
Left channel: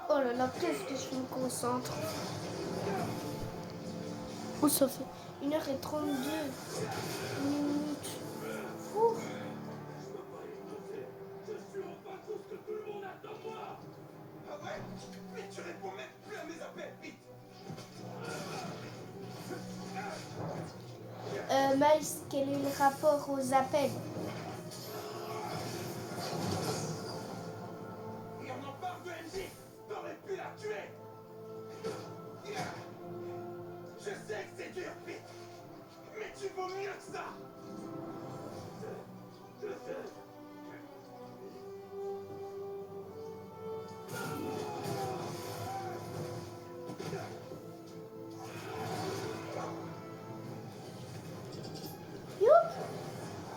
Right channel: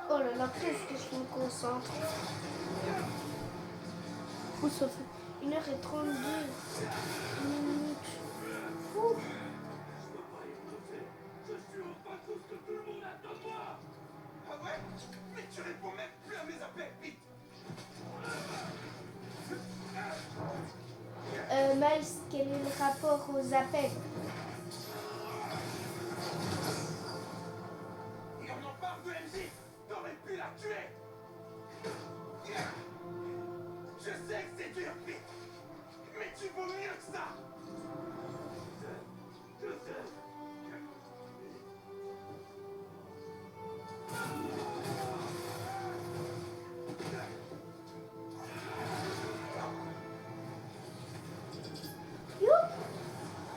Oh là là, qu'est-ce que je me concentre. Ouh, ça fait 1h32 minutes. Ouh. Je suis enfin tout ce que tout le monde attend de moi. Ah ouais? Mais tu réponds même plus à mes appels, vite. Miles, quel est le rapport aux appels? Et on en parle de MJ. T'aurais pu la tuer. Je sais que c'est dur, Pete. Mais tu vaux mieux que ça.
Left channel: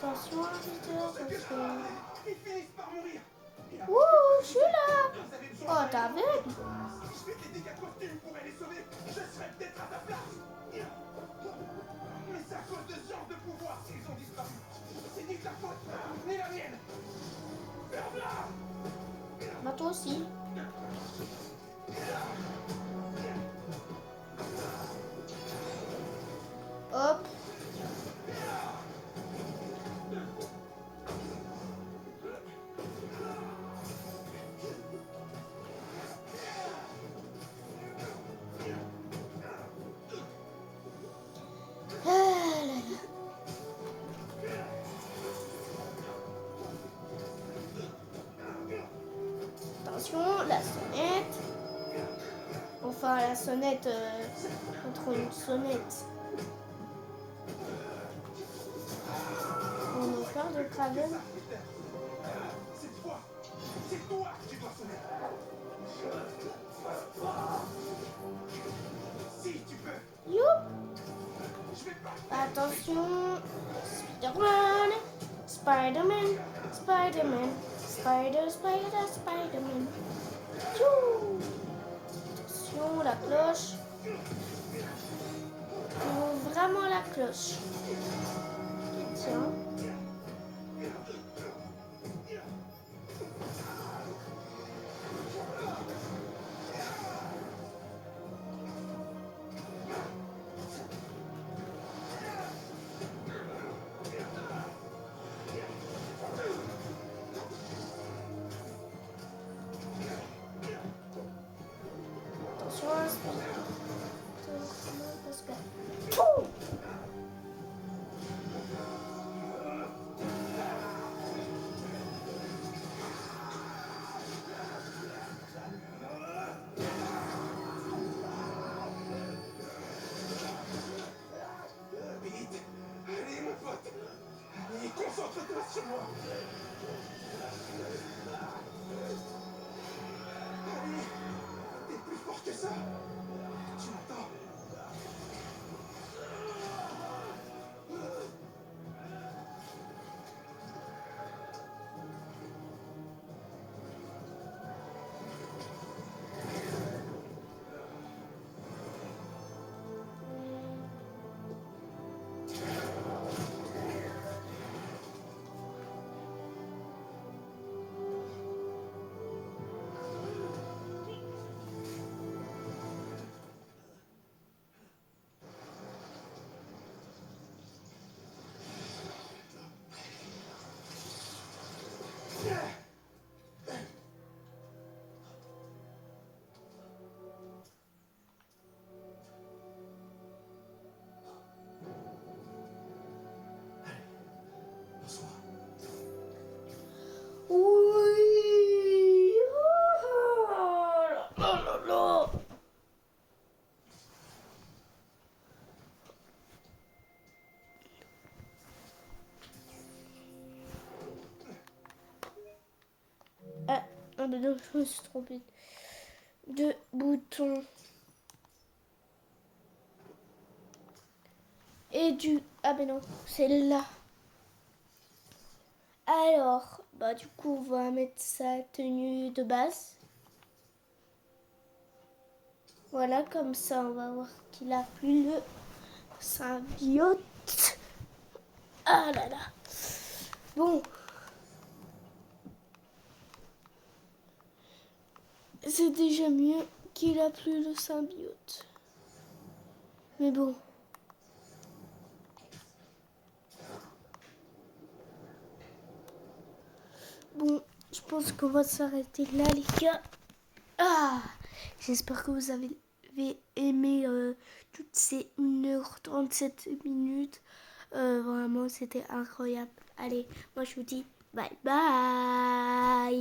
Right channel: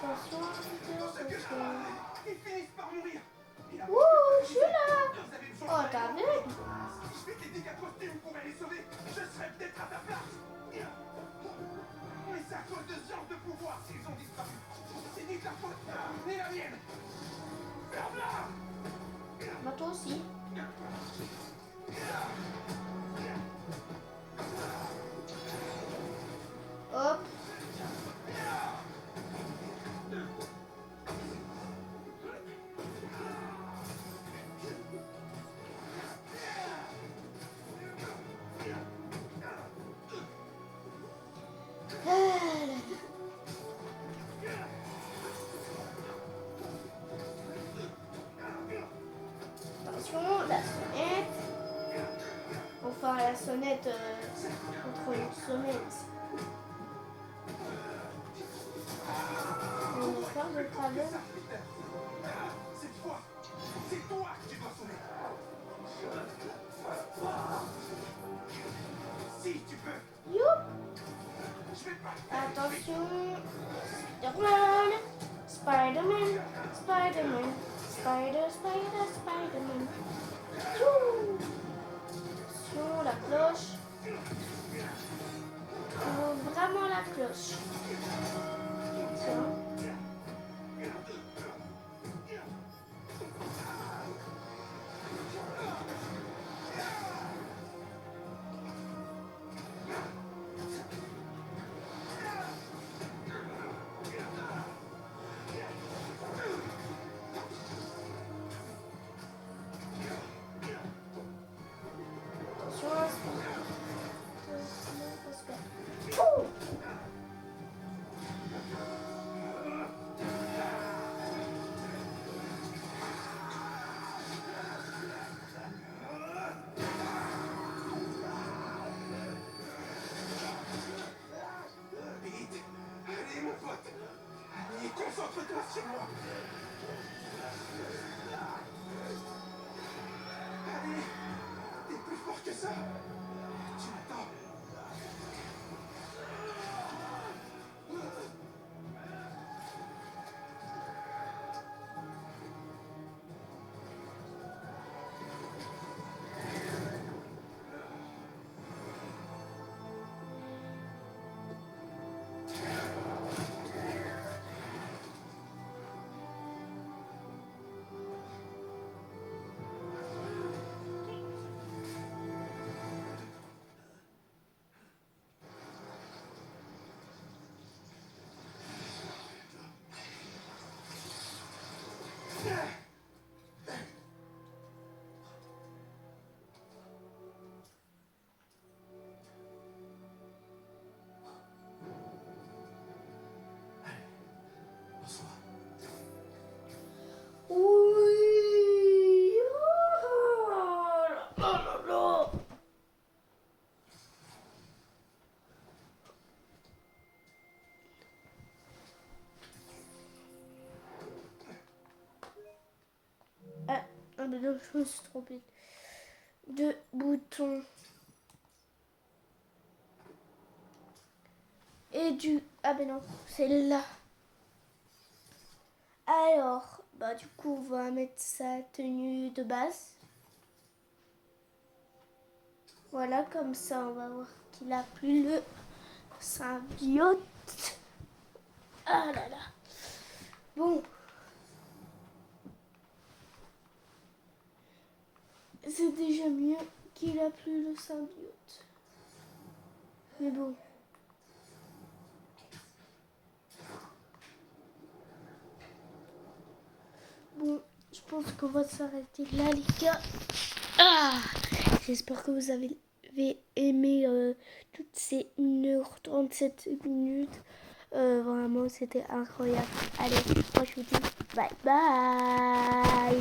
Attention, attention. Ils finissent par mourir. Ouh, je suis là. Vous avez besoin Oh, t'as vu? Si je fais des dégâts costumes pour les sauver, je serais peut-être à ta place. Mais c'est à cause de ce genre de pouvoir s'ils ont disparu. C'est ni ta faute, ni la mienne. Ferme-la. Bah, toi aussi. Hop. Attention, la sonnette. Enfin, la sonnette contre une sonnette. On va faire de travers. Cette fois, c'est toi qui dois sonner. Si tu peux. You. Je vais pas. Attention. Spider-Man. Spider-Man. Spider-Man. Spider-Man. Youhou. Attention, la cloche. Il faut vraiment la cloche. Attention. Attention, parce que... Ouh. non, je me suis trompée de bouton. Et du... Ah ben non, c'est là. Alors, bah du coup, on va mettre sa tenue de base. Voilà, comme ça, on va voir qu'il a plus le symbiote. Ah là là. Bon. C'est déjà mieux qu'il a plus le symbiote. Mais bon. Bon, je pense qu'on va s'arrêter là, les gars. Ah, j'espère que vous avez aimé toutes ces 1h37 minutes. Vraiment, c'était incroyable. Allez, moi je vous dis bye bye.